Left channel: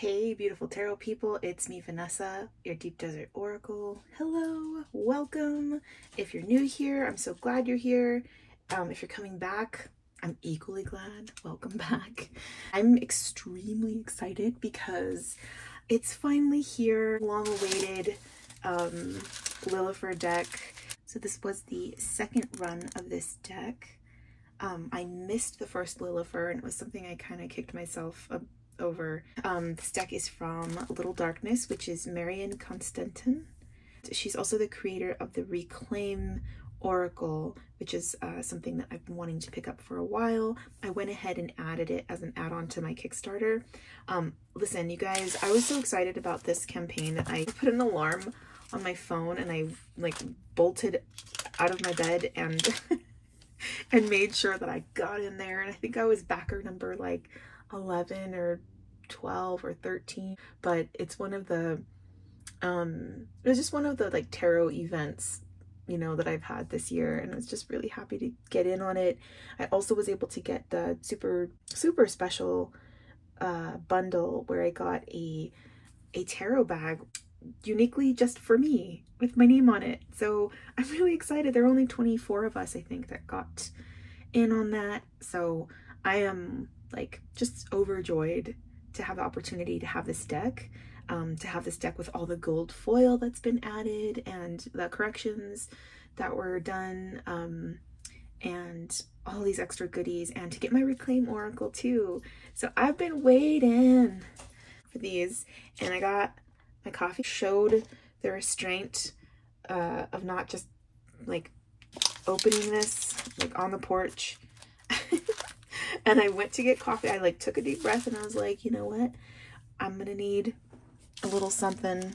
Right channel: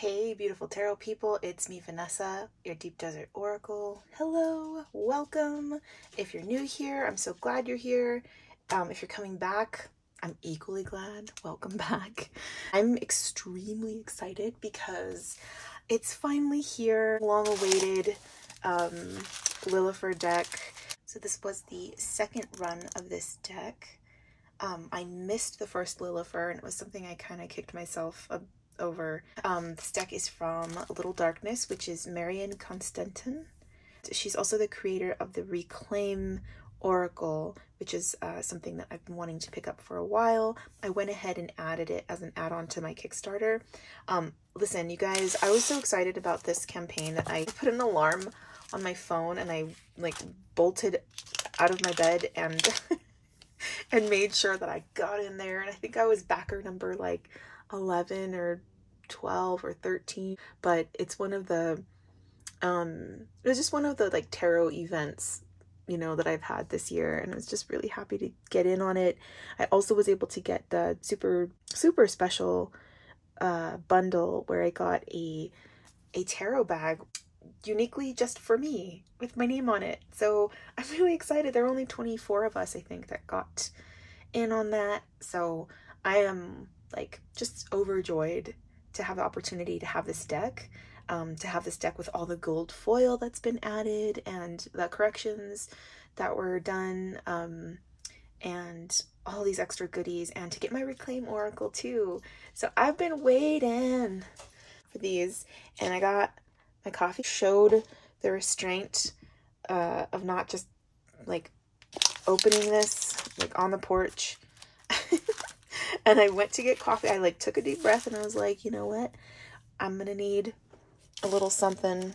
Hey beautiful tarot people, it's me Vanessa, your Deep Desert Oracle. Hello, welcome. If you're new here, I'm so glad you're here. If you're coming back, I'm equally glad. Welcome back. I'm extremely excited because it's finally here. Long awaited Lilifer deck. So this was the second run of this deck. I missed the first Lilifer and it was something I kind of kicked myself over. This deck is from Little Darkness, which is Marion Constentin. She's also the creator of the Reclaim Oracle, which is something that I've been wanting to pick up for a while. I went ahead and added it as an add-on to my Kickstarter. Listen, you guys, I was so excited about this campaign that I put an alarm on my phone and I like bolted out of my bed and and made sure that I got in there. And I think I was backer number like 11 or 12 or 13, but it's one of the it was just one of the like tarot events, you know, that I've had this year, and I was just really happy to get in on it. I also was able to get the super special bundle where I got a tarot bag uniquely just for me with my name on it. So I'm really excited. There were only 24 of us, I think, that got in on that. So I am like just overjoyed to have the opportunity to have this deck, with all the gold foil that's been added and the corrections that were done, and all these extra goodies, and to get my Reclaim Oracle too. So I've been waiting for these, and I got my coffee. Showed the restraint of not just like opening this like on the porch. And I went to get coffee. I like took a deep breath and I was like, you know what? I'm gonna need a little something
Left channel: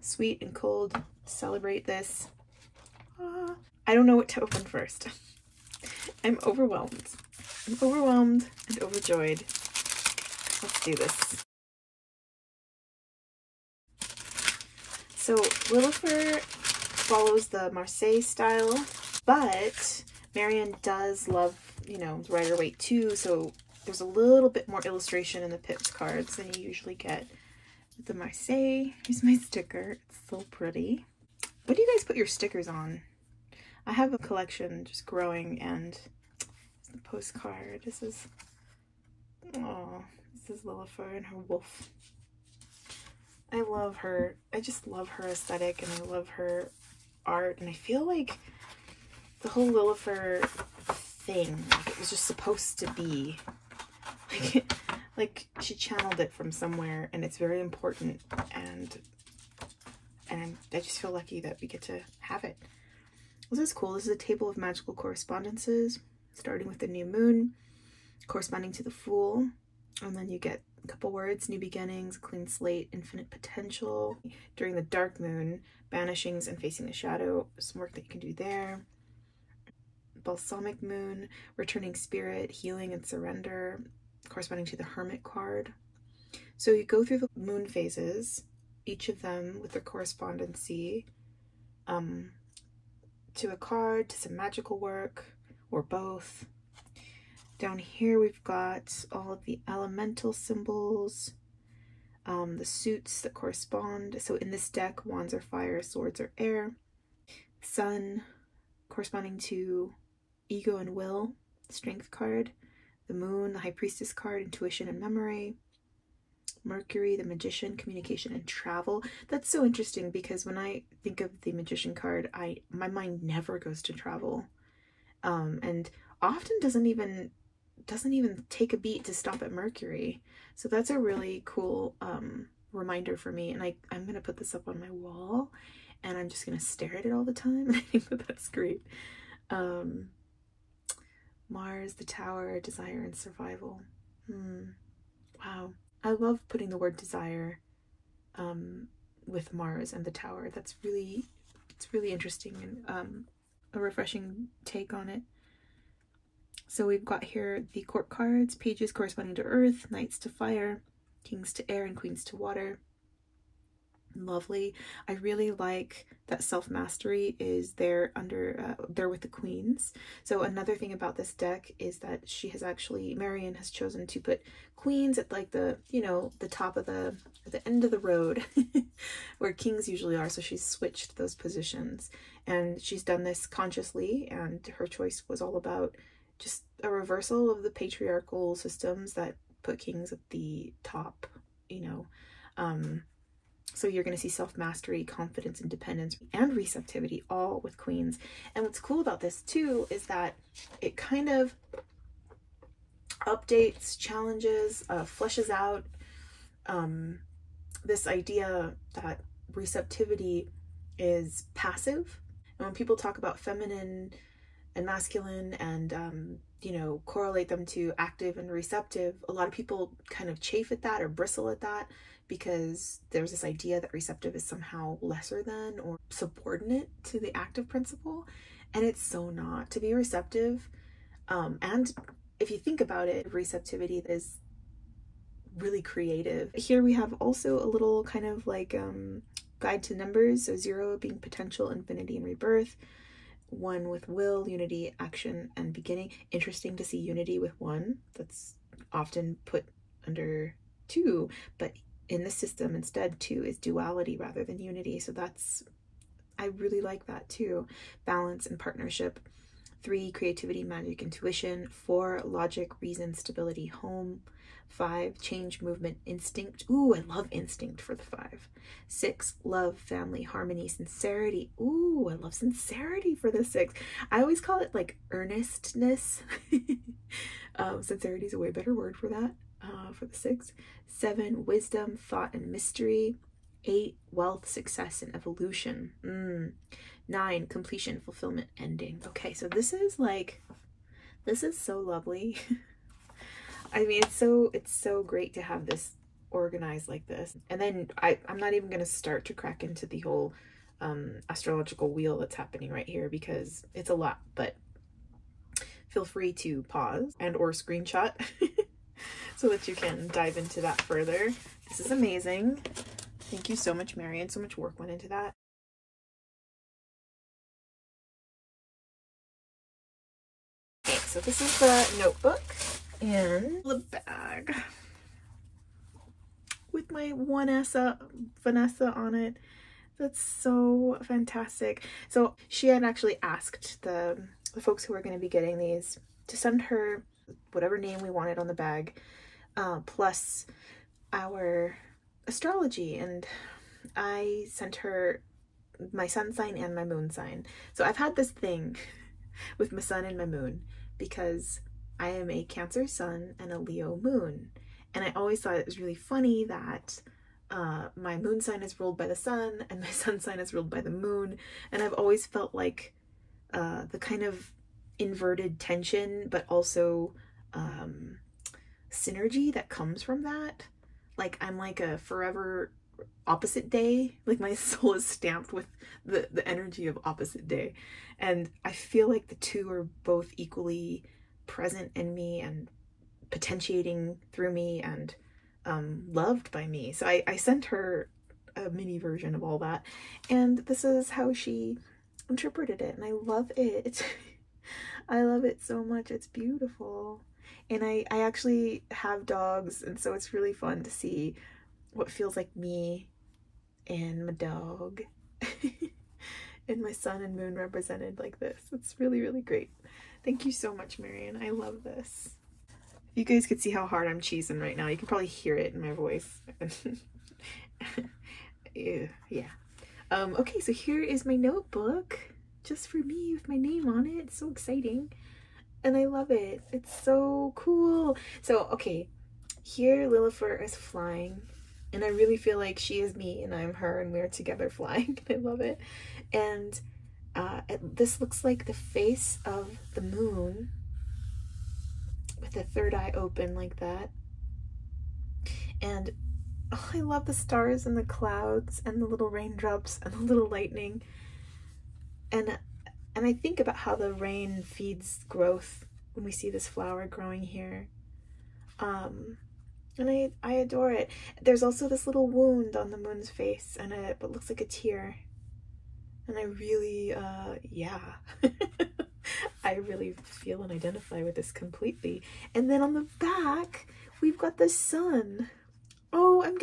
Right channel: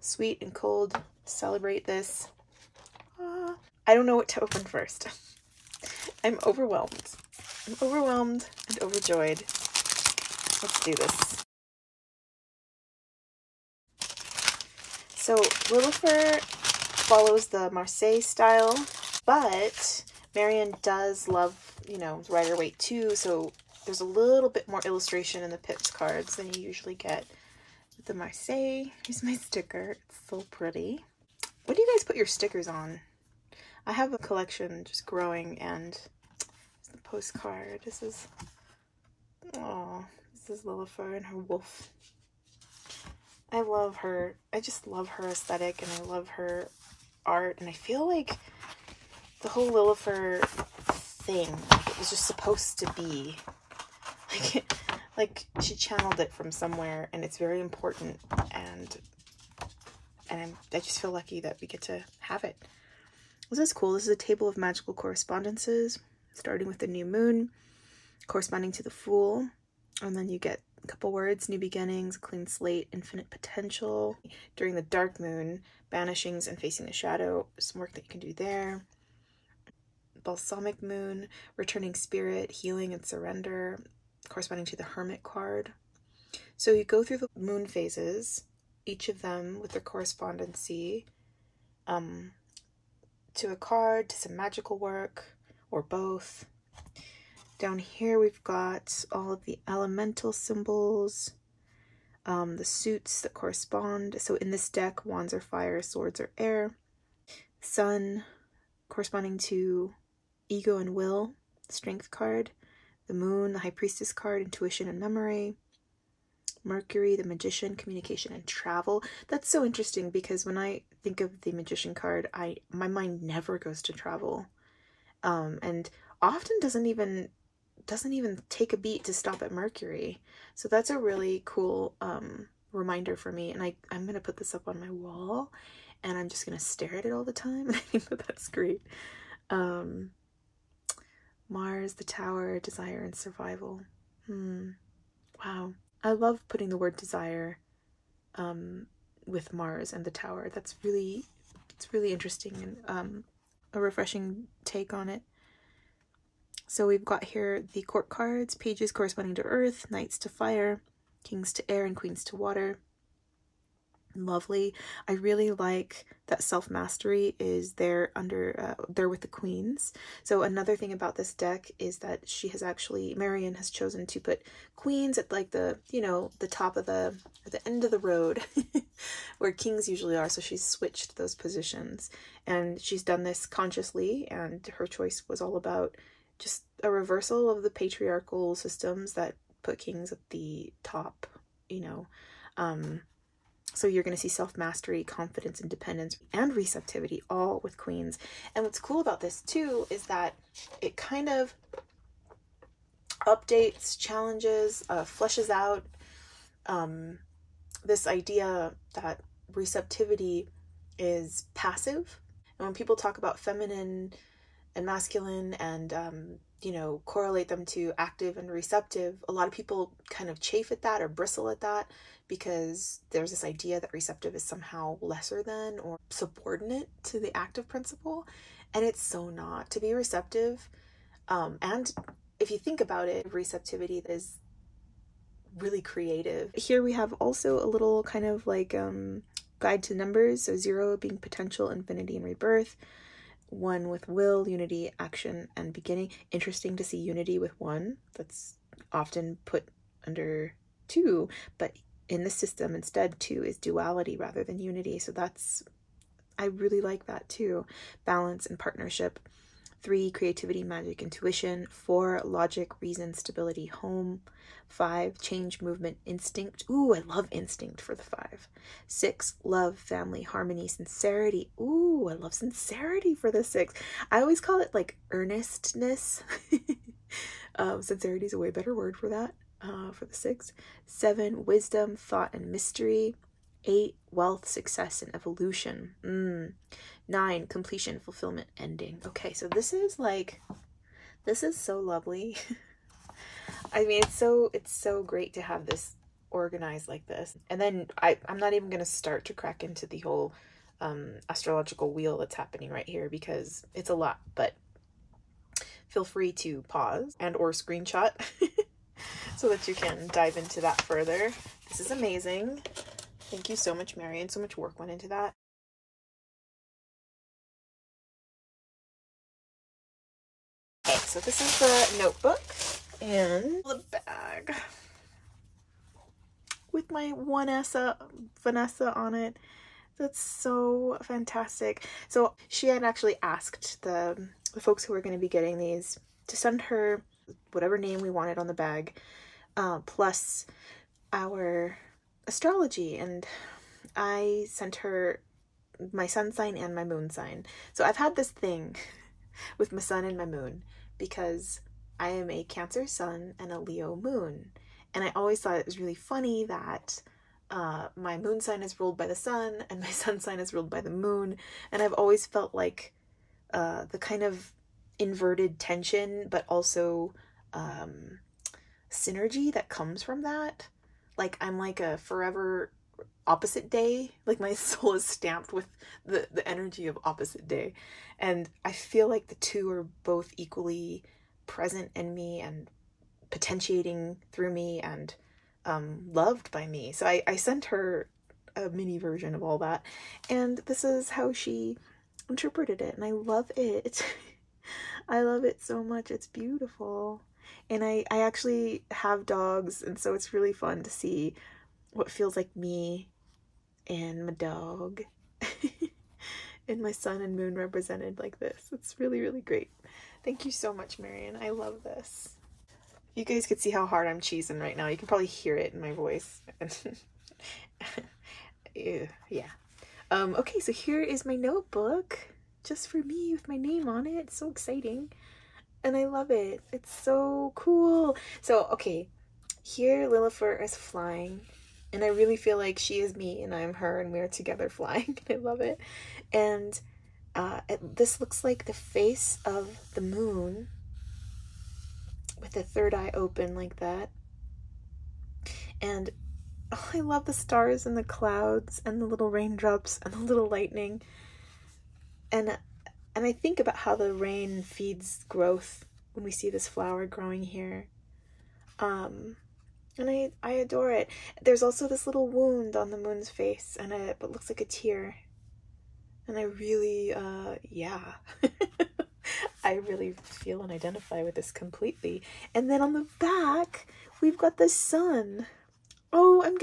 sweet and cold to celebrate this. I don't know what to open first. I'm overwhelmed. I'm overwhelmed and overjoyed. Let's do this. So Lilifer follows the Marseille style, but Marion does love, you know, Rider Waite too, so there's a little bit more illustration in the Pips cards than you usually get with the Marseille. Here's my sticker. It's so pretty. What do you guys put your stickers on? I have a collection just growing, and it's the postcard. This is, oh, this is Lilifer and her wolf. I love her. I just love her aesthetic, and I love her art, and I feel like the whole Lilifer thing, like it was just supposed to be like she channeled it from somewhere, and it's very important, and I just feel lucky that we get to have it. This is cool. This is a table of magical correspondences, starting with the new moon, corresponding to the Fool, and then you get a couple words: new beginnings, clean slate, infinite potential. During the dark moon, banishings and facing the shadow, some work that you can do there. Balsamic moon, returning spirit, healing and surrender, corresponding to the Hermit card. So you go through the moon phases, each of them with their correspondency to a card, to some magical work, or both. Down here we've got all of the elemental symbols, the suits that correspond. So in this deck, wands are fire, swords are air. Sun, corresponding to ego and will, strength card. The moon, the high priestess card, intuition and memory. Mercury, the magician, communication and travel. That's so interesting because when I think of the magician card, my mind never goes to travel, and often doesn't even take a beat to stop at Mercury. So that's a really cool reminder for me, and I'm gonna put this up on my wall, and I'm just gonna stare at it all the time. And I think that that's great. Mars, the Tower, desire and survival. Wow. I love putting the word desire with Mars and the Tower. It's really interesting and a refreshing take on it. So we've got here the court cards, pages corresponding to earth, knights to fire, kings to air, and queens to water. lovely. I really like that self-mastery is there under there with the queens. So another thing about this deck is that she has actually, Marion has chosen to put queens at like the, you know, the top of the end of the road where kings usually are. So she's switched those positions, and she's done this consciously, and her choice was all about just a reversal of the patriarchal systems that put kings at the top, you know. So you're going to see self-mastery, confidence, independence, and receptivity all with queens. And what's cool about this too is that it kind of updates, challenges, fleshes out this idea that receptivity is passive. And when people talk about feminine and masculine and you know, correlate them to active and receptive, a lot of people kind of chafe at that or bristle at that, because there's this idea that receptive is somehow lesser than or subordinate to the active principle, and it's so not. To be receptive, and if you think about it, receptivity is really creative. Here we have also a little kind of like guide to numbers. So 0 being potential, infinity, and rebirth. 1 with will, unity, action, and beginning. Interesting to see unity with 1. That's often put under 2, but in the system instead 2 is duality rather than unity. So that's, I really like that too. Balance and partnership. 3 creativity, magic, intuition. 4 logic, reason, stability, home. 5 change, movement, instinct. Ooh, I love instinct for the 5. 6 love, family, harmony, sincerity. Ooh, I love sincerity for the 6. I always call it like earnestness. Sincerity is a way better word for that. For the 6. 7 wisdom, thought, and mystery. 8 wealth, success, and evolution. 9 completion, fulfillment, ending. Okay, so this is like, this is so lovely. I mean, it's so great to have this organized like this. And then I'm not even going to start to crack into the whole astrological wheel that's happening right here, because it's a lot, but feel free to pause and or screenshot so that you can dive into that further. This is amazing. Thank you so much, Marion. So much work went into that. Okay, so this is the notebook and the bag with my Vanessa on it. That's so fantastic. So she had actually asked the folks who are going to be getting these to send her whatever name we wanted on the bag, plus our astrology, and I sent her my sun sign and my moon sign. So I've had this thing with my sun and my moon because I am a Cancer sun and a Leo moon, and I always thought it was really funny that my moon sign is ruled by the sun and my sun sign is ruled by the moon, and I've always felt like the kind of inverted tension but also synergy that comes from that. Like I'm like a forever opposite day, like my soul is stamped with the energy of opposite day, and I feel like the two are both equally present in me and potentiating through me and loved by me. So I sent her a mini version of all that, and this is how she interpreted it, and I love it. I love it so much. It's beautiful. And I actually have dogs, and so it's really fun to see what feels like me and my dog and my sun and moon represented like this. It's really, really great. Thank you so much, Marion. I love this. If you guys could see how hard I'm cheesing right now, you can probably hear it in my voice. Yeah. Okay, so here is my notebook just for me with my name on it. It's so exciting. And I love it. It's so cool. So, okay, here Lilifer is flying, and I really feel like she is me and I'm her, and we're together flying. I love it. And this looks like the face of the moon with the third eye open like that. And oh, I love the stars and the clouds and the little raindrops and the little lightning. And I think about how the rain feeds growth when we see this flower growing here. And I adore it. There's also this little wound on the moon's face, and it looks like a tear. And I really, yeah. I really feel and identify with this completely. And then on the back, we've got the sun. Oh, I'm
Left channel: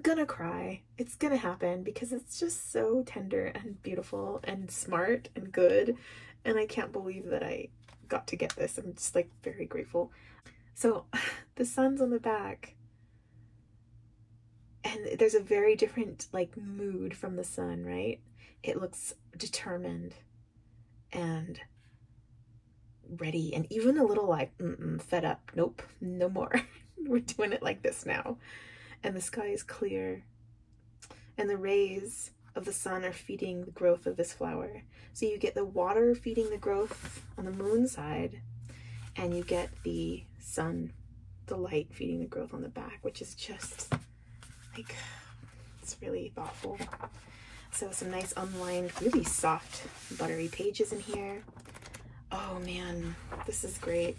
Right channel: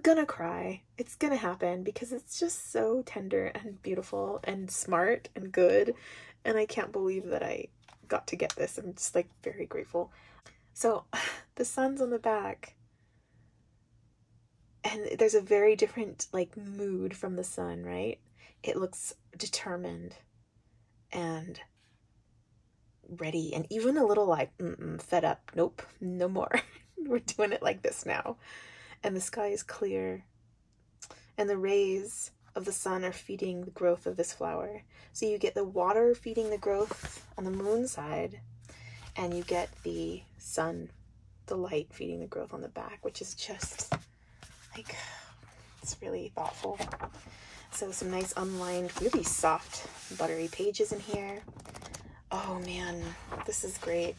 gonna cry. It's gonna happen because it's just so tender and beautiful and smart and good. And I can't believe that I got to get this. I'm just like very grateful. So the sun's on the back. And there's a very different like mood from the sun, right? It looks determined and ready, and even a little like fed up. Nope, no more. We're doing it like this now. And the sky is clear, and the rays of the sun are feeding the growth of this flower. So you get the water feeding the growth on the moon side, and you get the sun, the light, feeding the growth on the back, which is just like, it's really thoughtful. So some nice unlined, really soft, buttery pages in here. Oh man, this is great.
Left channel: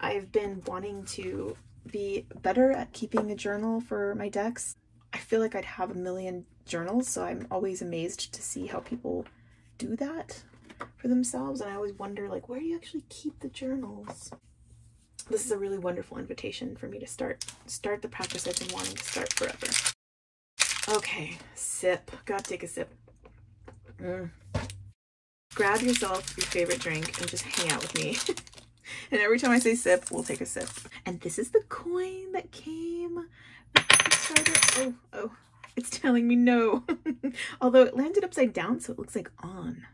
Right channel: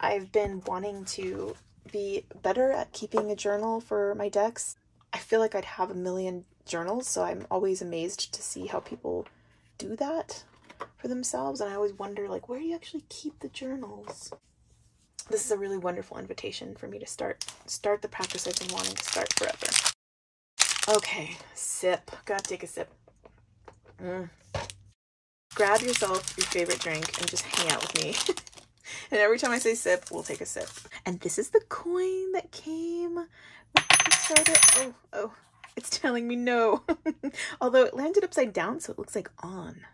I've been wanting to be better at keeping a journal for my decks. I feel like I'd have a million journals, so I'm always amazed to see how people do that for themselves. And I always wonder, like, where do you actually keep the journals? This is a really wonderful invitation for me to start the practice I've been wanting to start forever. Okay, sip. Gotta take a sip. Grab yourself your favorite drink and just hang out with me. And every time I say sip, we'll take a sip. And this is the coin that came with the Kickstarter. Oh, it's telling me no. Although it landed upside down, so it looks like on.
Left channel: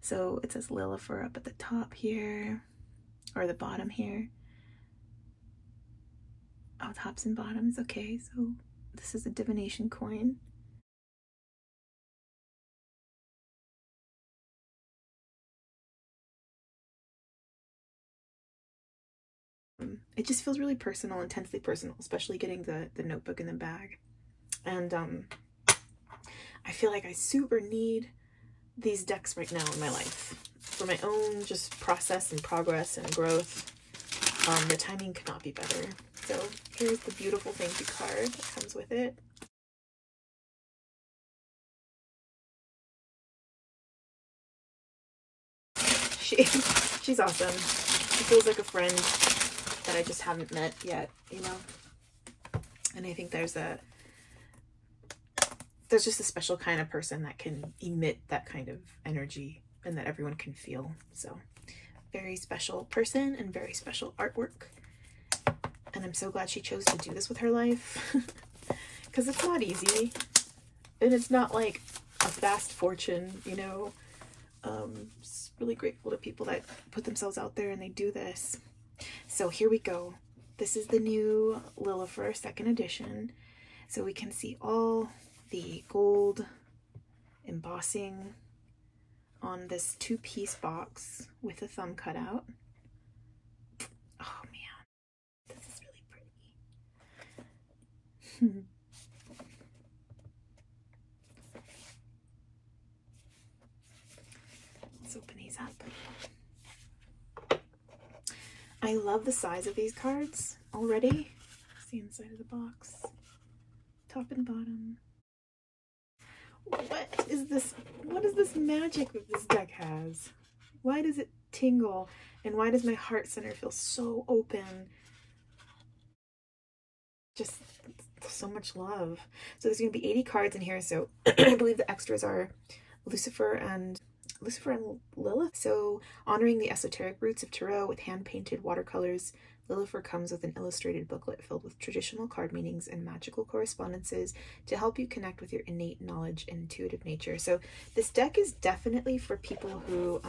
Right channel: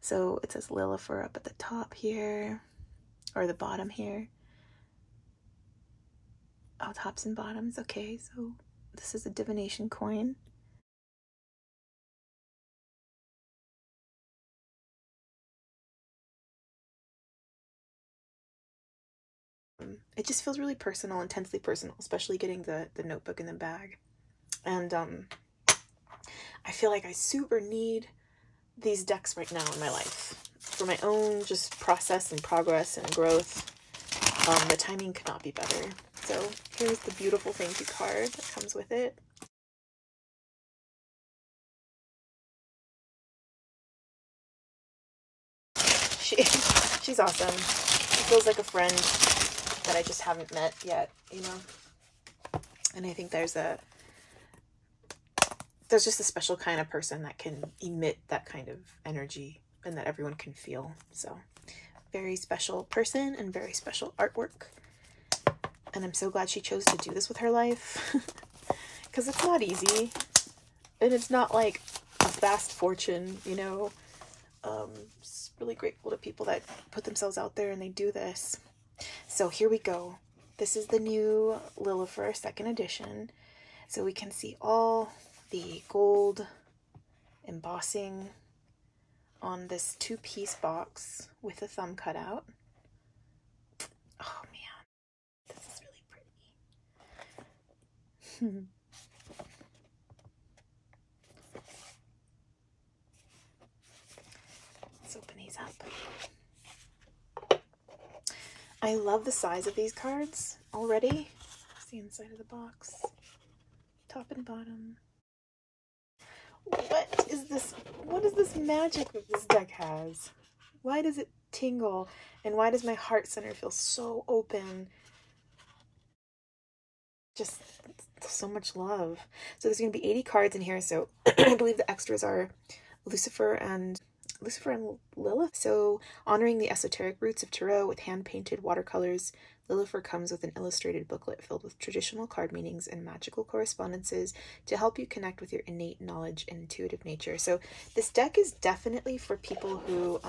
So it says Lilifer up at the top here, or the bottom here. Oh, tops and bottoms. Okay, so this is a divination coin. It just feels really personal, intensely personal, especially getting the notebook in the bag. And I feel like I super need these decks right now in my life for my own just process and progress and growth. The timing could not be better. So here's the beautiful thank you card that comes with it. She's awesome. She feels like a friend that I just haven't met yet, you know? And I think there's just a special kind of person that can emit that kind of energy and that everyone can feel. So very special person and very special artwork. And I'm so glad she chose to do this with her life because it's not easy and it's not like a fast fortune, you know? Just really grateful to people that put themselves out there and they do this. So here we go. This is the new Lilifer 2nd edition. So we can see all the gold embossing on this 2-piece box with a thumb cutout. Oh man, this is really pretty. Let's open these up. I love the size of these cards already. It's the inside of the box, top and bottom. What is this? What is this magic that this deck has? Why does it tingle? And why does my heart center feel so open? Just so much love. So there's going to be 80 cards in here. So I believe the extras are Lucifer and Lilith. So honoring the esoteric roots of Tarot with hand-painted watercolors, Lilifer comes with an illustrated booklet filled with traditional card meanings and magical correspondences to help you connect with your innate knowledge and intuitive nature. So this deck is definitely for people who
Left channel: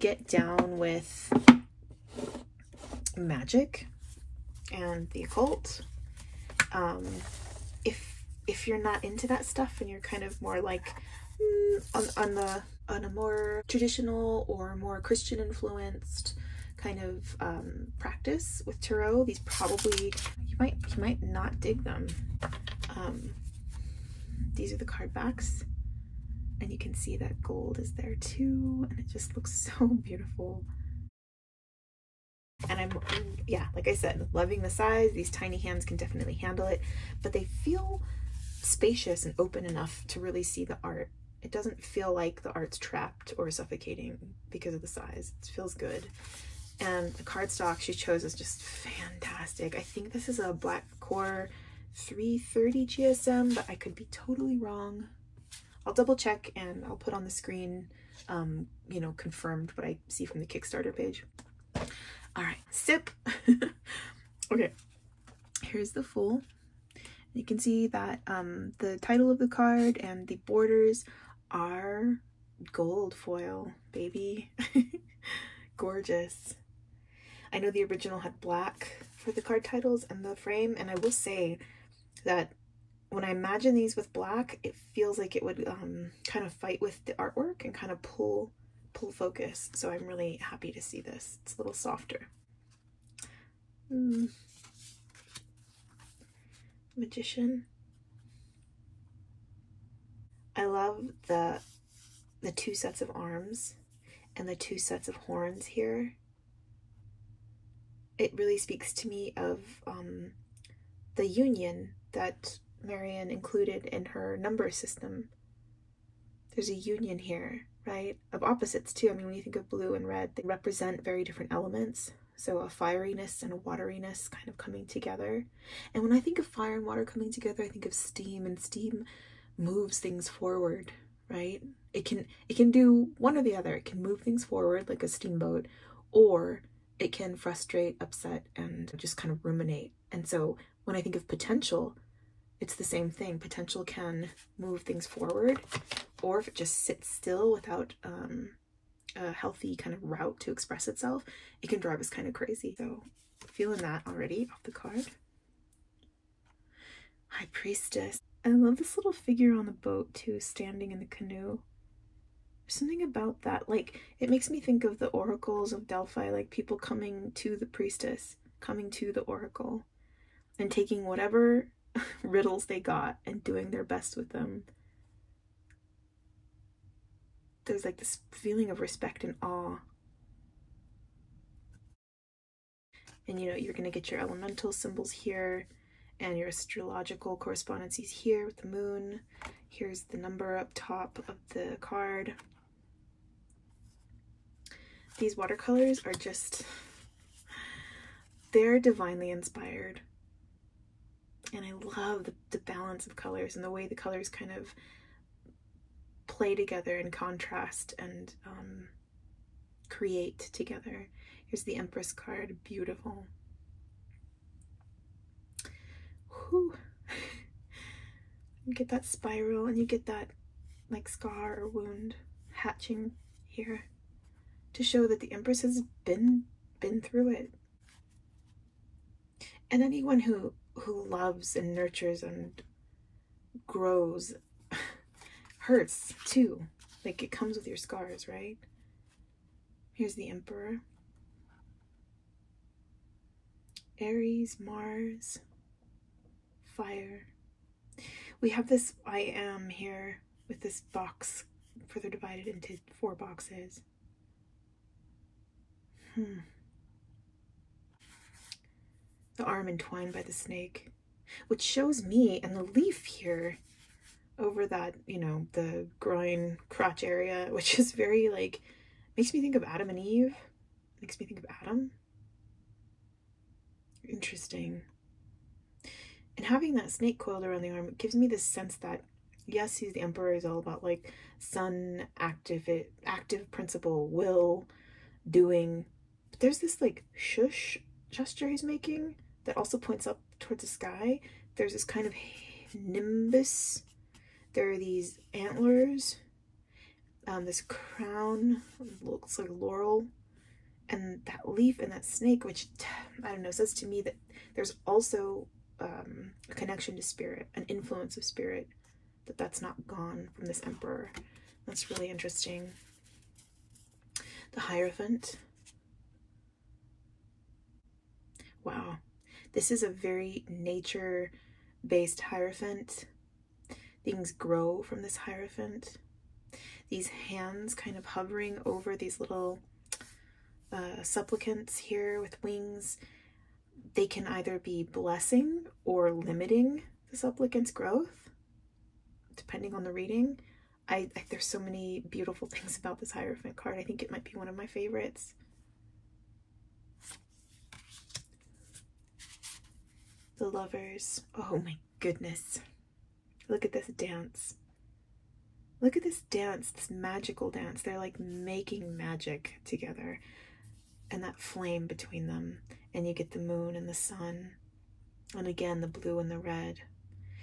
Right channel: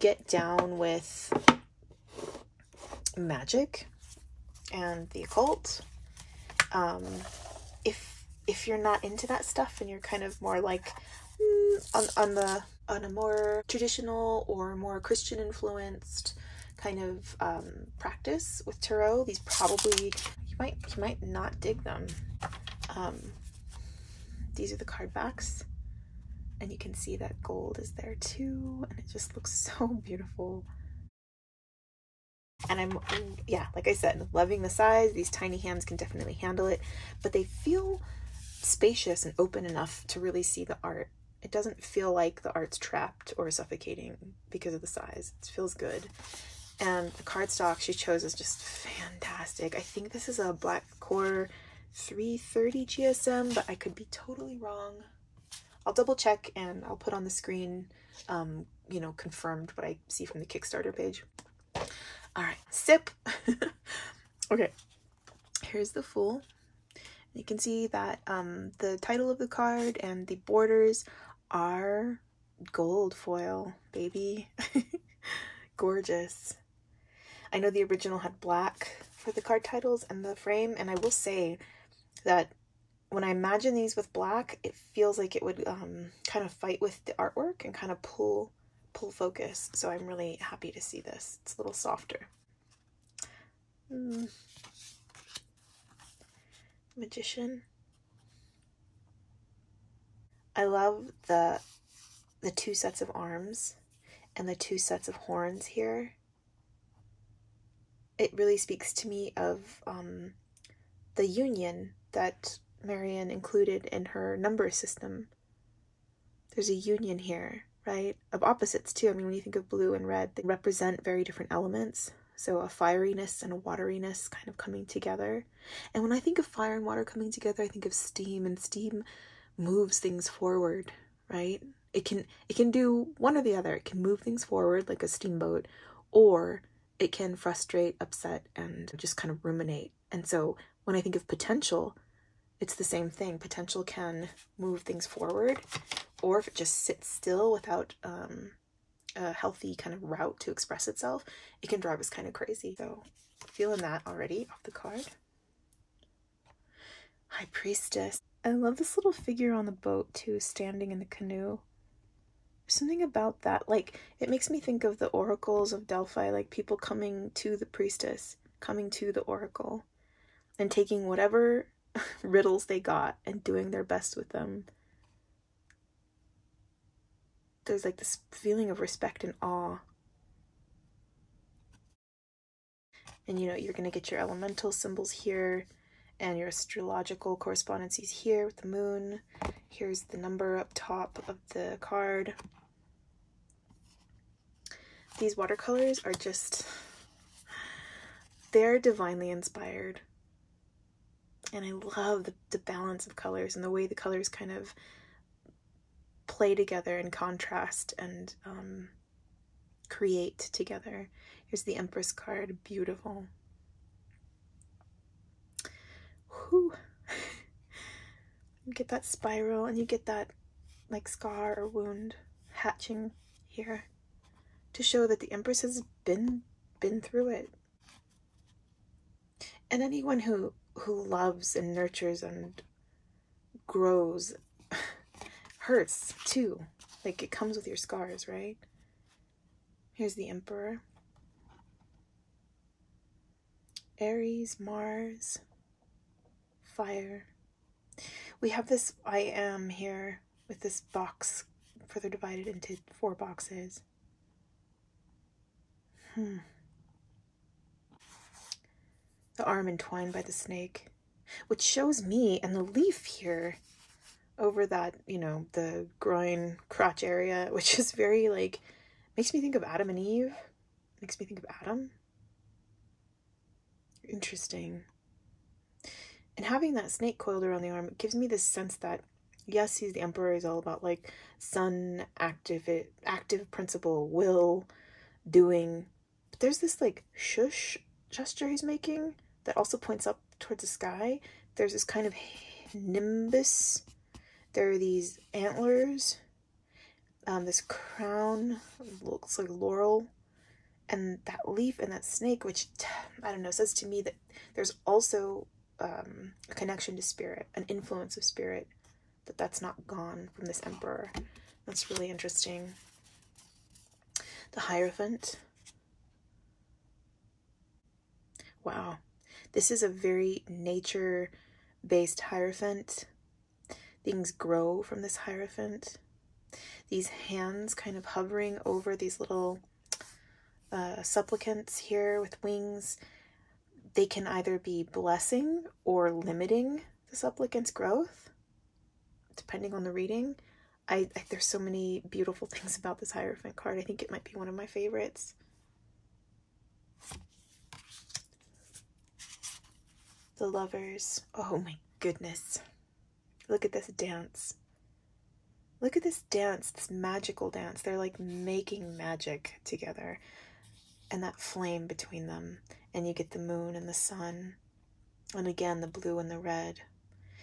get down with magic and the occult. If you're not into that stuff and you're kind of more like on a more traditional or more Christian influenced kind of practice with tarot, these probably you might not dig them. These are the card backs, and you can see that gold is there too, and it just looks so beautiful. And yeah, like I said, loving the size. These tiny hands can definitely handle it, but they feel spacious and open enough to really see the art. It doesn't feel like the art's trapped or suffocating because of the size. It feels good. And the cardstock she chose is just fantastic. I think this is a Black Core 330 GSM, but I could be totally wrong. I'll double check and I'll put on the screen, you know, confirmed what I see from the Kickstarter page. All right, sip. Okay, here's the full. You can see that the title of the card and the borders are gold foil, baby. Gorgeous. I know the original had black for the card titles and the frame, and I will say that when I imagine these with black, it feels like it would kind of fight with the artwork and kind of pull focus. So I'm really happy to see this. It's a little softer. Magician. I love the two sets of arms and the two sets of horns here. It really speaks to me of the union that Marian included in her number system. There's a union here, right? Of opposites too. I mean, when you think of blue and red, they represent very different elements. So a fieriness and a wateriness kind of coming together. And when I think of fire and water coming together, I think of steam, and steam moves things forward, right? It can do one or the other. It can move things forward like a steamboat, or it can frustrate, upset, and just kind of ruminate. And so when I think of potential, it's the same thing. Potential can move things forward, or if it just sits still without a healthy kind of route to express itself, it can drive us kind of crazy. So feeling that already off the card. High Priestess. I love this little figure on the boat too, standing in the canoe. There's something about that, like, it makes me think of the oracles of Delphi, like people coming to the priestess, coming to the oracle, and taking whatever riddles they got and doing their best with them. There's like this feeling of respect and awe. And you know, you're going to get your elemental symbols here and your astrological correspondences here with the moon. Here's the number up top of the card. These watercolors are just, they're divinely inspired. And I love the balance of colors and the way the colors kind of play together and contrast and create together. Here's the Empress card, beautiful. Whew. You get that spiral and you get that like scar or wound hatching here to show that the Empress has been through it. And anyone who loves and nurtures and grows hurts too. Like, it comes with your scars, right? Here's the Emperor. Aries, Mars, fire. We have this I am here with this box further divided into 4 boxes. The arm entwined by the snake, which shows me, and the leaf here over that, you know, the groin crotch area, which is very like, makes me think of Adam and Eve, makes me think of Adam. Interesting. And having that snake coiled around the arm, it gives me this sense that, yes, he's the Emperor, is all about like sun, active principle, will, doing, but there's this like shush gesture he's making that also points up towards the sky. There's this kind of nimbus. There are these antlers, this crown, looks like laurel, and that leaf and that snake, which, I don't know, says to me that there's also a connection to spirit, an influence of spirit, that's not gone from this Emperor. That's really interesting. The Hierophant. Wow. This is a very nature-based Hierophant. Things grow from this Hierophant. These hands kind of hovering over these little supplicants here with wings. They can either be blessing or limiting the supplicant's growth, depending on the reading. There's so many beautiful things about this Hierophant card. I think it might be one of my favorites. The Lovers. Oh my goodness. Look at this dance. Look at this dance, this magical dance. They're like making magic together. And that flame between them. And you get the moon and the sun. And again, the blue and the red.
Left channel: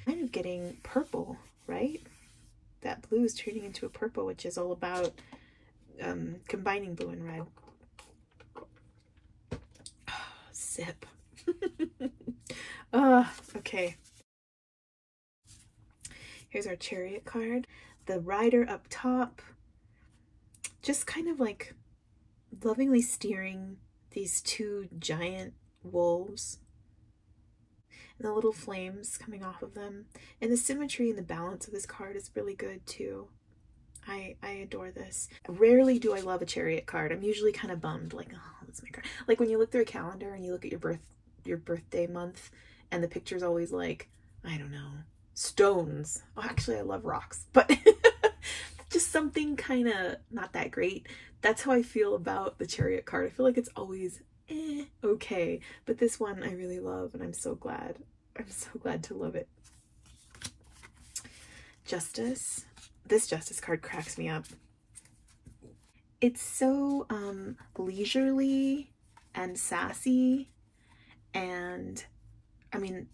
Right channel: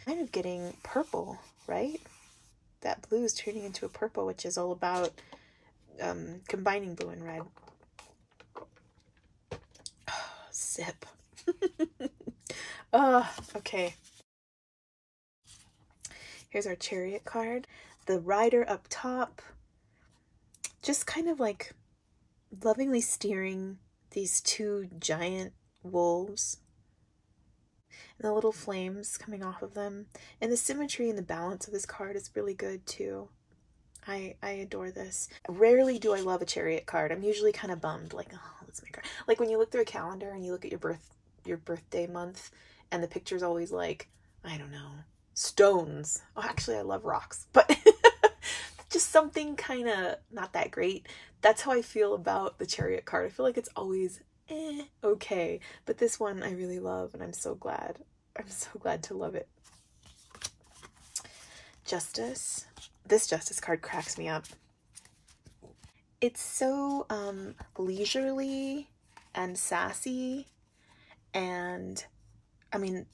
Kind of getting purple, right? That blue is turning into a purple, which is all about combining blue and red. Oh, sip. Oh, okay. Here's our Chariot card. The rider up top, just kind of like lovingly steering these two giant wolves. And the little flames coming off of them. And the symmetry and the balance of this card is really good too. I adore this. Rarely do I love a Chariot card. I'm usually kind of bummed, like, oh, let's make her. Like when you look through a calendar and you look at your birthday month, and the picture's always like, I don't know, stones. Oh, actually, I love rocks, but just something kind of not that great. That's how I feel about the Chariot card. I feel like it's always okay, but this one I really love, and I'm so glad. I'm so glad to love it. Justice. This Justice card cracks me up. It's so leisurely and sassy, and I mean,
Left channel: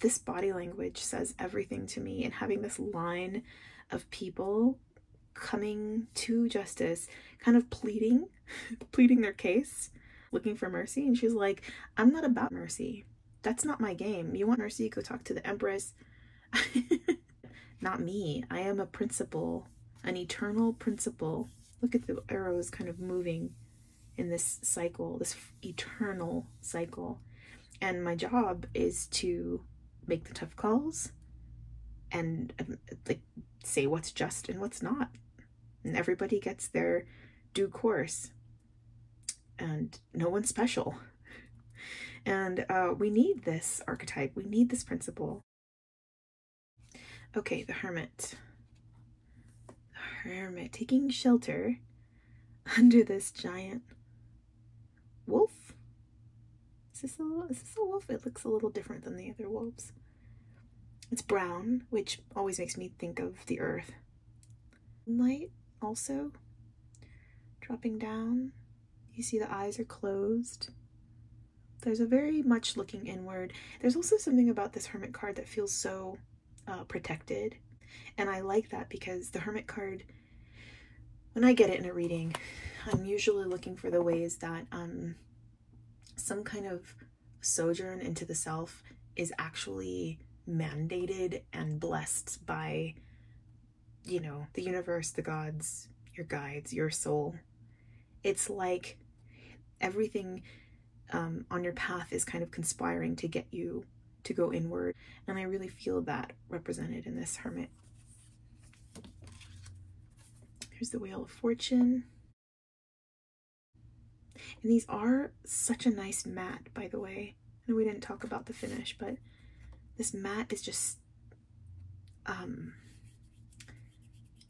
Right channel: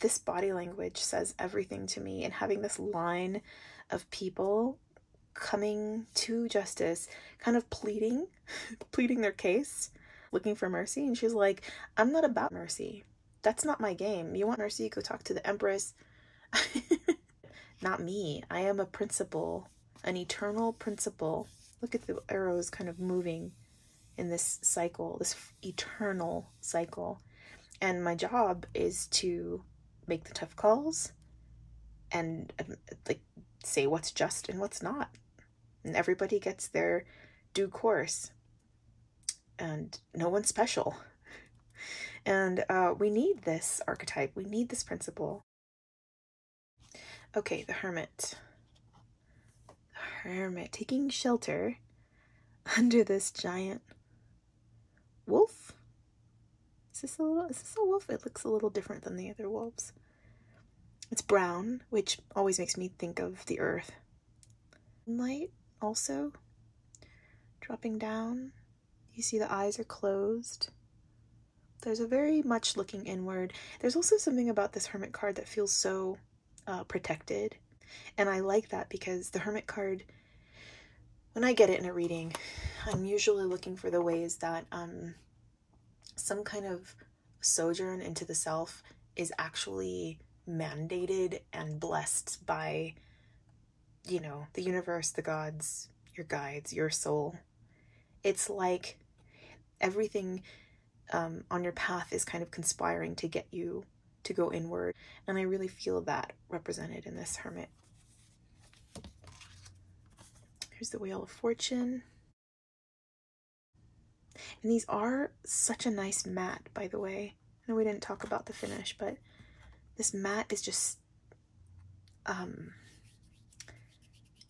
this body language says everything to me, and having this line of people coming to Justice, kind of pleading their case, looking for mercy, and she's like, I'm not about mercy. That's not my game. You want mercy, go talk to the Empress. Not me. I am a principle, an eternal principle. Look at the arrows kind of moving in this cycle, this eternal cycle. And my job is to make the tough calls and like say what's just and what's not. And everybody gets their due course. And no one's special. And we need this archetype. We need this principle. Okay, the Hermit. The Hermit taking shelter under this giant wolf. Is this a wolf? It looks a little different than the other wolves. It's brown, which always makes me think of the earth. Light also dropping down. You see the eyes are closed. There's a very much looking inward. There's also something about this Hermit card that feels so protected. And I like that because the Hermit card, when I get it in a reading, I'm usually looking for the ways that some kind of sojourn into the self is actually mandated and blessed by, you know, the universe, the gods, your guides, your soul. It's like everything on your path is kind of conspiring to get you to go inward. And I really feel that represented in this Hermit. Here's the Wheel of Fortune. And these are such a nice matte, by the way. I know we didn't talk about the finish, but this matte is just,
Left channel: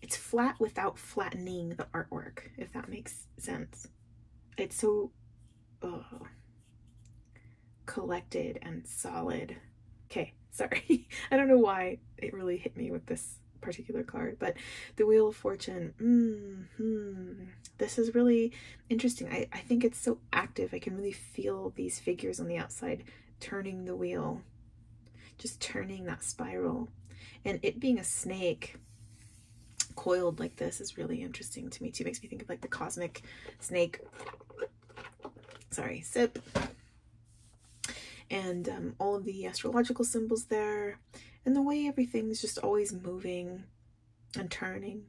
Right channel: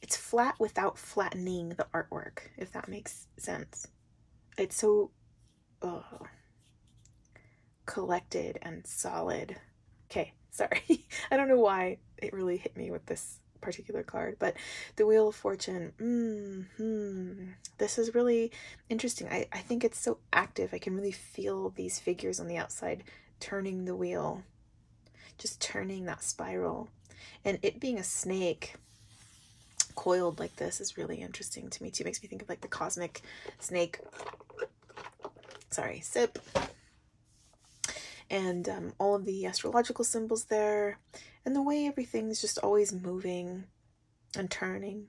it's flat without flattening the artwork, if that makes sense. It's so collected and solid. Okay, sorry. I don't know why it really hit me with this particular card, but the Wheel of Fortune, this is really interesting. I think it's so active. I can really feel these figures on the outside turning the wheel, just turning that spiral. And it being a snake coiled like this is really interesting to me too. It makes me think of like the cosmic snake. Sorry, sip. And all of the astrological symbols there, and the way everything's just always moving and turning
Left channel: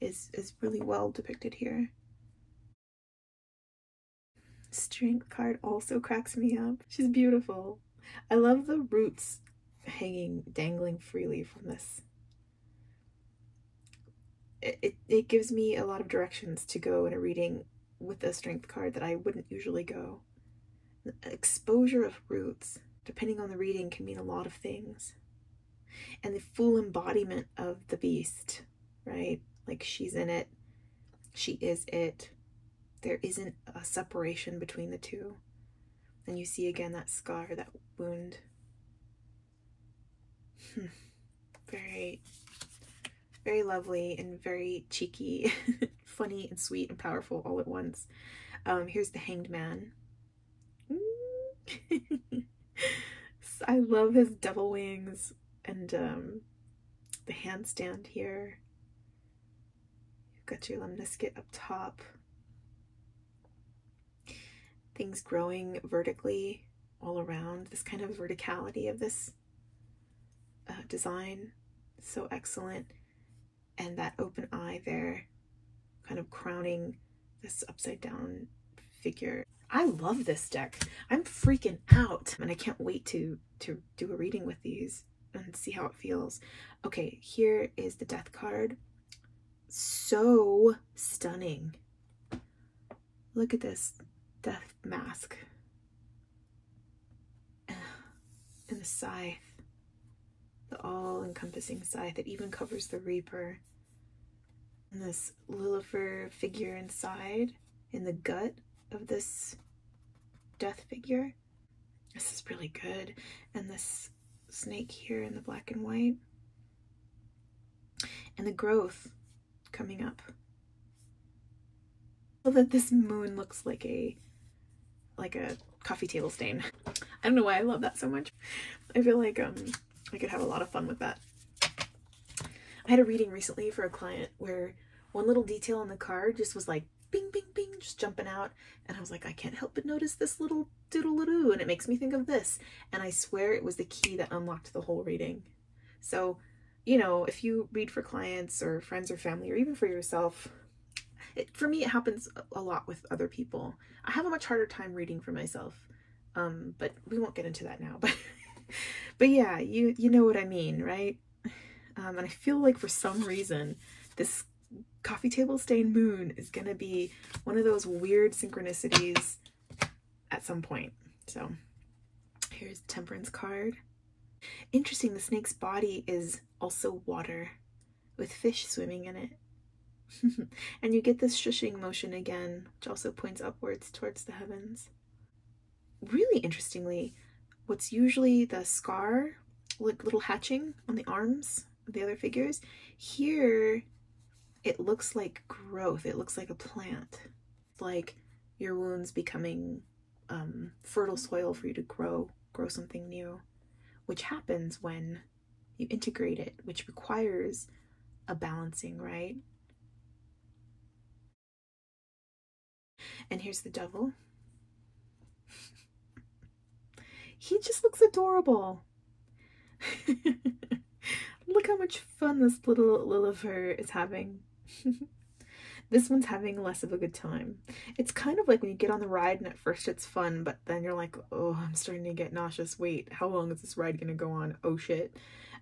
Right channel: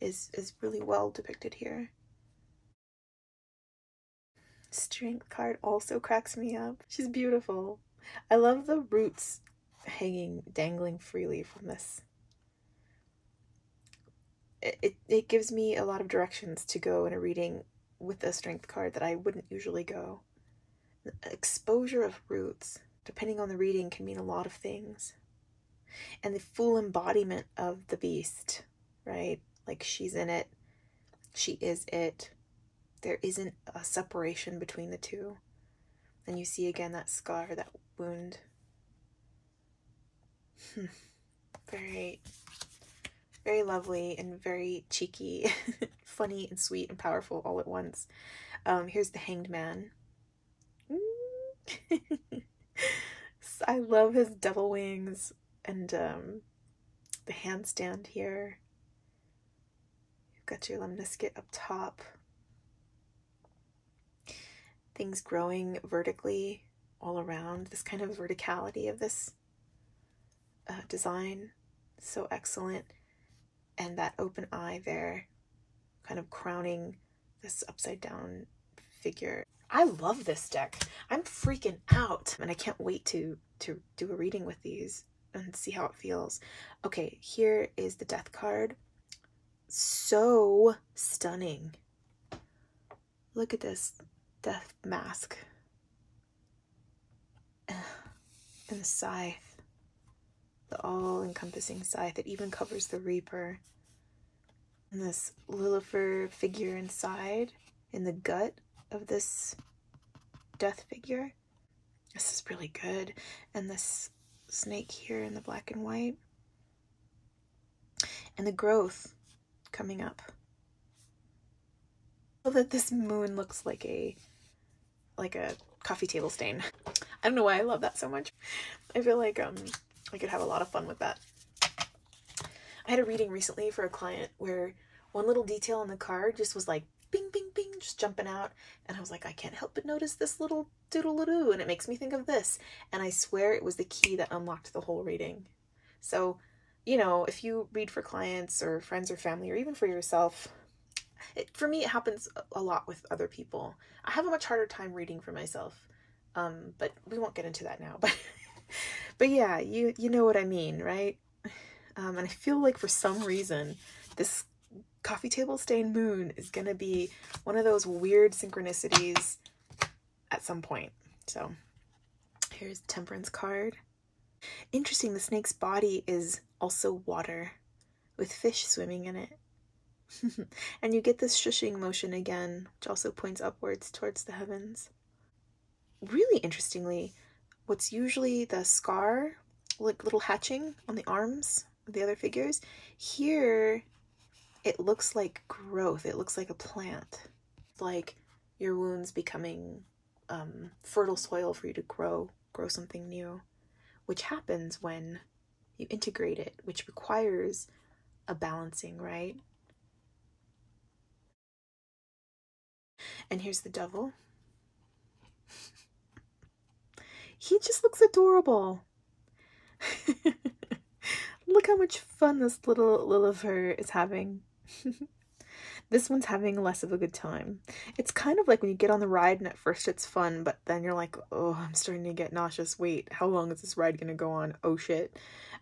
is really well depicted here. Strength card also cracks me up. She's beautiful. I love the roots hanging, dangling freely from this. It gives me a lot of directions to go in a reading with the strength card that I wouldn't usually go. The exposure of roots, depending on the reading, can mean a lot of things. And the full embodiment of the beast, right? Like she's in it, she is it. There isn't a separation between the two. And you see again that scar, that wound. Very, very lovely and very cheeky, funny and sweet and powerful all at once. Here's the Hanged Man. I love his devil wings and the handstand here. You've got your lemniscate up top. Things growing vertically all around. This kind of verticality of this design, so excellent. And that open eye there, kind of crowning this upside down figure. I love this deck. I'm freaking out, and I can't wait to do a reading with these and see how it feels. Okay, here is the Death card. So stunning. Look at this death mask and the scythe, the all-encompassing scythe. It even covers the Reaper. And this Lilifer figure inside, in the gut of this death figure. This is really good. And this snake here in the black and white. And the growth coming up. So that this moon looks like a coffee table stain. I don't know why I love that so much. I feel like I could have a lot of fun with that. I had a reading recently for a client where one little detail on the card just was like bing, bing, bing, just jumping out. And I was like, I can't help but notice this little doodle-doo, and it makes me think of this. And I swear it was the key that unlocked the whole reading. So, you know, if you read for clients or friends or family, or even for yourself, for me, it happens a lot with other people. I have a much harder time reading for myself, but we won't get into that now. But yeah, you know what I mean, right? And I feel like for some reason, this coffee table stain moon is gonna be one of those weird synchronicities at some point. So here's the Temperance card. Interesting, the snake's body is also water with fish swimming in it. And you get this shushing motion again, which also points upwards towards the heavens. Really interestingly, what's usually the scar, like little hatching on the arms of the other figures, here it looks like growth. It looks like a plant, like your wounds becoming fertile soil for you to grow something new, which happens when you integrate it, which requires a balancing, right? And here's the Devil. He just looks adorable. Look how much fun this little Lilifer is having. This one's having less of a good time. It's kind of like when you get on the ride and at first it's fun, but then you're like, oh, I'm starting to get nauseous. Wait, how long is this ride gonna go on? Oh shit.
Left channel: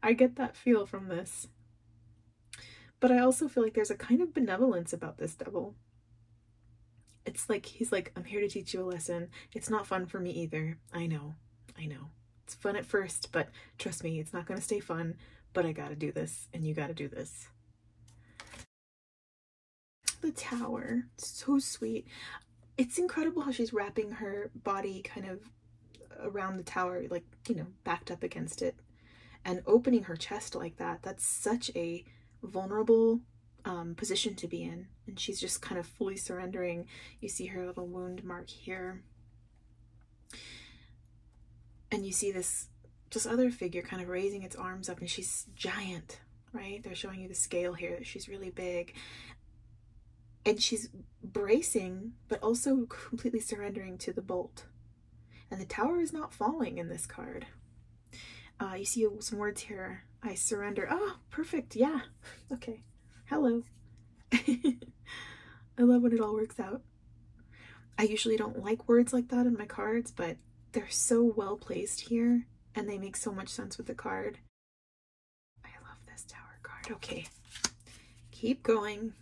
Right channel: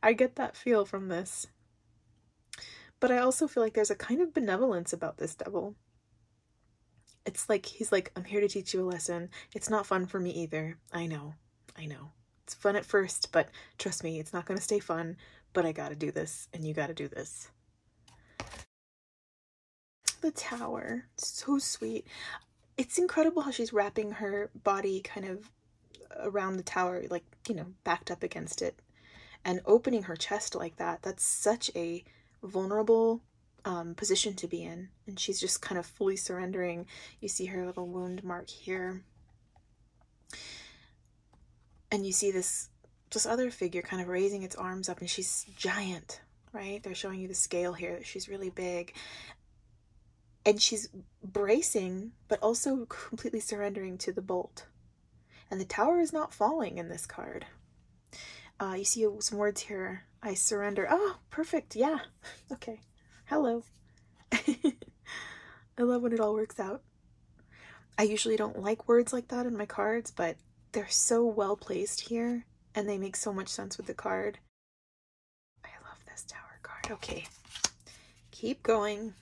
I get that feel from this. But I also feel like there's a kind of benevolence about this Devil. It's like, he's like, I'm here to teach you a lesson. It's not fun for me either. I know. It's fun at first, but trust me, it's not going to stay fun, but I gotta do this, and you gotta do this. The Tower, so sweet. It's incredible how she's wrapping her body kind of around the tower, like, you know, backed up against it, and opening her chest like that. That's such a vulnerable position to be in, and she's just kind of fully surrendering. You see her little wound mark here, and you see this other figure kind of raising its arms up, and she's giant, right? They're showing you the scale here, that she's really big, and she's bracing but also completely surrendering to the bolt. And the tower is not falling in this card. You see some words here. I surrender. Oh, perfect. Yeah. Okay. Hello. I love when it all works out. I usually don't like words like that in my cards, but they're so well placed here, and they make so much sense with the card. I love this Tower card. Okay. Keep going.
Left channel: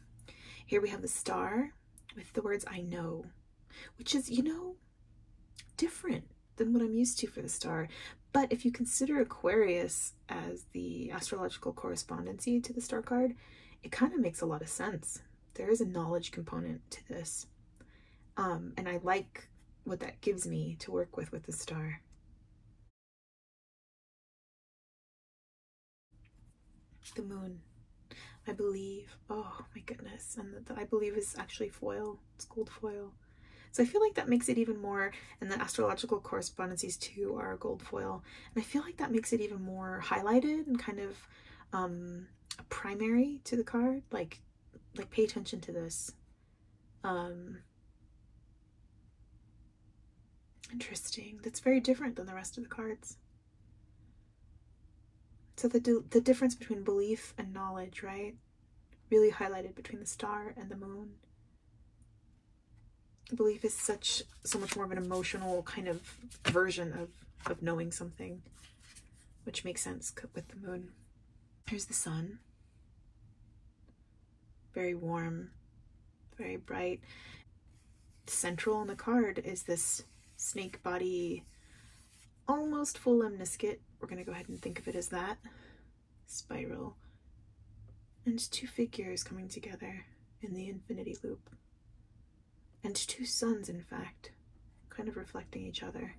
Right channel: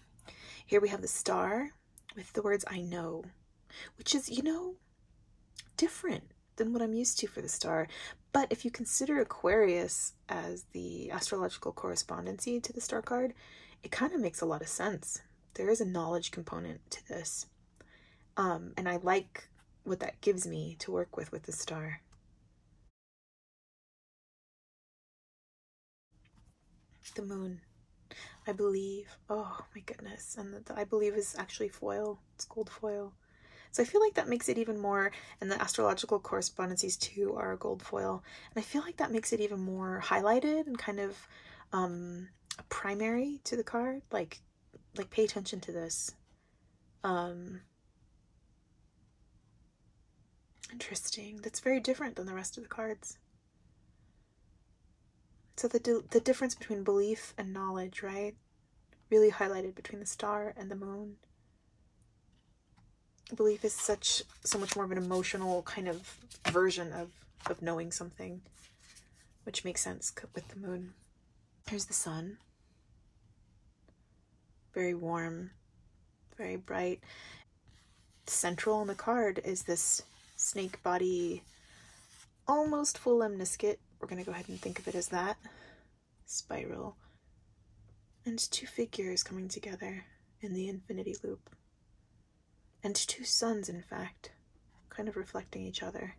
Here we have the Star, with the words I know, which is, you know, different than what I'm used to for the star. But if you consider Aquarius as the astrological correspondency to the star card, it kind of makes a lot of sense. There is a knowledge component to this. And I like what that gives me to work with the star. The moon, I believe. Oh my goodness. And the I believe is actually foil. It's gold foil. So I feel like that makes it even more, and the astrological correspondences too are gold foil. And I feel like that makes it even more highlighted and kind of primary to the card. Like pay attention to this. Interesting. That's very different than the rest of the cards. So the difference between belief and knowledge, right? Really highlighted between the star and the moon. Belief is so much more of an emotional kind of version of knowing something, which makes sense with the moon. Here's the sun. Very warm, very bright. Central on the card is this snake body, almost full lemniscate. We're going to go ahead and think of it as that. Spiral. And two figures coming together in the infinity loop. And two suns, in fact, kind of reflecting each other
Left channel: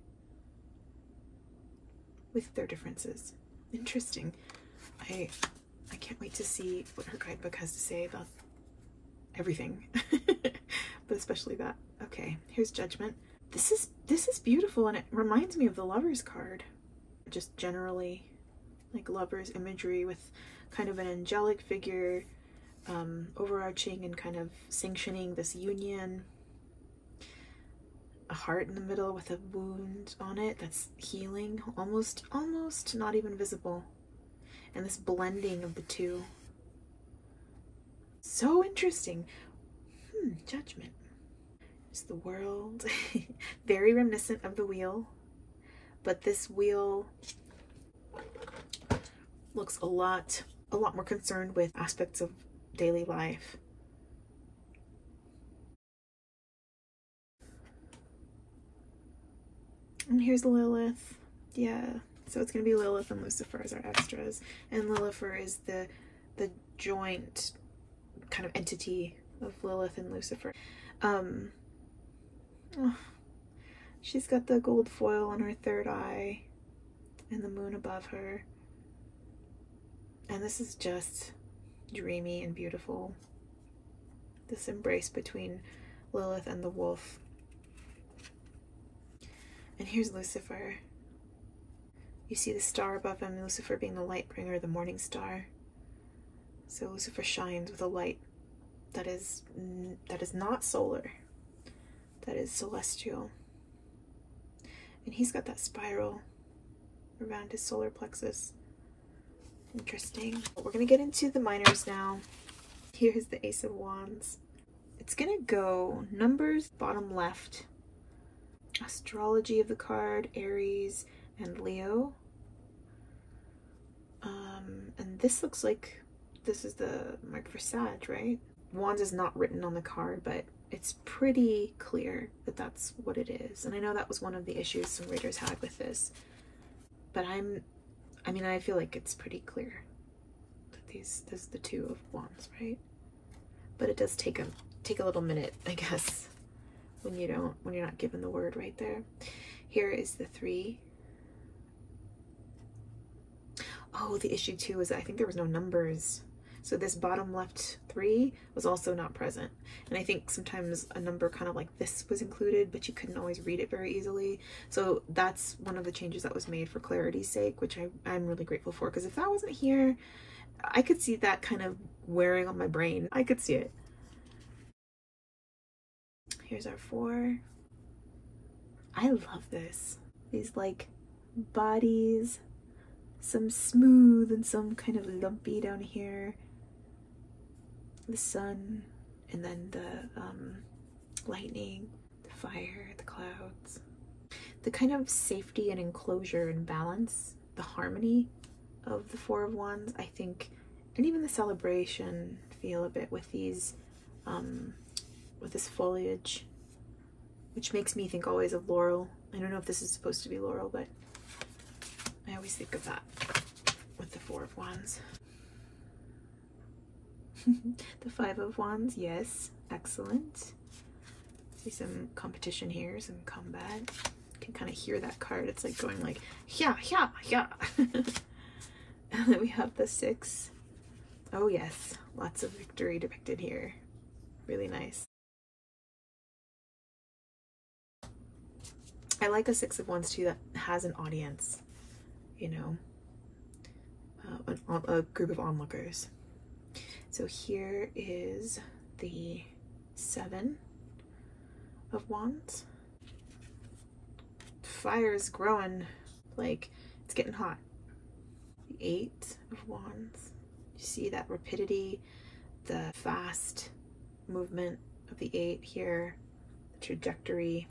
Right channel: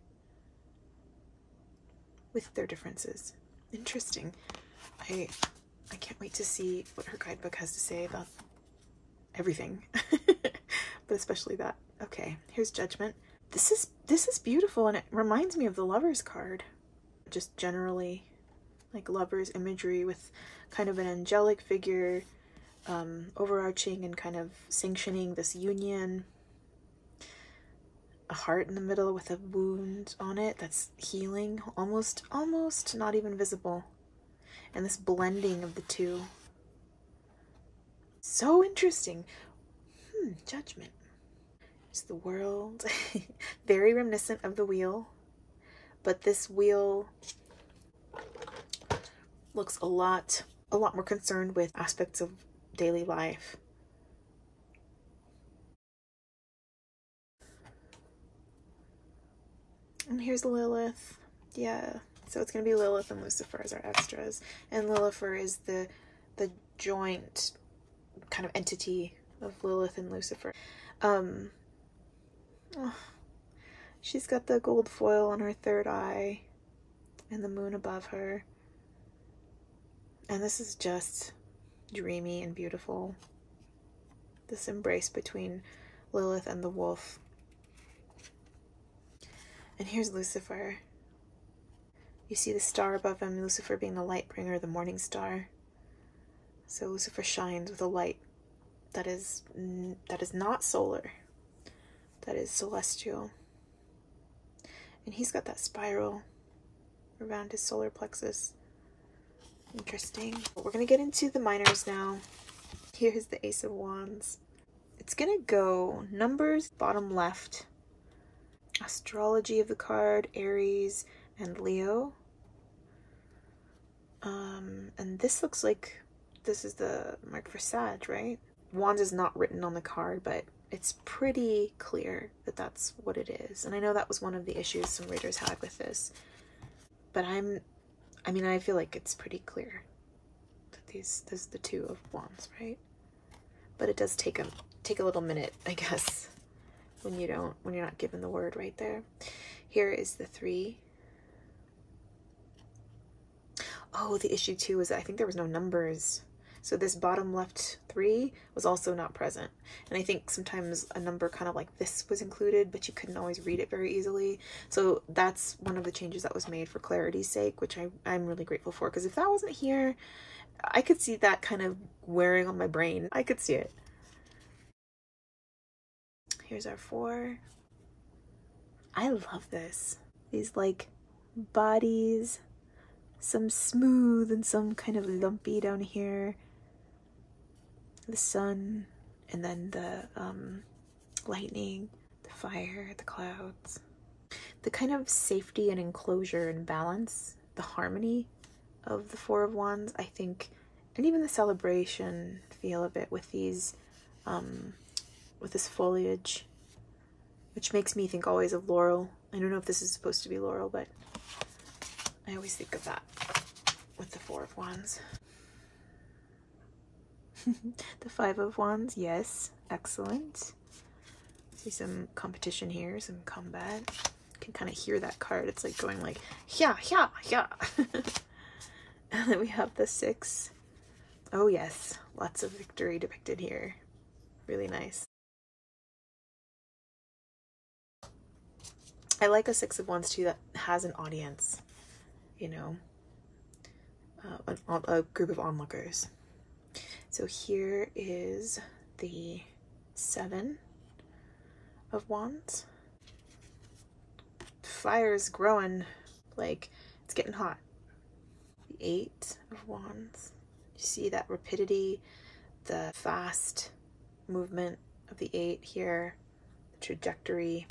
with their differences. Interesting. I can't wait to see what her guidebook has to say about everything, but especially that. Okay, here's Judgment. This is beautiful, and it reminds me of the Lover's card. Just generally, like Lover's imagery with kind of an angelic figure, overarching and kind of sanctioning this union. A heart in the middle with a wound on it that's healing, almost not even visible. And this blending of the two. So interesting. Judgment. It's the World. Very reminiscent of the wheel. But this wheel looks a lot more concerned with aspects of daily life. And here's Lilith. Yeah, so it's going to be Lilith and Lucifer as our extras. And Lilifer is the joint kind of entity of Lilith and Lucifer. Oh, she's got the gold foil on her third eye and the moon above her. And this is just dreamy and beautiful. This embrace between Lilith and the wolf. And here's Lucifer. You see the star above him, Lucifer being the light bringer, the morning star. So Lucifer shines with a light that is not solar, that is celestial. And he's got that spiral around his solar plexus. Interesting. We're gonna get into the minors now. Here's the Ace of Wands. It's gonna go numbers, bottom left. Astrology of the card, Aries and Leo. And this looks like this is the mark for Sag, right? Wands is not written on the card, but it's pretty clear that that's what it is. And I know that was one of the issues some readers had with this, but I feel like it's pretty clear that this is the Two of Wands, right? But it does take a little minute, I guess, when you're not given the word right there. Here is the Three. Oh, the issue too is that I think there was no numbers. So this bottom left 3 was also not present. And I think sometimes a number kind of like this was included, but you couldn't always read it very easily. So that's one of the changes that was made for clarity's sake, which I'm really grateful for. Because if that wasn't here, I could see that kind of wearing on my brain. I could see it. Here's our 4. I love this. These like bodies. Some smooth and some kind of lumpy down here. The sun, and then the lightning, the fire, the clouds. The kind of safety and enclosure and balance, the harmony of the Four of Wands, I think, and even the celebration feel a bit with these with this foliage, which makes me think always of laurel. I don't know if this is supposed to be laurel, but I always think of that with the Four of Wands. The Five of Wands, yes, excellent. See some competition here, some combat. You can kind of hear that card. It's like going like, yeah, yeah, yeah. And then we have the Six. Oh yes, lots of victory depicted here. Really nice. I like a Six of Wands too that has an audience, you know, a group of onlookers. So here is the Seven of Wands. Fire's growing, like it's getting hot. The Eight of Wands. You see that rapidity, the fast movement of the Eight here, the trajectory.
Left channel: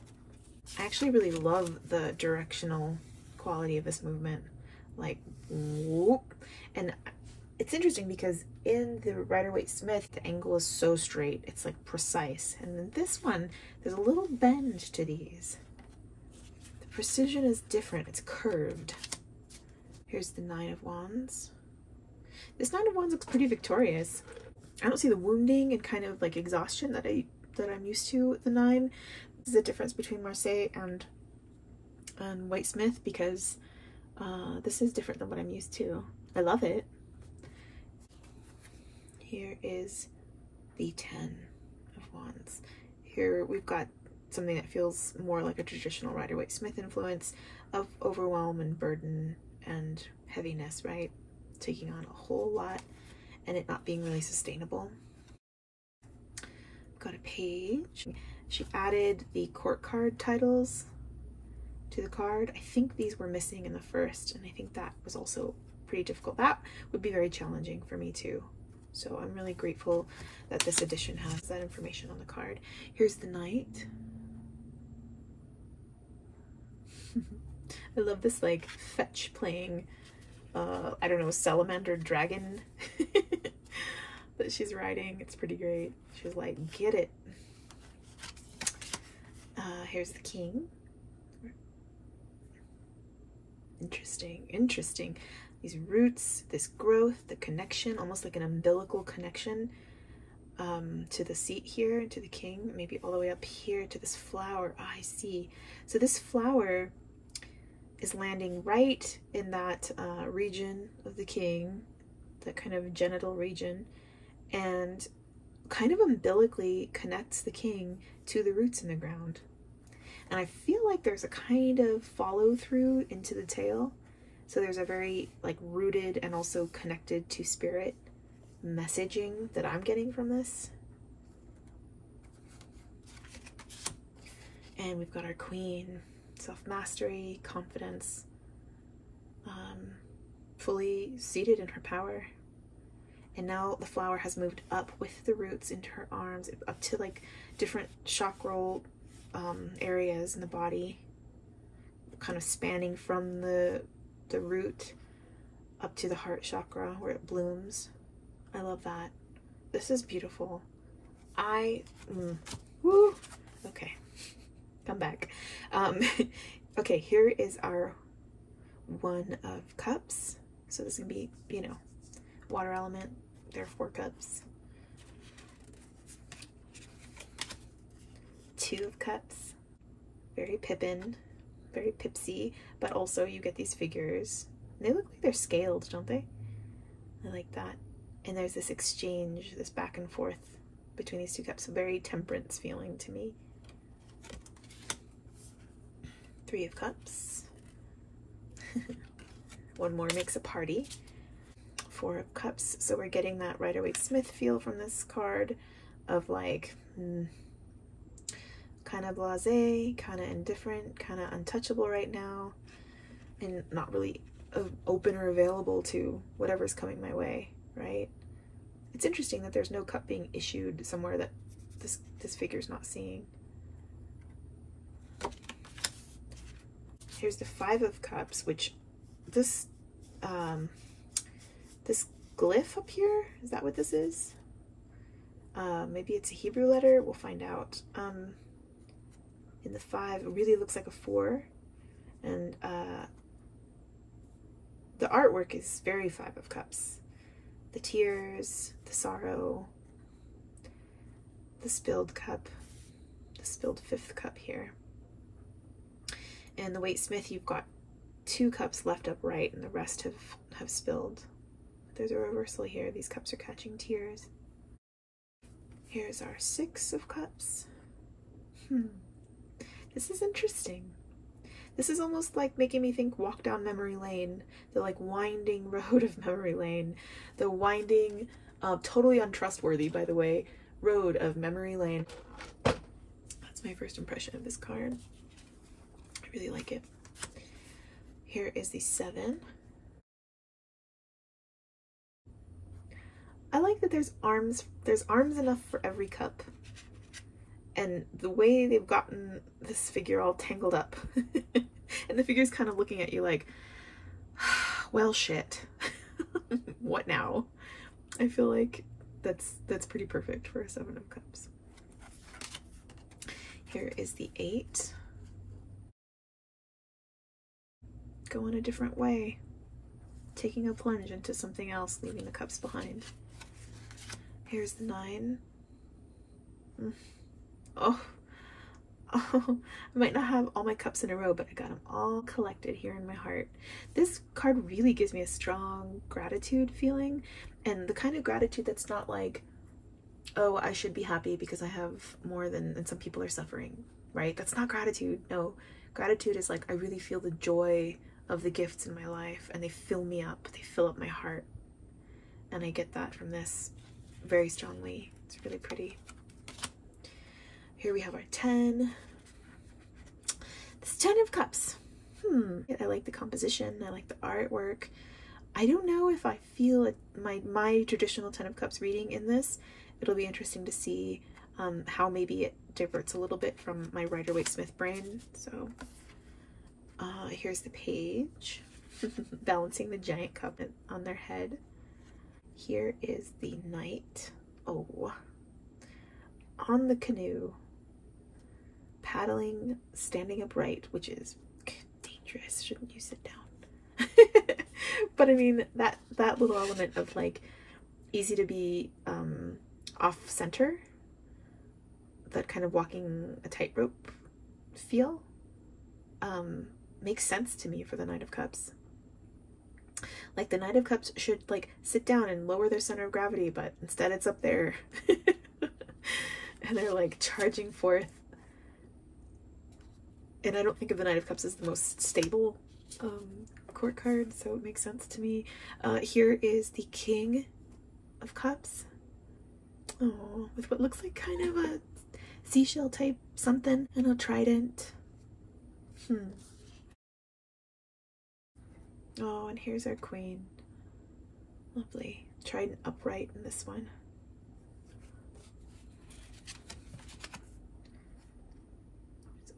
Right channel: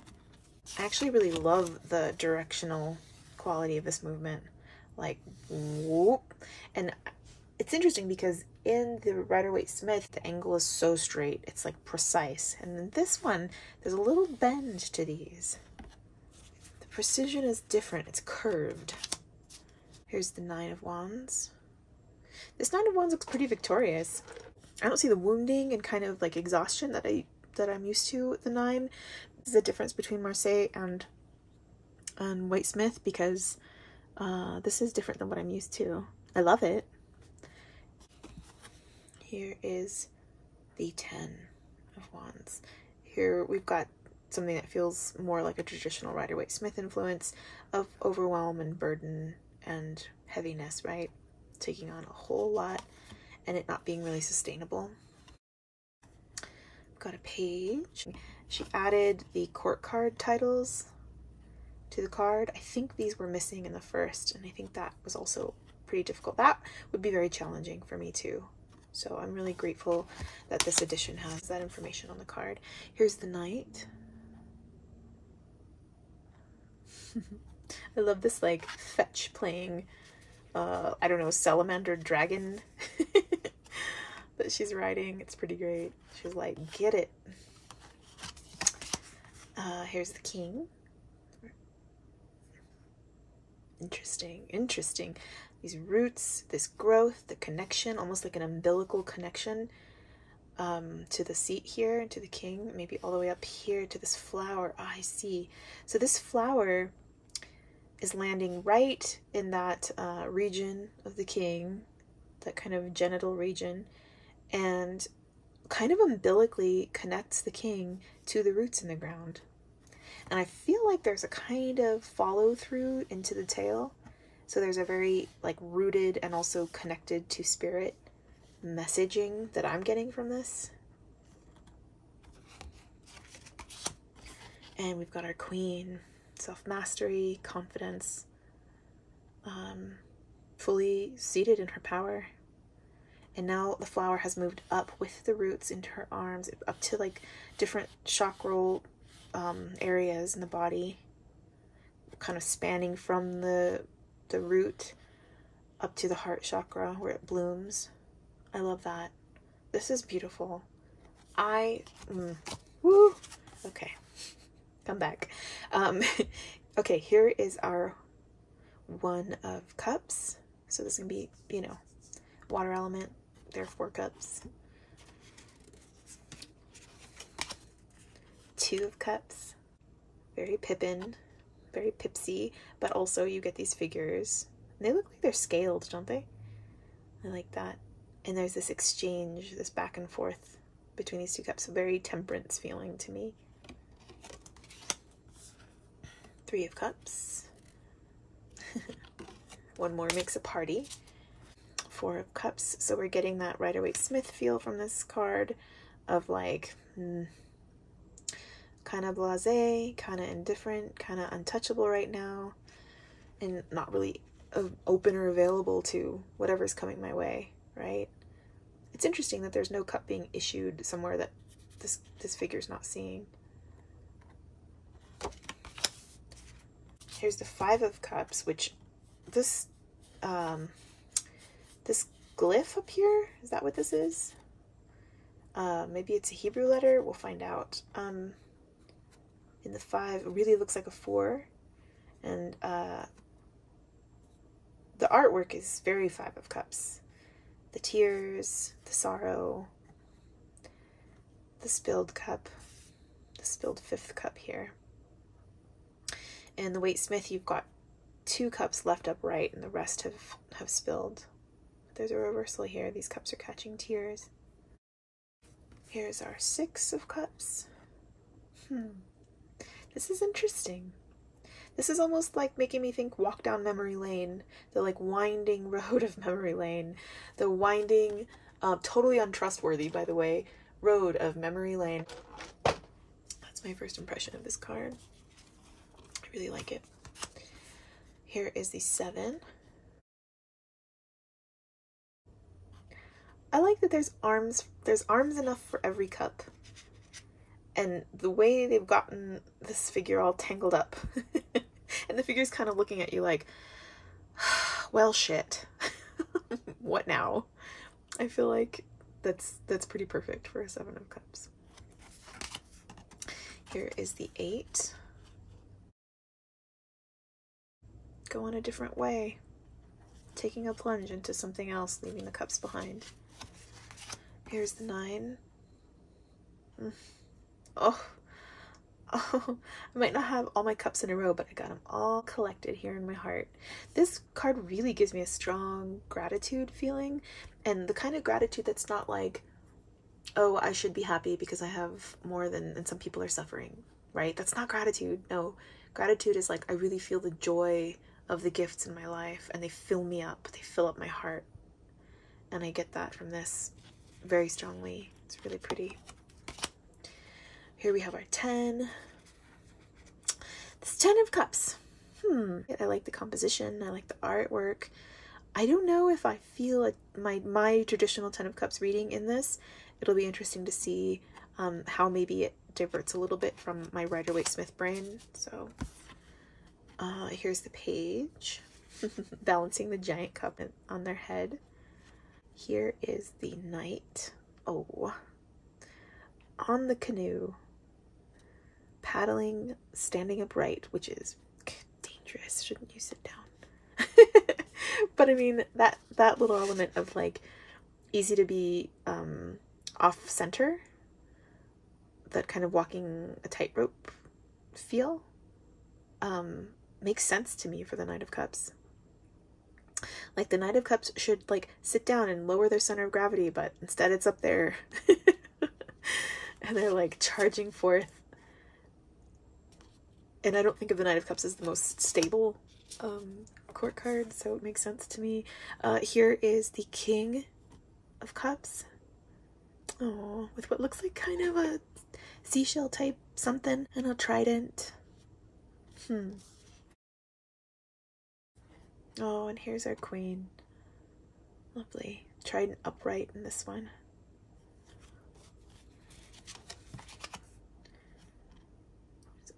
I actually really love the directional quality of this movement, like whoop. And it's interesting because in the Rider-Waite-Smith, the angle is so straight, it's like precise. And then this one, there's a little bend to these. The precision is different, it's curved. Here's the Nine of Wands. This Nine of Wands looks pretty victorious. I don't see the wounding and kind of like exhaustion that I'm used to with the Nine. This is the difference between Marseille and Waite-Smith, because this is different than what I'm used to. I love it. Here is the Ten of Wands. Here we've got something that feels more like a traditional Rider-Waite-Smith influence of overwhelm and burden and heaviness, right? Taking on a whole lot and it not being really sustainable. We've got a page. She added the court card titles to the card. I think these were missing in the first, and I think that was also pretty difficult. That would be very challenging for me too. So I'm really grateful that this edition has that information on the card. Here's the Knight. I love this like fetch playing, I don't know, salamander dragon that she's riding. It's pretty great. She's like, get it. Here's the King. Interesting, interesting. These roots, this growth, the connection, almost like an umbilical connection to the seat here, to the King, maybe all the way up here to this flower. Oh, I see. So this flower is landing right in that region of the King, that kind of genital region, and kind of umbilically connects the King to the roots in the ground. And I feel like there's a kind of follow through into the tail. So there's a very like rooted and also connected to spirit messaging that I'm getting from this. And we've got our Queen, self-mastery, confidence, fully seated in her power. And now the flower has moved up with the roots into her arms, up to like different chakral areas in the body, kind of spanning from the root up to the heart chakra where it blooms. I love that. This is beautiful. Woo. Okay, come back. Okay, here is our One of Cups. So this is gonna be, you know, water element. There are 4 cups. Two of Cups. Very Pippin, very Pipsy, but also you get these figures. They look like they're scaled, don't they? I like that. And there's this exchange, this back and forth between these 2 cups. So very temperance feeling to me. 3 of Cups. One more makes a party. 4 of Cups. So we're getting that Rider-Waite-Smith feel from this card of like kind of blasé, kind of indifferent, kind of untouchable right now, and not really open or available to whatever's coming my way, right? It's interesting that there's no cup being issued somewhere that this figure's not seeing. Here's the 5 of Cups, which this this glyph up here, is that what this is? Maybe it's a Hebrew letter, we'll find out. In the 5, it really looks like a 4, and the artwork is very 5 of Cups. The tears, the sorrow, the spilled cup, the spilled 5th cup here. And the Waite-Smith, you've got 2 cups left upright and the rest have spilled. There's a reversal here. These cups are catching tears. Here's our 6 of Cups. This is interesting. This is almost like making me think walk down memory lane, the like winding road of memory lane, the winding, totally untrustworthy, by the way, road of memory lane. That's my first impression of this card. I really like it. Here is the 7. I like that there's arms enough for every cup. And the way they've gotten this figure all tangled up. And the figure's kind of looking at you like, well, shit. What now? I feel like that's pretty perfect for a 7 of Cups. Here is the 8. Go in a different way. Taking a plunge into something else, leaving the cups behind. Here's the 9. Oh, I might not have all my cups in a row, but I got them all collected here in my heart. This card really gives me a strong gratitude feeling, and the kind of gratitude that's not like, oh, I should be happy because I have more than, and some people are suffering, right? That's not gratitude. No, gratitude is like, I really feel the joy of the gifts in my life, and they fill me up. They fill up my heart, and I get that from this very strongly. It's really pretty. Here we have our 10. This 10 of Cups. I like the composition. I like the artwork. I don't know if I feel my traditional 10 of Cups reading in this. It'll be interesting to see how maybe it diverts a little bit from my Rider-Waite-Smith brain. So here's the page. Balancing the giant cup on their head. Here is the Knight. Oh. On the canoe. Paddling, standing upright, which is dangerous. Shouldn't you sit down? But I mean, that little element of like easy to be off center, that kind of walking a tightrope feel, makes sense to me for the Knight of Cups. Like the Knight of Cups should like sit down and lower their center of gravity, but instead it's up there. And they're like charging forth. And I don't think of the Knight of Cups as the most stable court card, so it makes sense to me. Here is the King of Cups. Oh, with what looks like kind of a seashell type something and a trident. Oh, and here's our Queen. Lovely. Trident upright in this one.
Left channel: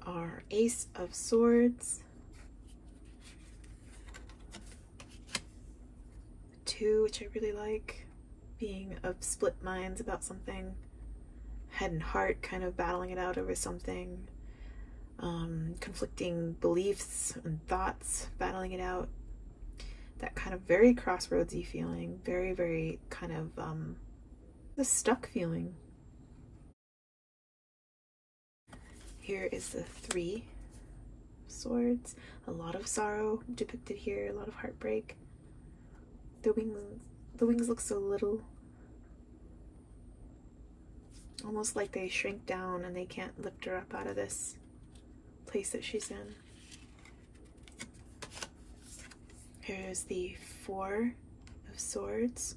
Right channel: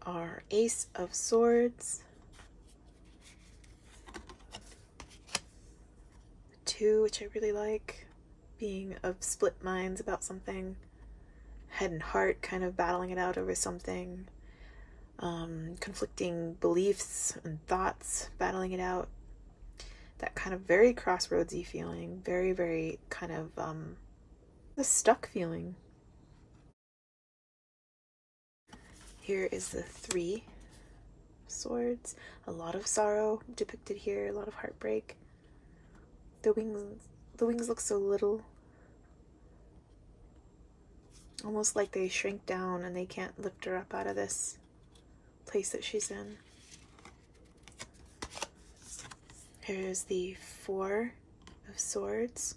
Our Ace of Swords. 2, which I really like, being of split minds about something. Head and heart kind of battling it out over something. Conflicting beliefs and thoughts, battling it out. That kind of very crossroadsy feeling. Very, very kind of the stuck feeling. Here is the 3 swords. A lot of sorrow depicted here, a lot of heartbreak. The wings look so little. Almost like they shrink down and they can't lift her up out of this place that she's in. Here's the 4 of Swords.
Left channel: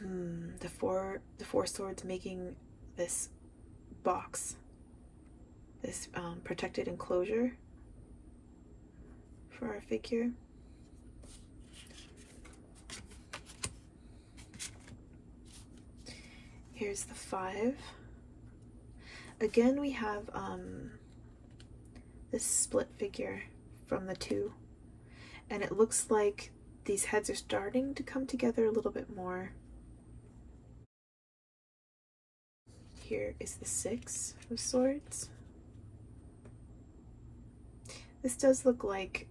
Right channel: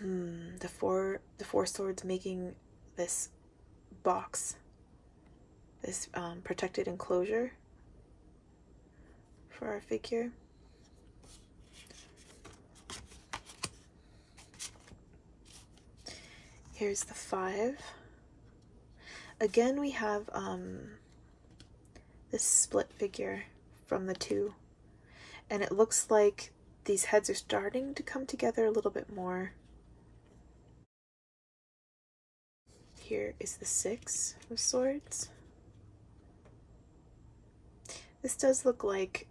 The four swords making this box, this protected enclosure for our figure. Here's the 5. Again, we have this split figure from the 2, and it looks like these heads are starting to come together a little bit more. here is the Six of Swords. This does look like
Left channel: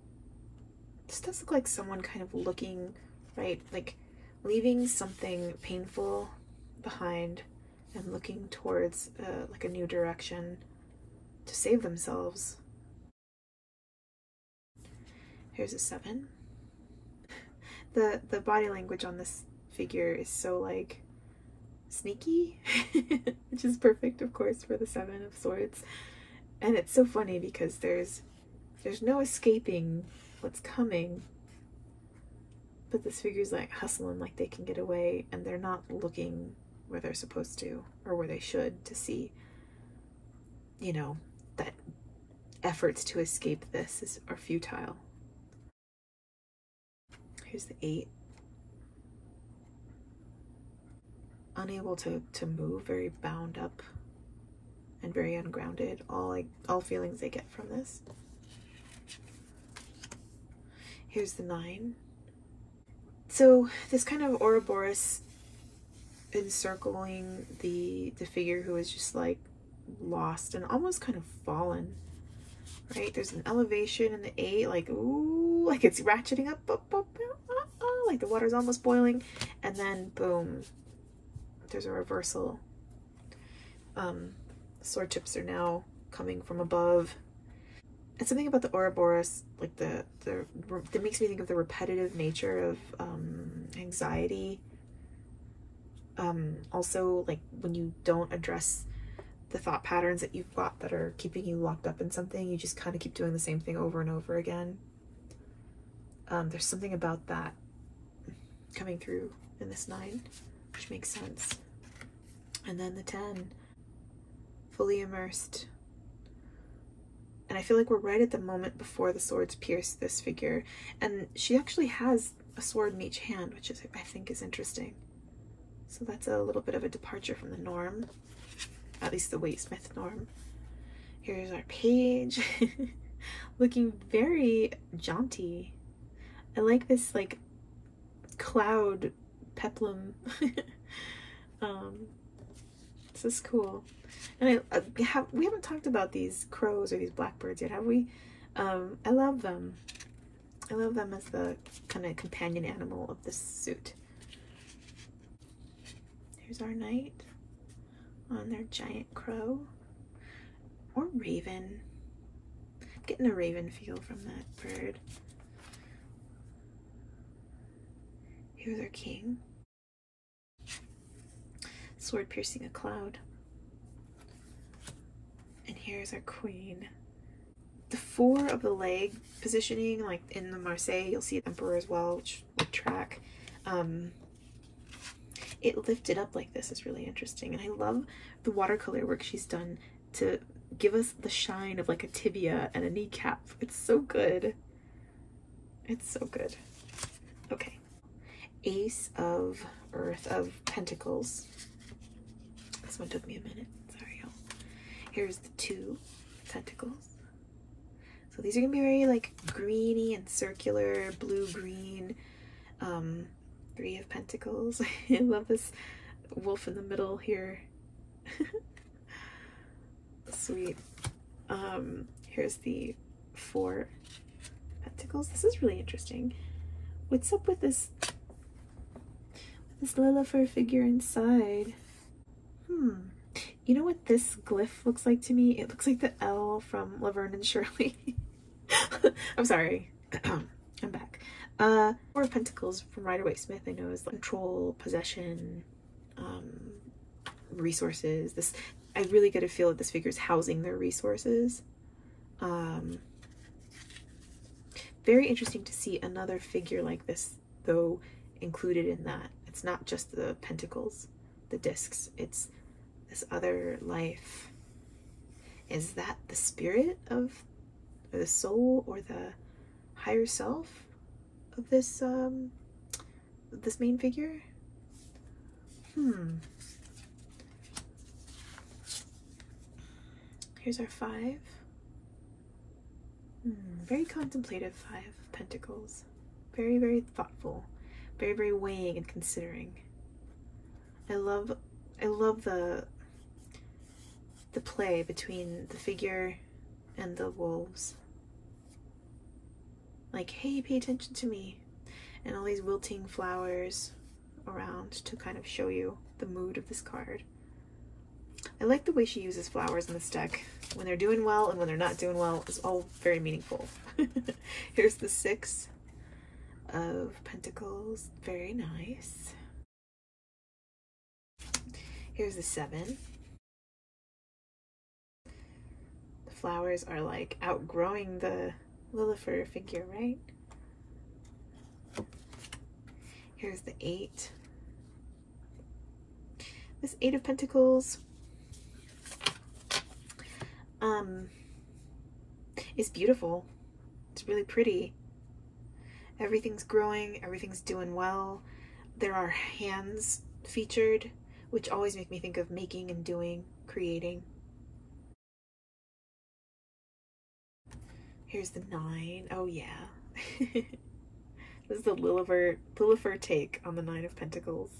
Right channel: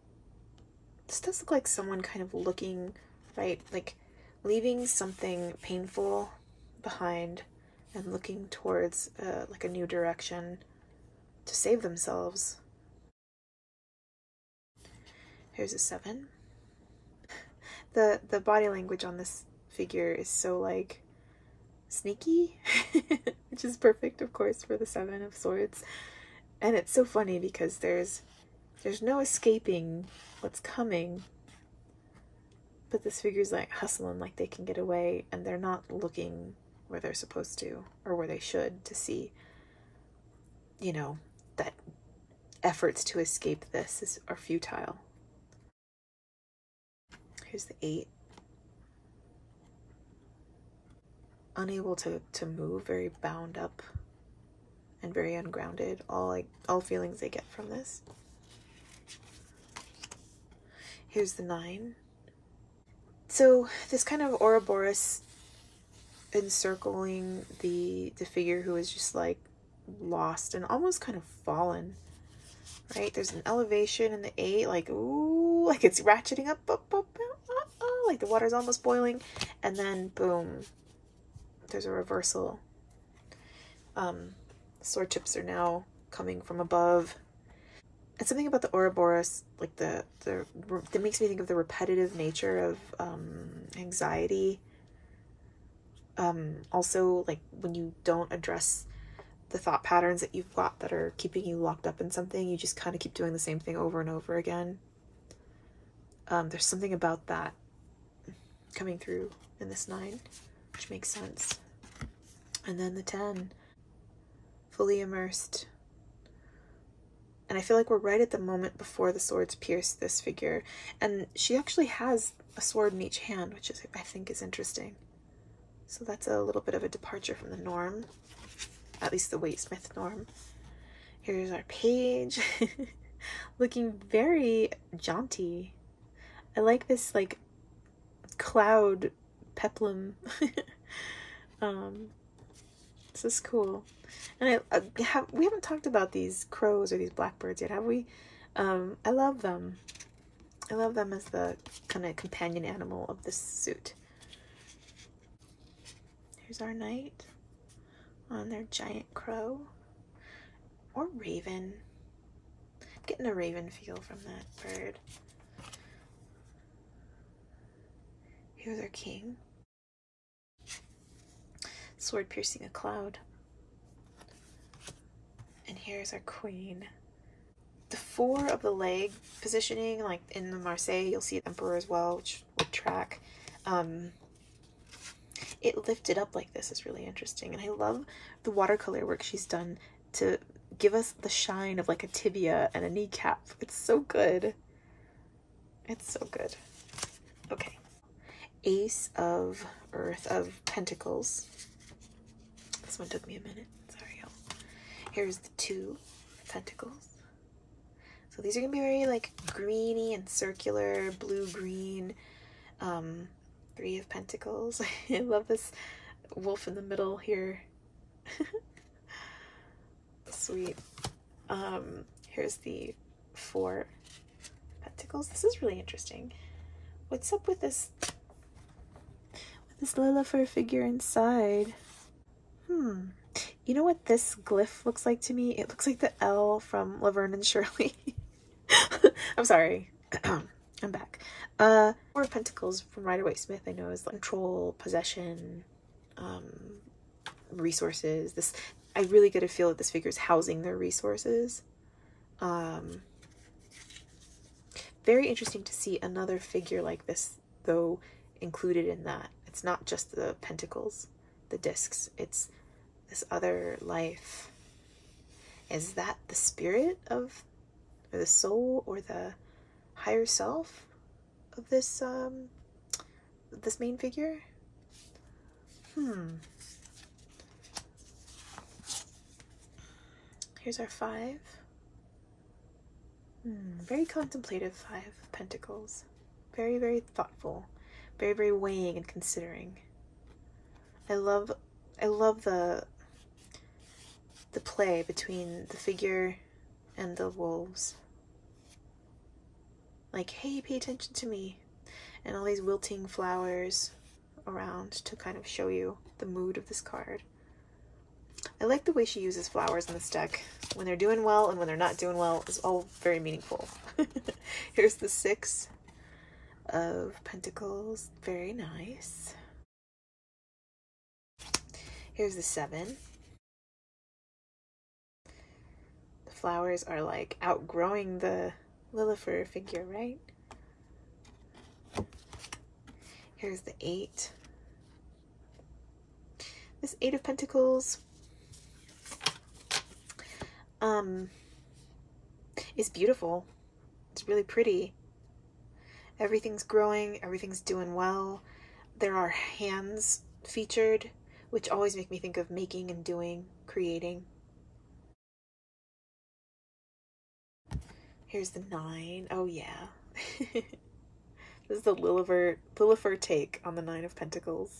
someone kind of looking, right, like leaving something painful behind and looking towards like a new direction to save themselves. Here's a 7. The body language on this figure is so like sneaky, which is perfect, of course, for the 7 of Swords. And it's so funny because there's no escaping what's coming, but this figure's like hustling like they can get away, and they're not looking where they're supposed to or where they should to see, you know, that efforts to escape this are futile. Here's the 8. Unable to move, very bound up and very ungrounded. All feelings they get from this. Here's the 9. So this kind of Ouroboros encircling the figure who is just like lost and almost kind of fallen, right? There's an elevation in the 8, like, ooh, like it's ratcheting up, like the water's almost boiling, and then boom, there's a reversal. Sword tips are now coming from above. And something about the Ouroboros, like that makes me think of the repetitive nature of anxiety. Also, like when you don't address the thought patterns that you've got that are keeping you locked up in something, you just kind of keep doing the same thing over and over again. There's something about that coming through in this 9, which makes sense. And then the 10, fully immersed. And I feel like we're right at the moment before the swords pierce this figure. And she actually has a sword in each hand, which is, I think, is interesting. So that's a little bit of a departure from the norm, at least the Waitesmith norm. Here's our page, looking very jaunty. I like this like cloud peplum. This is cool. And we haven't talked about these crows or these blackbirds yet, have we? I love them. I love them as the kind of companion animal of this suit. Here's our knight on their giant crow. Or raven. I'm getting a raven feel from that bird. Here's our king. Sword piercing a cloud. And here's our queen. The 4 of the leg positioning, like in the Marseille, you'll see Emperor as well, which would track. It lifted up like this is really interesting. And I love the watercolor work she's done to give us the shine of like a tibia and a kneecap. It's so good. It's so good. Okay. Ace of Earth, of Pentacles. This one took me a minute. Sorry, y'all. Here's the 2 Pentacles. So these are gonna be very like greeny and circular, blue-green. 3 of Pentacles. I love this wolf in the middle here. Sweet. Here's the 4 Pentacles. This is really interesting. What's up with this Lilifer figure inside? You know what this glyph looks like to me? It looks like the L from Laverne and Shirley. I'm sorry. I'm back. 4 of Pentacles from Rider-Waite-Smith, I know, is like control, possession, resources. This, I really get a feel that this figure is housing their resources. Very interesting to see another figure like this, though, included in that. It's not just the pentacles, the discs, it's this other life. Is that the spirit of, or the soul, or the higher self of this this main figure? Here's our 5. Very contemplative 5 of Pentacles. Very, very thoughtful. Very, very weighing and considering. I love the the play between the figure and the wolves. Like, hey, pay attention to me. And all these wilting flowers around to kind of show you the mood of this card. I like the way she uses flowers in this deck. When they're doing well and when they're not doing well, it's all very meaningful. Here's the 6 of Pentacles. Very nice. Here's the 7. The flowers are like outgrowing the Lilifer figure, right? Here's the 8. This 8 of Pentacles is beautiful. It's really pretty. Everything's growing, everything's doing well. There are hands featured, which always make me think of making and doing, creating. Here's the 9. Oh yeah. This is the Lilifer take on the 9 of Pentacles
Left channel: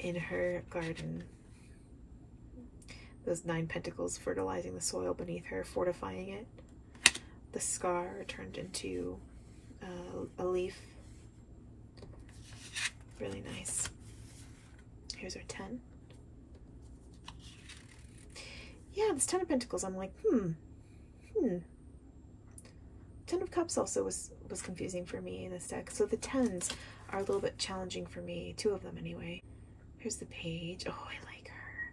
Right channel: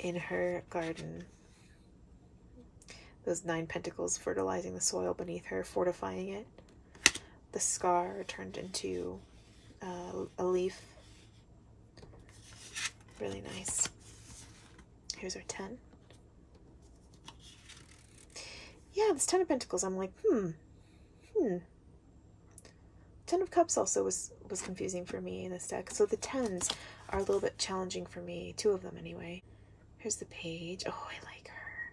in her garden. Those 9 pentacles fertilizing the soil beneath her, fortifying it. The scar turned into a leaf. Really nice. Here's our 10. Yeah, this 10 of Pentacles, I'm like, 10 of Cups also was confusing for me in this deck. So the 10s are a little bit challenging for me. 2 of them anyway. Here's the Page. Oh, I like her.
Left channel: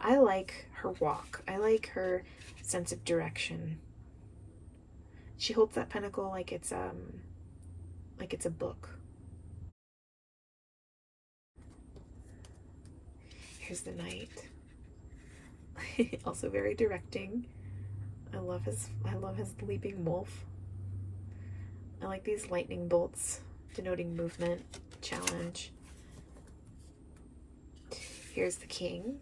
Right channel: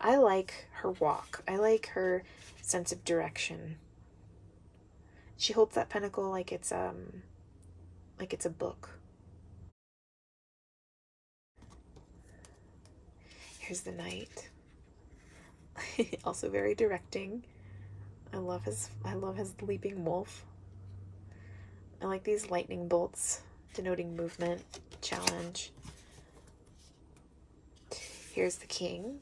I like her walk. I like her sense of direction. She holds that pentacle like it's a book. Here's the Knight. Also very directing. I love his leaping wolf. I like these lightning bolts denoting movement, challenge. Here's the King,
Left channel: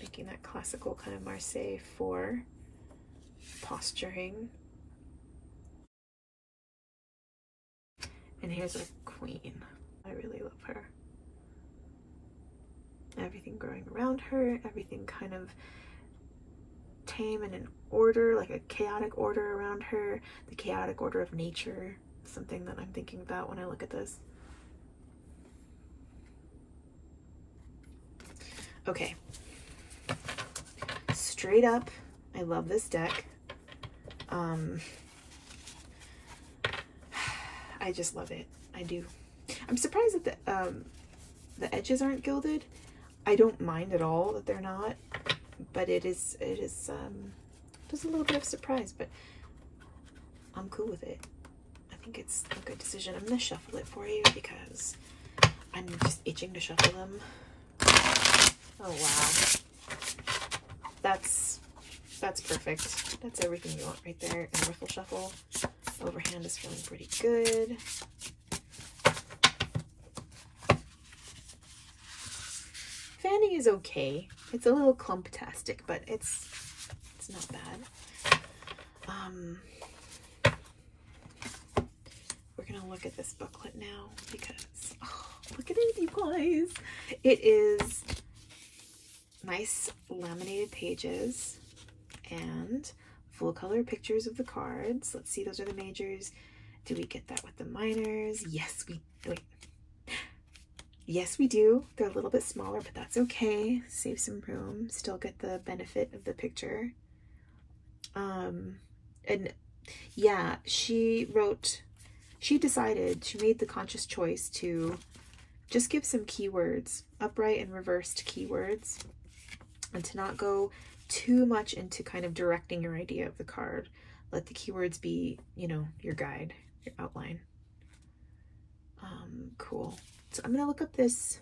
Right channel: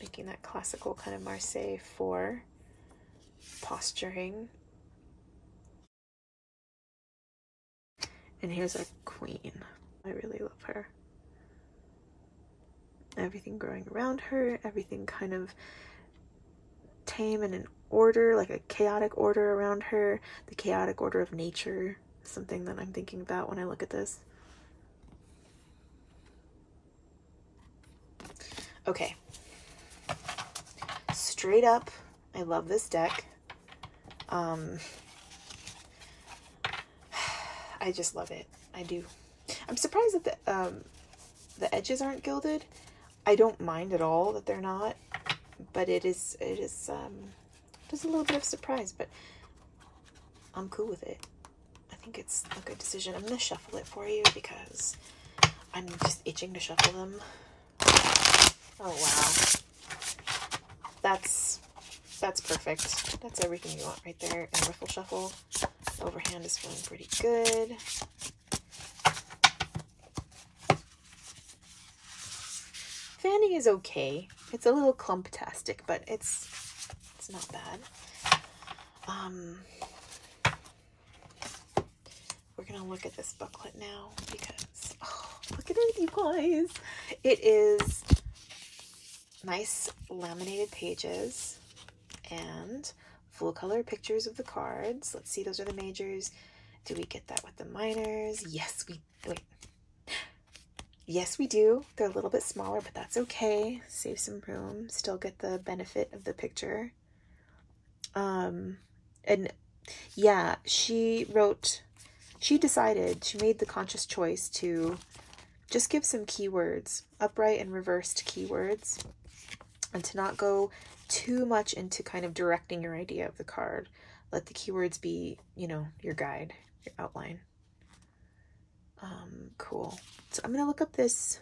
making that classical kind of Marseille 4 posturing. And here's our Queen. I really love her. Everything growing around her, everything kind of tame and in order, like a chaotic order around her. The chaotic order of nature is something that I'm thinking about when I look at this. Okay. Straight up, I love this deck. I just love it. I do. I'm surprised that the edges aren't gilded. I don't mind at all that they're not, but it is just a little bit of surprise, but I'm cool with it. I think it's a good decision. I'm gonna shuffle it for you because I'm just itching to shuffle them. Oh wow. That's perfect. That's everything you want right there. And riffle shuffle. Overhand is feeling pretty good. Fanning is okay. It's a little clumptastic, but it's not bad. We're gonna look at this booklet now because look at it, you guys. It is nice laminated pages and full color pictures of the cards. Let's see, those are the majors. Do we get that with the minors? Yes, yes, we do. They're a little bit smaller, but that's okay. Save some room. Still get the benefit of the picture. And yeah, she made the conscious choice to just give some keywords, upright and reversed keywords, and to not go too much into kind of directing your idea of the card. Let the keywords be, you know, your guide, your outline. Cool. So I'm going to look up this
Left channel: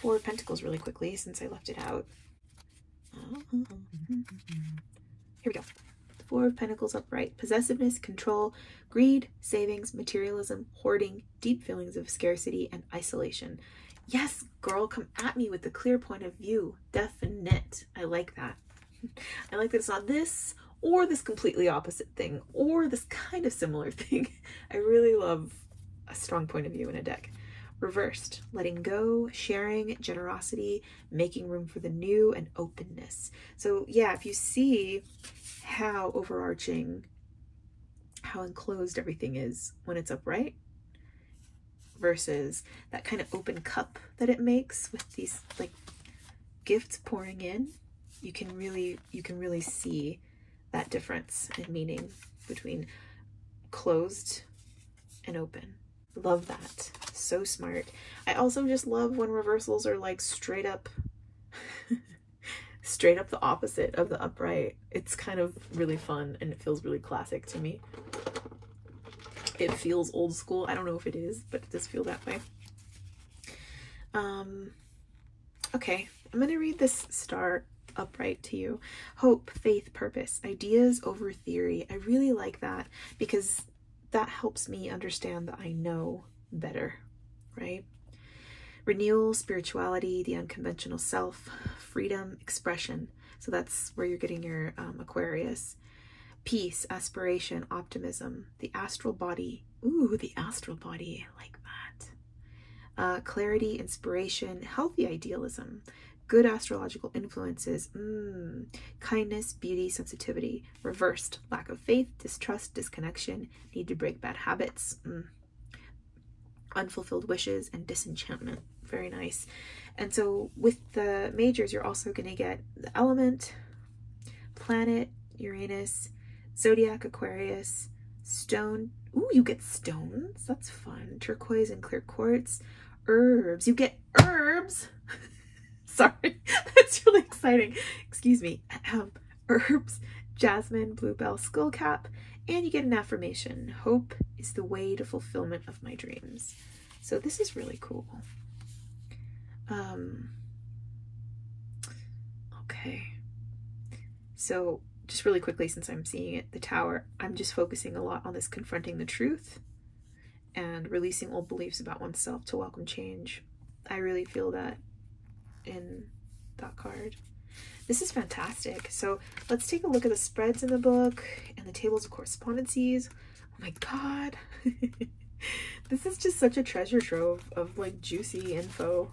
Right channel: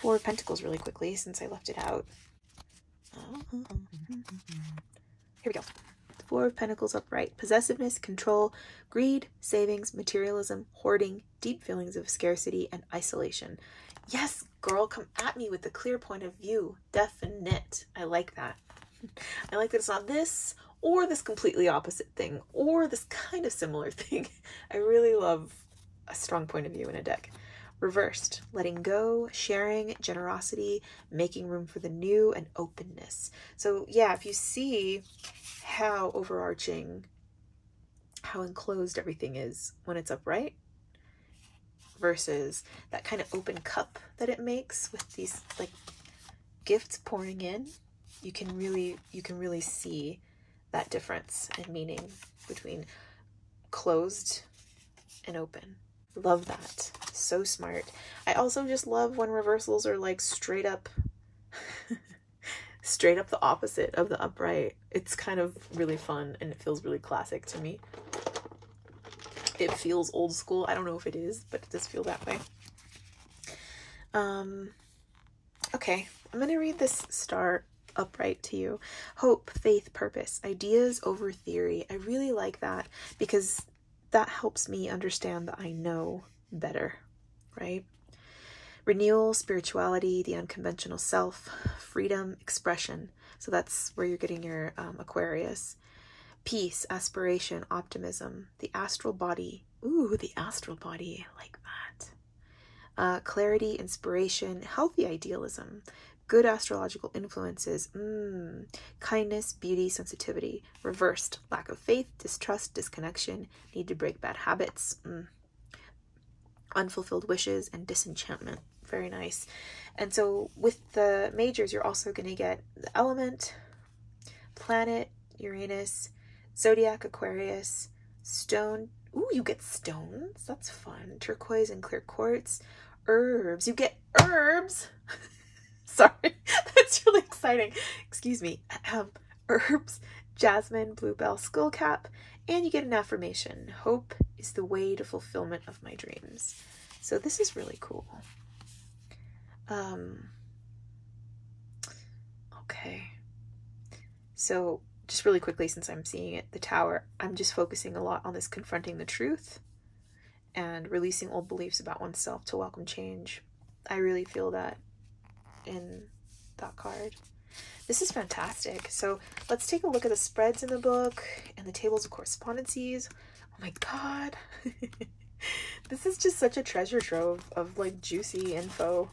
4 of Pentacles really quickly since I left it out. Here we go. 4 of Pentacles upright. Possessiveness, control, greed, savings, materialism, hoarding, deep feelings of scarcity, and isolation. Yes, girl, come at me with the clear point of view. Definite. I like that. I like that it's not this or this completely opposite thing or this kind of similar thing. I really love a strong point of view in a deck. Reversed, letting go, sharing, generosity, making room for the new, and openness. So yeah, if you see how overarching, how enclosed everything is when it's upright versus that kind of open cup that it makes with these like gifts pouring in, you can really see that difference in meaning between closed and open. Love that. So smart. I also just love when reversals are like straight up straight up the opposite of the upright. It's kind of really fun and it feels really classic to me. It feels old school. I don't know if it is, but it does feel that way. Okay, I'm gonna read this star upright to you. Hope, faith, purpose, ideas over theory. I really like that because that helps me understand that I know better, right? Renewal, spirituality, the unconventional self, freedom, expression. So that's where you're getting your Aquarius. Peace, aspiration, optimism, the astral body. Ooh, the astral body, I like that. Clarity, inspiration, healthy idealism, good astrological influences, kindness, beauty, sensitivity. Reversed, lack of faith, distrust, disconnection, need to break bad habits, unfulfilled wishes, and disenchantment. Very nice. And so with the majors, you're also going to get the element, planet, Uranus, zodiac, Aquarius, stone. Ooh, you get stones. That's fun. Turquoise and clear quartz. Herbs. You get herbs. Sorry, that's really exciting. Excuse me. Herbs, jasmine, bluebell, skullcap, and you get an affirmation. Hope is the way to fulfillment of my dreams. So this is really cool. Okay. So just really quickly, since I'm seeing it, the Tower, I'm just focusing a lot on this confronting the truth and releasing old beliefs about oneself to welcome change. I really feel that in that card. This is fantastic. So let's take a look at the spreads in the book and the tables of correspondences. Oh my god. This is just such a treasure trove of like juicy info.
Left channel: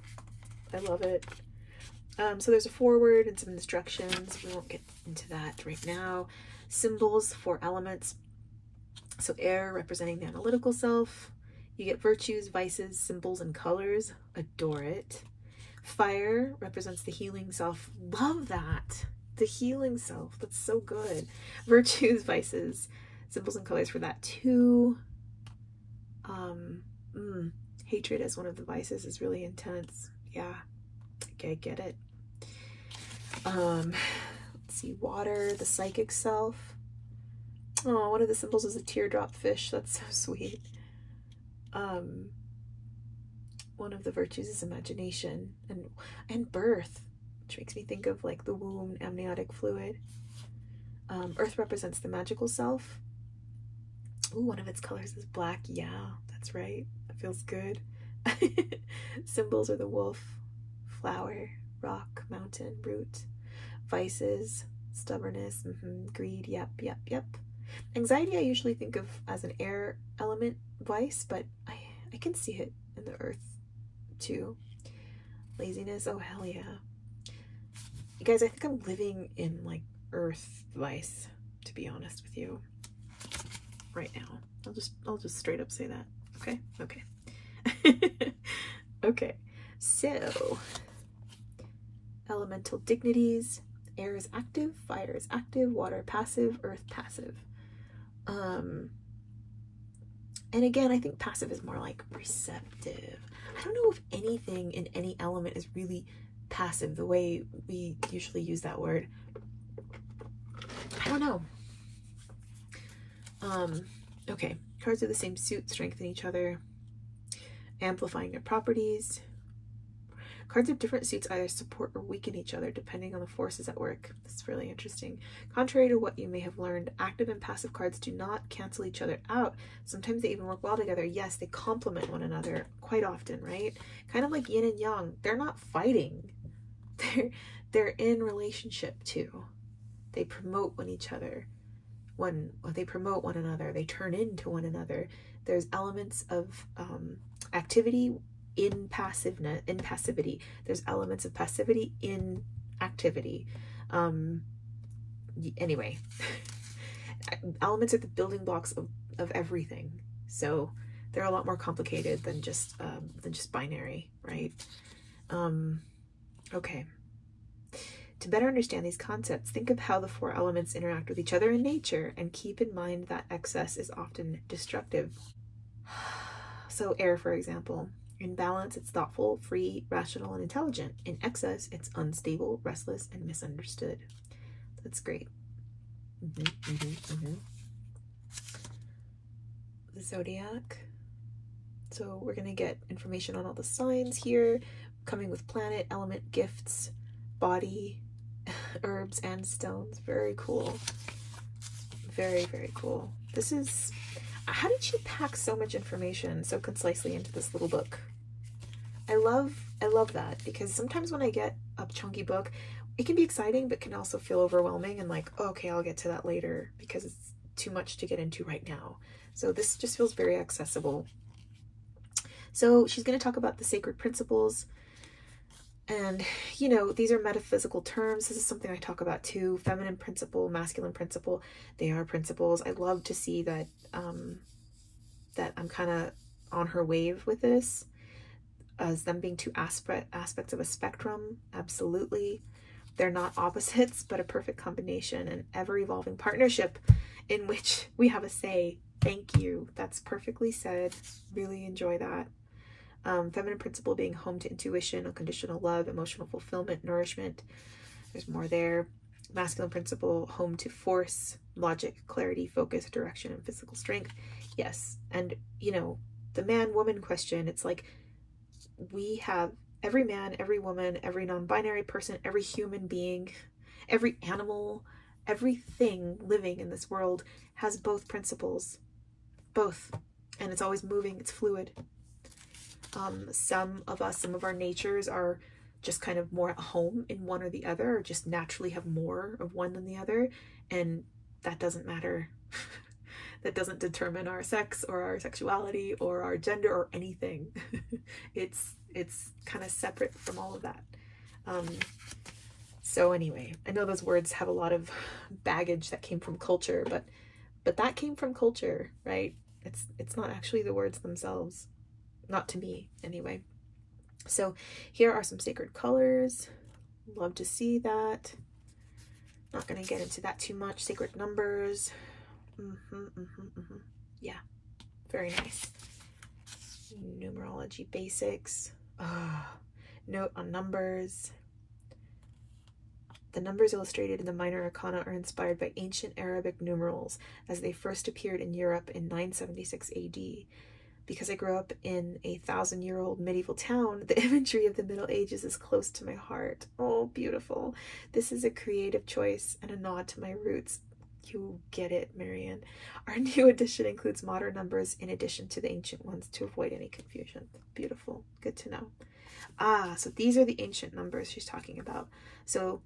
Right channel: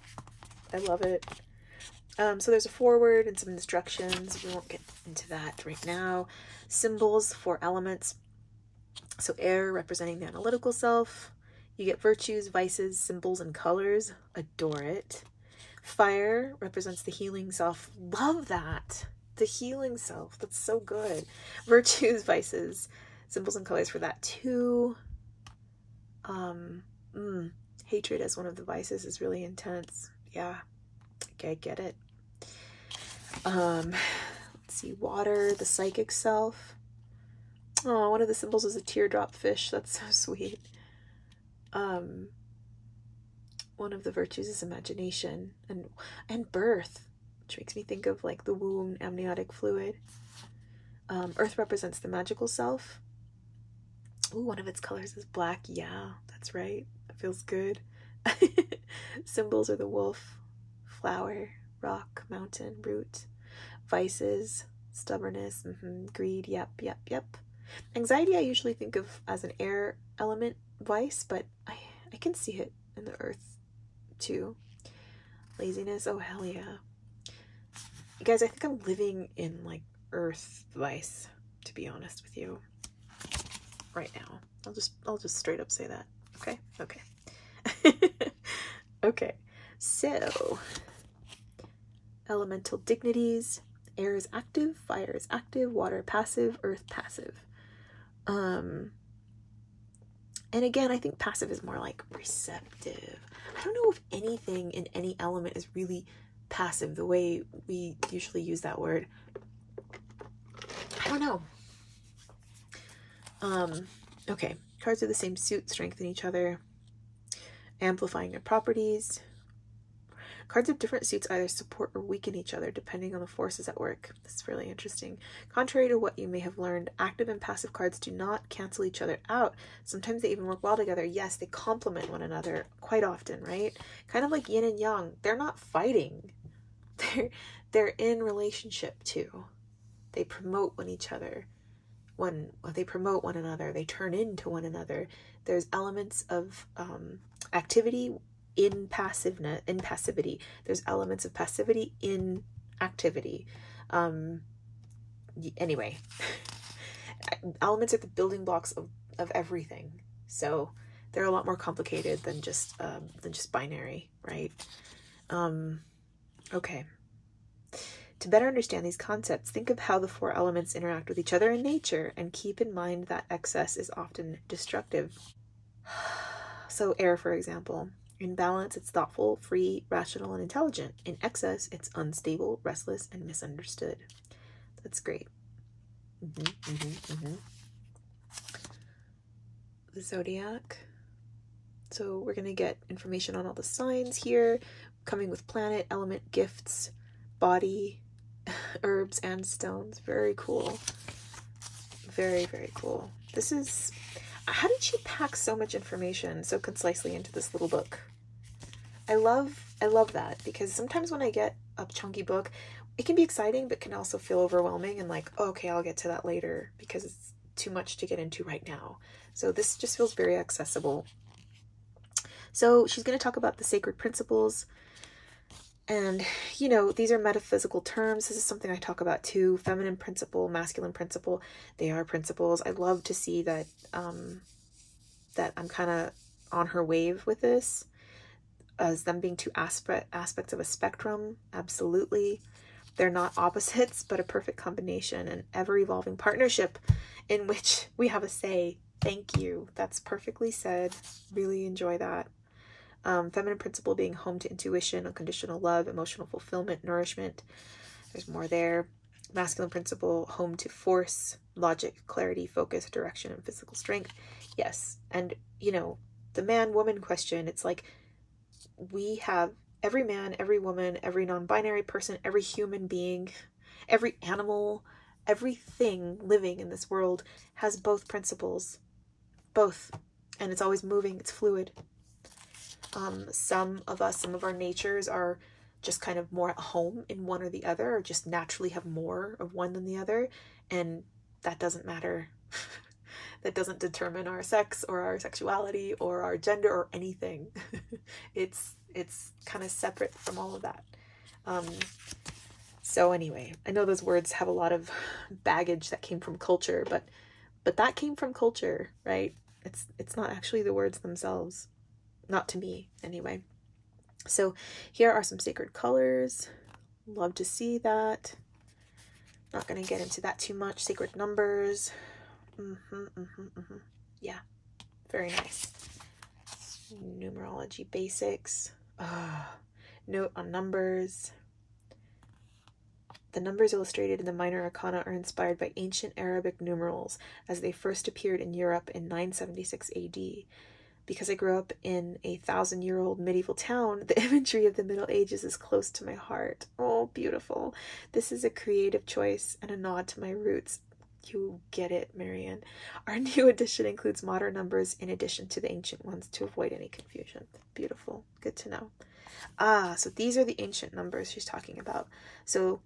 I love it. So there's a foreword and some instructions. We won't get into that right now. Symbols for elements. So air representing the analytical self. You get virtues, vices, symbols, and colors. Adore it. Fire represents the healing self. Love that. The healing self. That's so good. Virtues, vices, symbols, and colors for that too. Hatred as one of the vices is really intense. Yeah. Okay, get it. Let's see. Water, the psychic self. Oh, one of the symbols is a teardrop fish. That's so sweet. One of the virtues is imagination and birth, which makes me think of like the womb, amniotic fluid. Earth represents the magical self. Ooh, one of its colors is black. Yeah, that's right. That feels good. Symbols are the wolf, flower, rock, mountain, root. Vices, stubbornness, greed. Yep. Anxiety I usually think of as an air element vice, but I can see it in the earth too. Laziness, oh hell yeah. You guys, I think I'm living in like earth vice, to be honest with you, right now. I'll just straight up say that. Okay. Okay, so elemental dignities. Air is active, fire is active, water passive, earth passive. And again, I think passive is more like receptive. I don't know if anything in any element is really passive the way we usually use that word. I don't know. Okay, cards of the same suit strengthen each other, amplifying their properties. Cards of different suits either support or weaken each other depending on the forces at work. This is really interesting. Contrary to what you may have learned, active and passive cards do not cancel each other out. Sometimes they even work well together. Yes, they complement one another quite often, right? Kind of like yin and yang. They're not fighting. They're in relationship too. They promote one another. They turn into one another. There's elements of activity in passivity. There's elements of passivity in activity. Anyway, elements are the building blocks of everything. So they're a lot more complicated than just binary, right? Okay. To better understand these concepts, think of how the four elements interact with each other in nature, and keep in mind that excess is often destructive. So air, for example. In balance, it's thoughtful, free, rational, and intelligent. In excess, it's unstable, restless, and misunderstood. That's great. The zodiac. So we're going to get information on all the signs here, coming with planet, element, gifts, body, herbs, and stones. Very cool. Very, very cool. This is... How did she pack so much information so concisely into this little book? I love that, because sometimes when I get a chunky book, it can be exciting, but can also feel overwhelming and like, oh, okay, I'll get to that later because it's too much to get into right now. So this just feels very accessible. So she's going to talk about the sacred principles. And, you know, these are metaphysical terms. This is something I talk about too. Feminine principle, masculine principle. They are principles. I love to see that, that I'm kind of on her wave with this, as them being two aspects of a spectrum. Absolutely. They're not opposites, but a perfect combination, an ever-evolving partnership in which we have a say. Thank you. That's perfectly said. Really enjoy that. Feminine principle being home to intuition, unconditional love, emotional fulfillment, nourishment. There's more there. Masculine principle, home to force, logic, clarity, focus, direction, and physical strength. Yes. And, you know, the man-woman question, it's like we have every man, every woman, every non-binary person, every human being, every animal, everything living in this world has both principles. Both. And it's always moving. It's fluid. Some of our natures are just kind of more at home in one or the other, or just naturally have more of one than the other. And that doesn't matter. That doesn't determine our sex or our sexuality or our gender or anything. It's kind of separate from all of that. So anyway, I know those words have a lot of baggage that came from culture, but that came from culture, right? It's not actually the words themselves. Not to me, anyway. So here are some sacred colors. Love to see that. Not going to get into that too much. Sacred numbers. Yeah, very nice. Numerology basics. Note on numbers. The numbers illustrated in the minor arcana are inspired by ancient Arabic numerals as they first appeared in Europe in 976 AD. Because I grew up in a 1,000-year-old medieval town, the imagery of the Middle Ages is close to my heart. Oh, beautiful. This is a creative choice and a nod to my roots. You get it, Marianne. Our new edition includes modern numbers in addition to the ancient ones to avoid any confusion. Beautiful. Good to know. So these are the ancient numbers she's talking about. So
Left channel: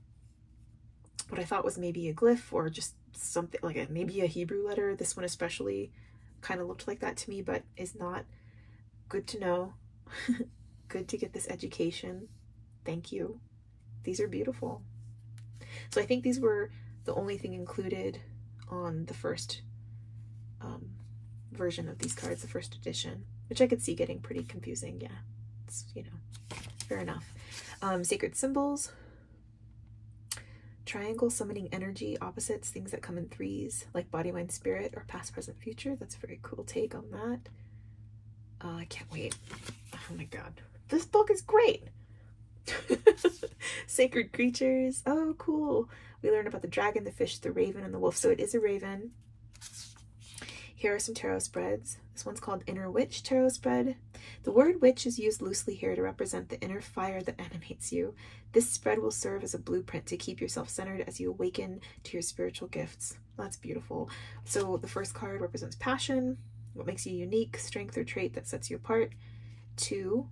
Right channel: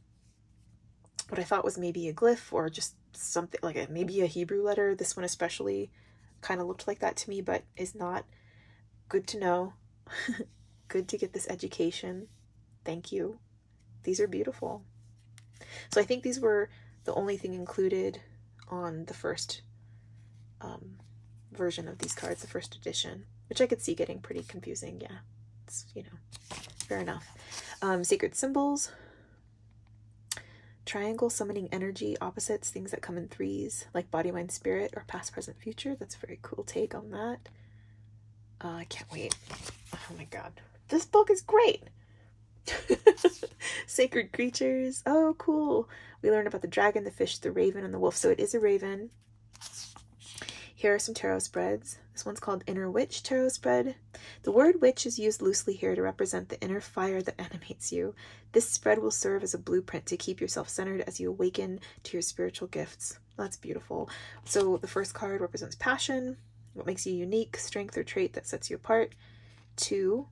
what I thought was maybe a glyph or just something like maybe a Hebrew letter, this one especially kind of looked like that to me, but is not. Good to know. Good to get this education. Thank you. These are beautiful. So I think these were the only thing included on the first version of these cards, the first edition, which I could see getting pretty confusing. Yeah, it's, you know, fair enough. Sacred symbols. Triangle, summoning energy, opposites, things that come in threes, like body, mind, spirit, or past, present, future. That's a very cool take on that. I can't wait. Oh my god. This book is great. Sacred creatures. Oh, cool. We learned about the dragon, the fish, the raven, and the wolf. So it is a raven. Here are some tarot spreads. This one's called Inner Witch Tarot Spread. The word witch is used loosely here to represent the inner fire that animates you. This spread will serve as a blueprint to keep yourself centered as you awaken to your spiritual gifts. That's beautiful. So the first card represents passion, what makes you unique, strength or trait that sets you apart. 2,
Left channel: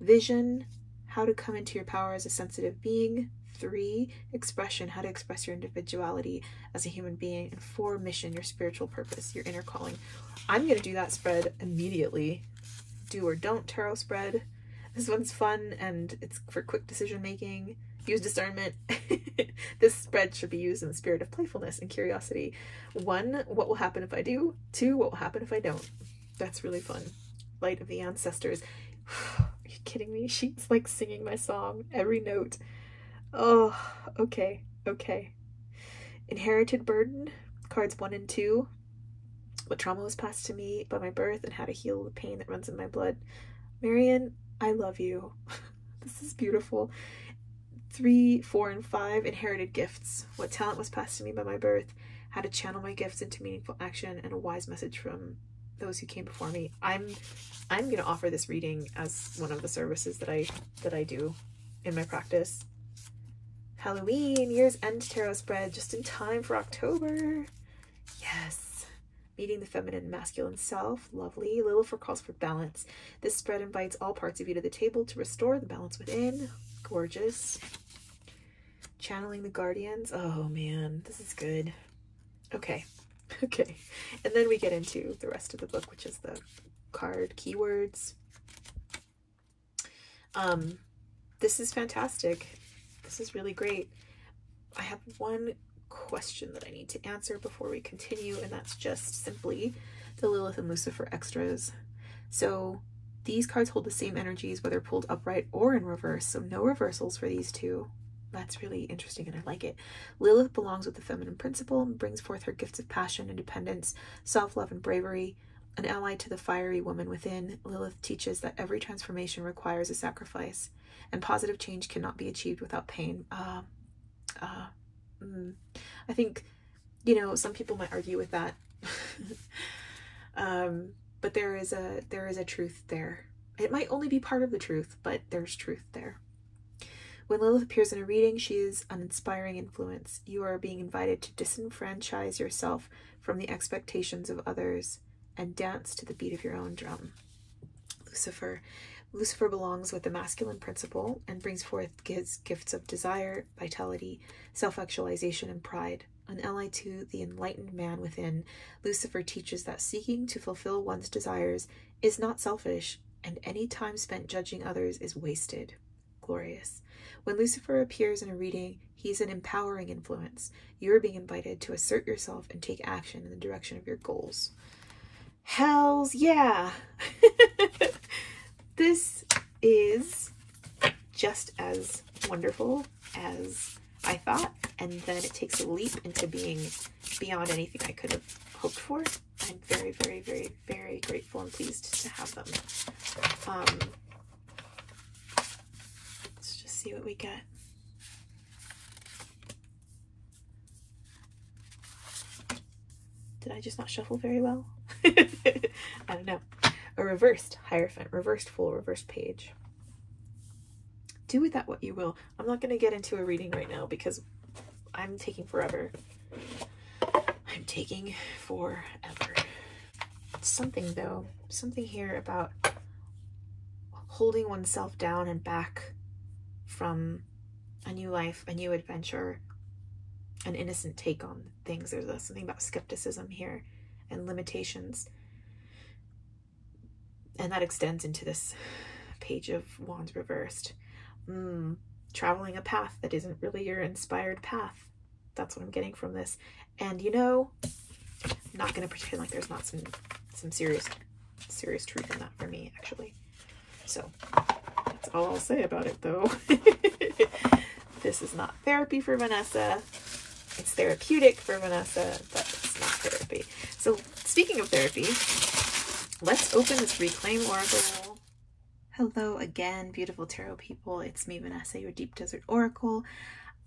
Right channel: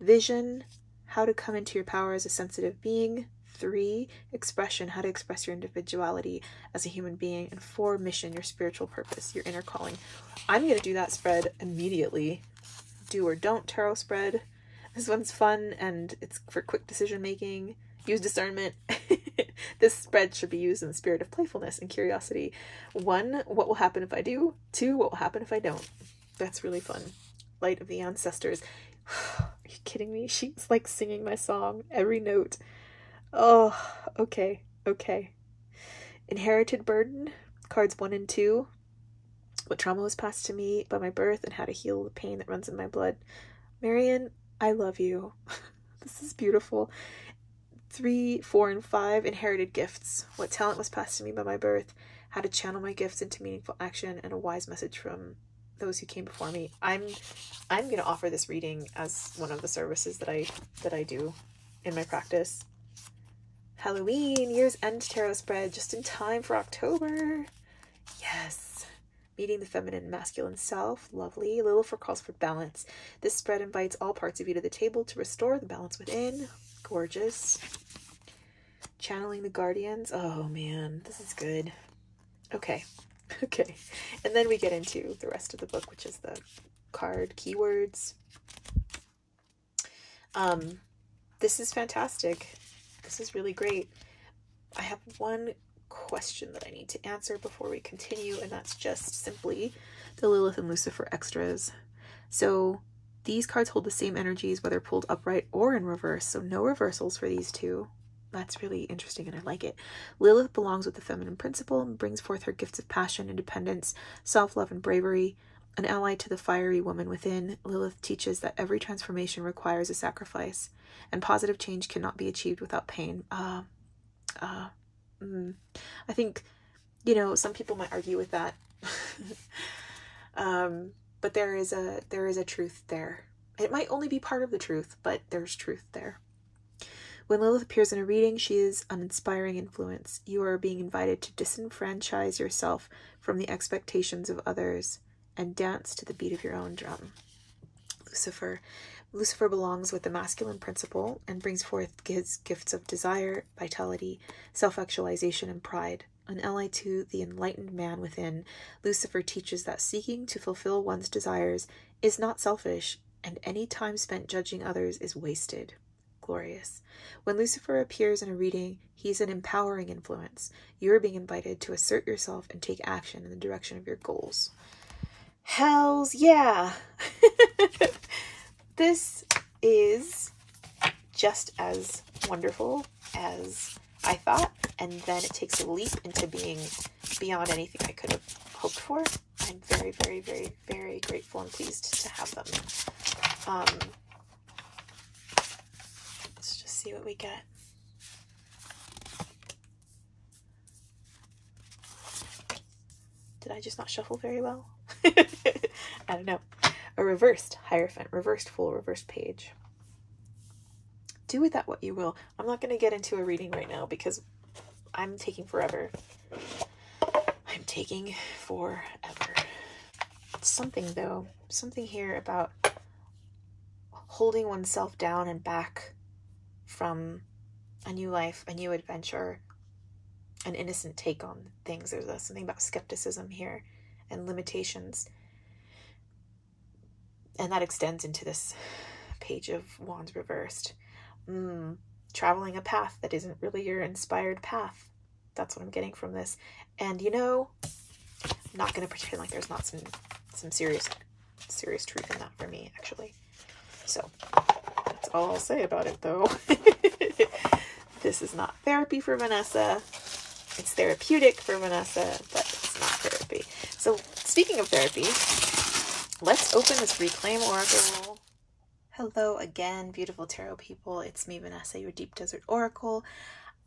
vision, how to come into your power as a sensitive being. 3, expression, how to express your individuality as a human being. And 4, mission, your spiritual purpose, your inner calling. I'm going to do that spread immediately. Do or don't tarot spread. This one's fun and it's for quick decision making. Use discernment. This spread should be used in the spirit of playfulness and curiosity. 1, what will happen if I do? 2, what will happen if I don't? That's really fun. Light of the ancestors. Are you kidding me? She's like singing my song, every note. Oh, okay, okay. Inherited burden, cards 1 and 2. What trauma was passed to me by my birth and how to heal the pain that runs in my blood. Marion, I love you. This is beautiful. 3, 4, and 5, inherited gifts. What talent was passed to me by my birth, how to channel my gifts into meaningful action, and a wise message from those who came before me. I'm going to offer this reading as one of the services that I do in my practice. Halloween, year's end tarot spread, just in time for October. Yes. Meeting the feminine and masculine self. Lovely. Lilifer calls for balance. This spread invites all parts of you to the table to restore the balance within. Gorgeous. Channeling the guardians. Oh man, this is good. Okay. Okay. And then we get into the rest of the book, which is the card keywords. This is fantastic. This is really great. I have one question that I need to answer before we continue, and that's just simply the Lilith and Lucifer extras. So these cards hold the same energies whether pulled upright or in reverse, so no reversals for these two. That's really interesting and I like it. Lilith belongs with the feminine principle and brings forth her gifts of passion, independence, self-love, and bravery. An ally to the fiery woman within, Lilith teaches that every transformation requires a sacrifice, and positive change cannot be achieved without pain. I think, you know, some people might argue with that. But there is a truth there. It might only be part of the truth, but there's truth there. When Lilith appears in a reading, she is an inspiring influence. You are being invited to disenfranchise yourself from the expectations of others and dance to the beat of your own drum. Lucifer. Lucifer belongs with the masculine principle and brings forth his gifts of desire, vitality, self-actualization, and pride. An ally to the enlightened man within, Lucifer teaches that seeking to fulfill one's desires is not selfish, and any time spent judging others is wasted. Glorious. When Lucifer appears in a reading, he's an empowering influence. You are being invited to assert yourself and take action in the direction of your goals. Hells yeah! This is just as wonderful as I thought, and then it takes a leap into being beyond anything I could have hoped for. I'm very, very, very, very grateful and pleased to have them. Let's just see what we get. Did I just not shuffle very well? I don't know. A reversed Hierophant, reversed full, reversed page. Do with that what you will. I'm not going to get into a reading right now because I'm taking forever. I'm taking forever. Something though, something here about holding oneself down and back from a new life, a new adventure, an innocent take on things. There's something about skepticism here and limitations. And that extends into this page of Wands reversed. Traveling a path that isn't really your inspired path. That's what I'm getting from this. And you know, I'm not going to pretend like there's not some serious truth in that for me, actually. So that's all I'll say about it, though. This is not therapy for Vanessa. It's therapeutic for Vanessa, but it's not therapy. So speaking of therapy, let's open this Reclaim Oracle. Hello again, beautiful tarot people. It's me, Vanessa, your Deep Desert Oracle.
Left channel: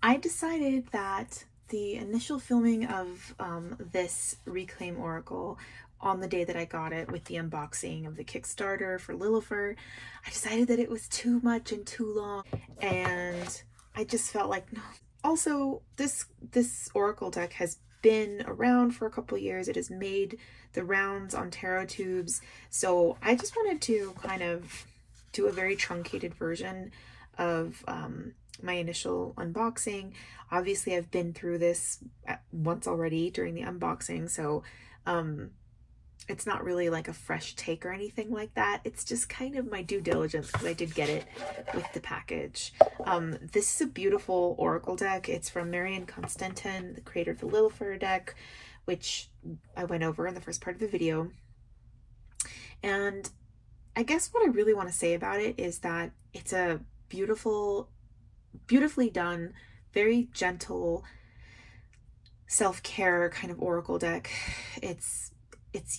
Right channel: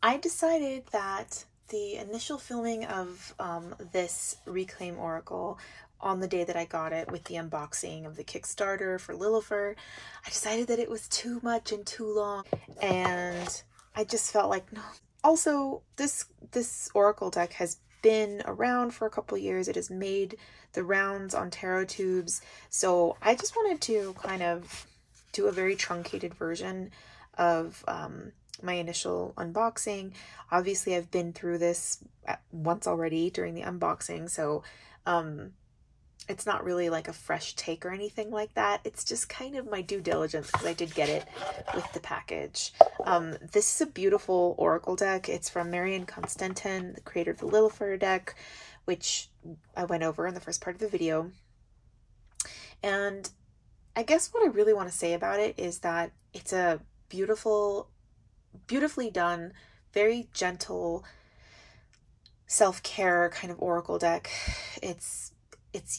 I decided that the initial filming of this Reclaim Oracle on the day that I got it with the unboxing of the Kickstarter for Lilifer, I decided that it was too much and too long, and I just felt like, no. Also, this Oracle deck has been around for a couple years. It has made the rounds on tarot tubes, so I just wanted to kind of do a very truncated version of my initial unboxing. Obviously, I've been through this once already during the unboxing, so it's not really like a fresh take or anything like that. It's just kind of my due diligence because I did get it with the package. This is a beautiful oracle deck. It's from Constentin, the creator of the Lilifer deck, which I went over in the first part of the video. And I guess what I really want to say about it is that it's a beautifully done, very gentle self-care kind of oracle deck. It's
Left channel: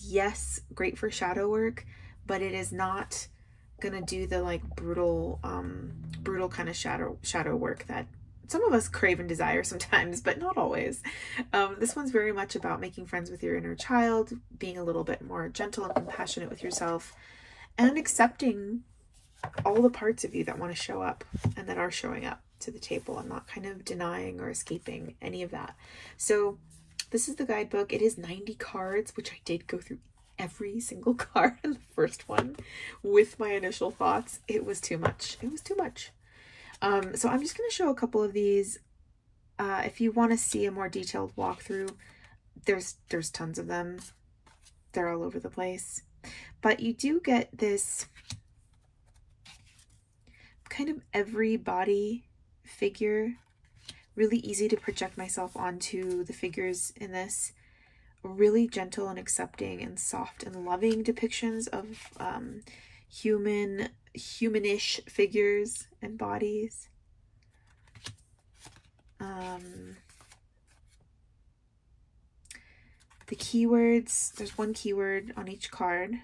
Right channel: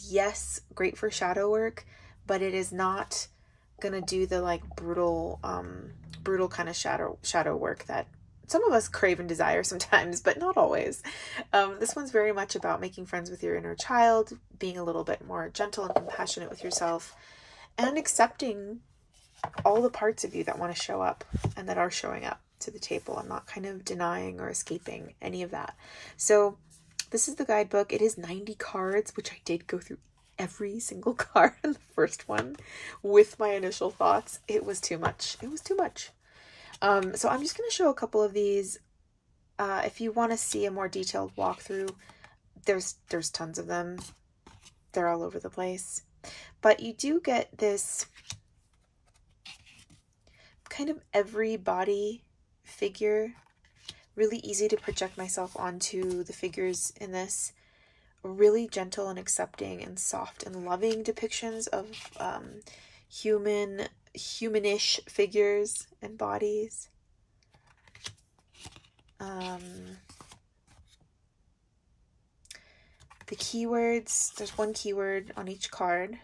yes, great for shadow work, but it is not gonna do the like brutal kind of shadow work that some of us crave and desire sometimes, but not always. This one's very much about making friends with your inner child, being a little bit more gentle and compassionate with yourself, and accepting all the parts of you that want to show up and that are showing up to the table, and not kind of denying or escaping any of that. So this is the guidebook. It is 90 cards, which I did go through every single card in the first one with my initial thoughts. It was too much. It was too much. So I'm just going to show a couple of these. If you want to see a more detailed walkthrough, there's tons of them. They're all over the place. But you do get this kind of every body figure. Really easy to project myself onto the figures in this. Really gentle and accepting and soft and loving depictions of humanish figures and bodies. The keywords, there's one keyword on each card,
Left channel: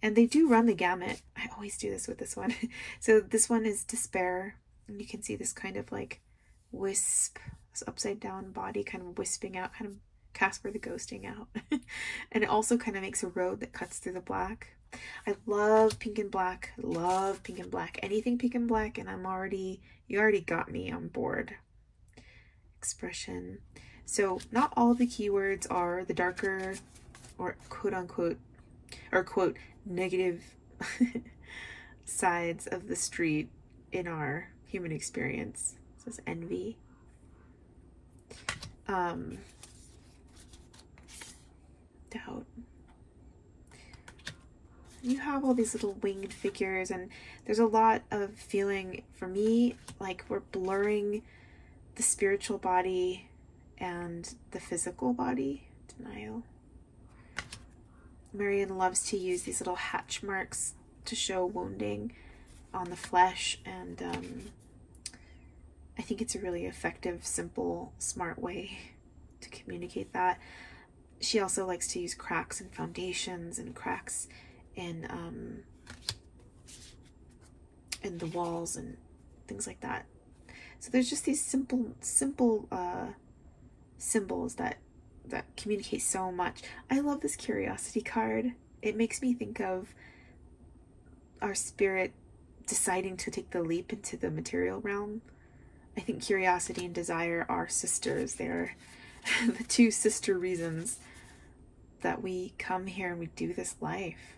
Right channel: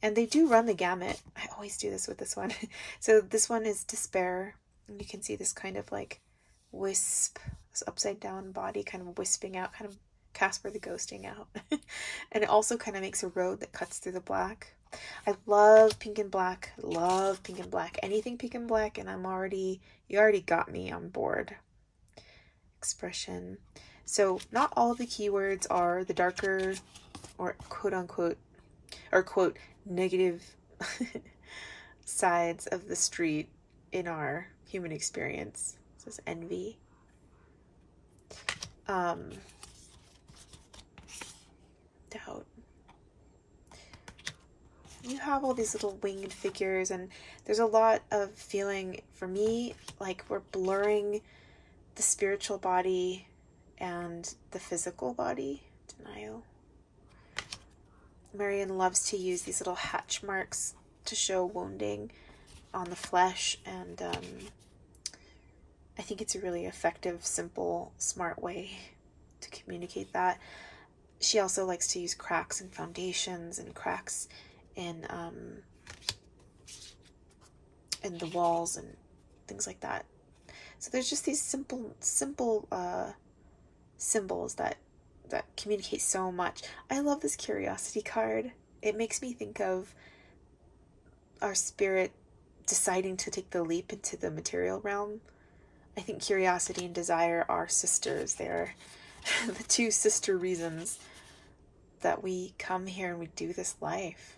and they do run the gamut. I always do this with this one. So this one is despair, and you can see this kind of like wisp, this upside down body kind of wisping out, kind of Casper the Ghosting out. And it also kind of makes a road that cuts through the black. I love pink and black. Love pink and black. Anything pink and black, and you already got me on board. Expression. So not all of the keywords are the darker or quote unquote or quote negative sides of the street in our human experience. This is envy. Doubt. You have all these little winged figures, and there's a lot of feeling for me like we're blurring the spiritual body and the physical body. Denial. Marion loves to use these little hatch marks to show wounding on the flesh, and I think it's a really effective, simple, smart way to communicate that. She also likes to use cracks in foundations and cracks in the walls and things like that. So there's just these simple symbols that communicate so much. I love this curiosity card. It makes me think of our spirit deciding to take the leap into the material realm. I think curiosity and desire are sisters. They're the two sister reasons that we come here and we do this life.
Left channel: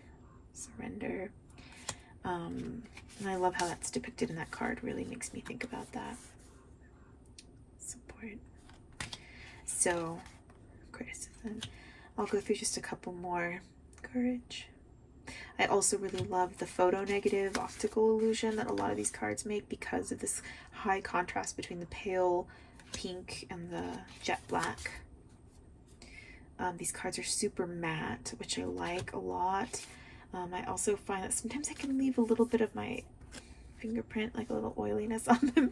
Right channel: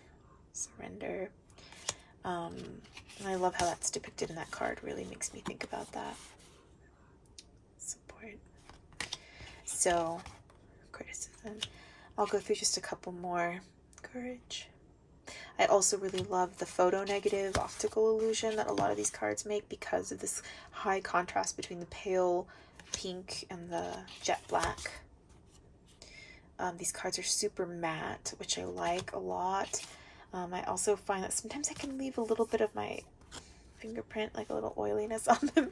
Surrender. And I love how that's depicted in that card. Really makes me think about that. Support. So, criticism. I'll go through just a couple more. Courage. I also really love the photo negative optical illusion that a lot of these cards make because of this high contrast between the pale pink and the jet black. These cards are super matte, which I like a lot. I also find that sometimes I can leave a little bit of my fingerprint, like a little oiliness on them,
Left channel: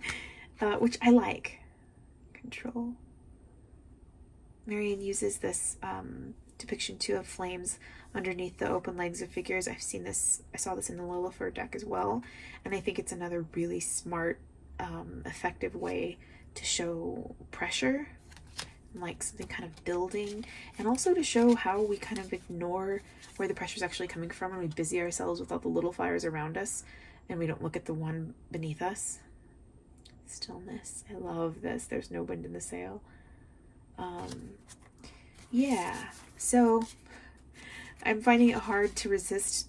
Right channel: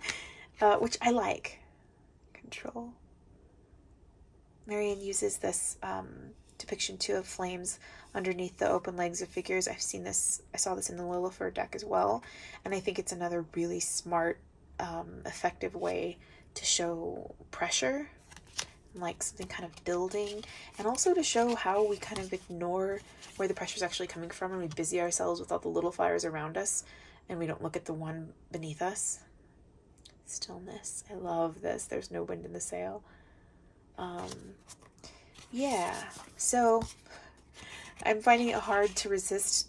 which I like. Control. Marion uses this depiction too of flames underneath the open legs of figures. I've seen this, I saw this in the Lilifer deck as well, and I think it's another really smart, effective way to show pressure, like something kind of building, and also to show how we kind of ignore where the pressure is actually coming from and we busy ourselves with all the little fires around us and we don't look at the one beneath us. Stillness. I love this. There's no wind in the sail. Yeah, so I'm finding it hard to resist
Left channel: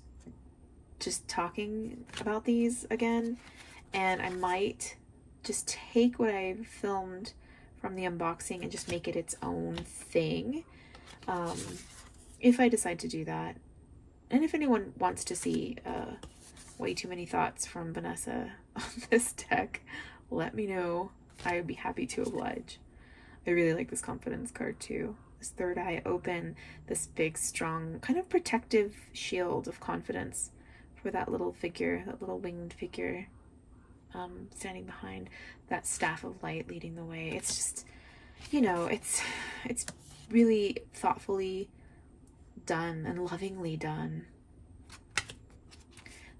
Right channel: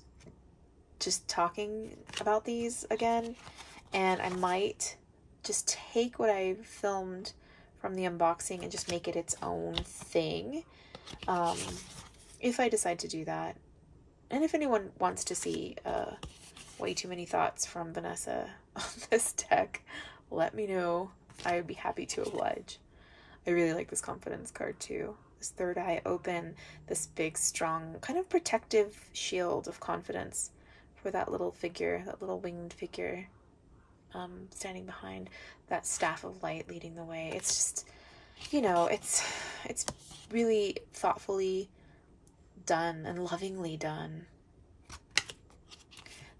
just talking about these again, and I might just take what I filmed from the unboxing and just make it its own thing. if I decide to do that. And if anyone wants to see way too many thoughts from Vanessa on this deck, let me know. I would be happy to oblige. I really like this confidence card too. This third eye open, this big, strong, kind of protective shield of confidence for that little figure, that little winged figure standing behind that staff of light leading the way. It's just, you know, it's really thoughtfully done and lovingly done.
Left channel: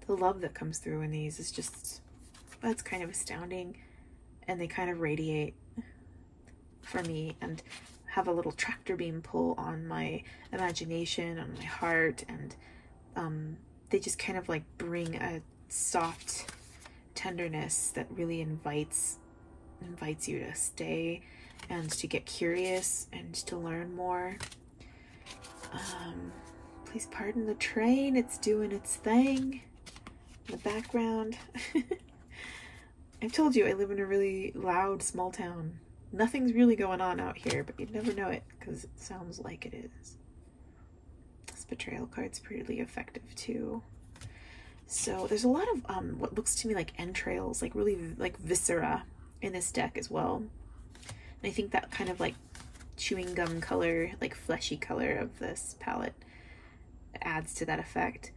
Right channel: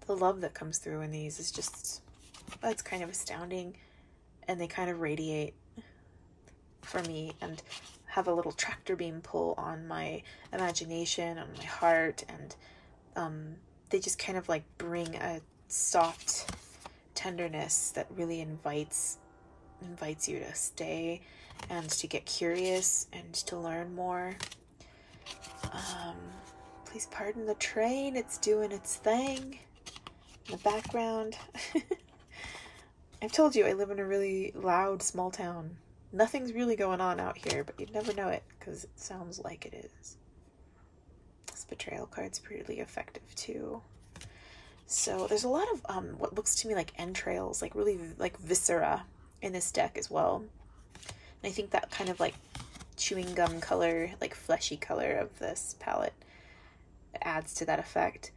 The love that comes through in these is just, it's kind of astounding, and they kind of radiate for me and have a little tractor beam pull on my imagination, on my heart, and they just kind of like bring a soft tenderness that really invites you to stay and to get curious and to learn more. Please pardon the train, it's doing its thing in the background. I've told you I live in a really loud small town. Nothing's really going on out here, but you'd never know it because it sounds like it is. This betrayal card's pretty effective too. So there's a lot of what looks to me like entrails, like really like viscera in this deck as well. And I think that kind of like chewing gum color, like fleshy color of this palette adds to that effect.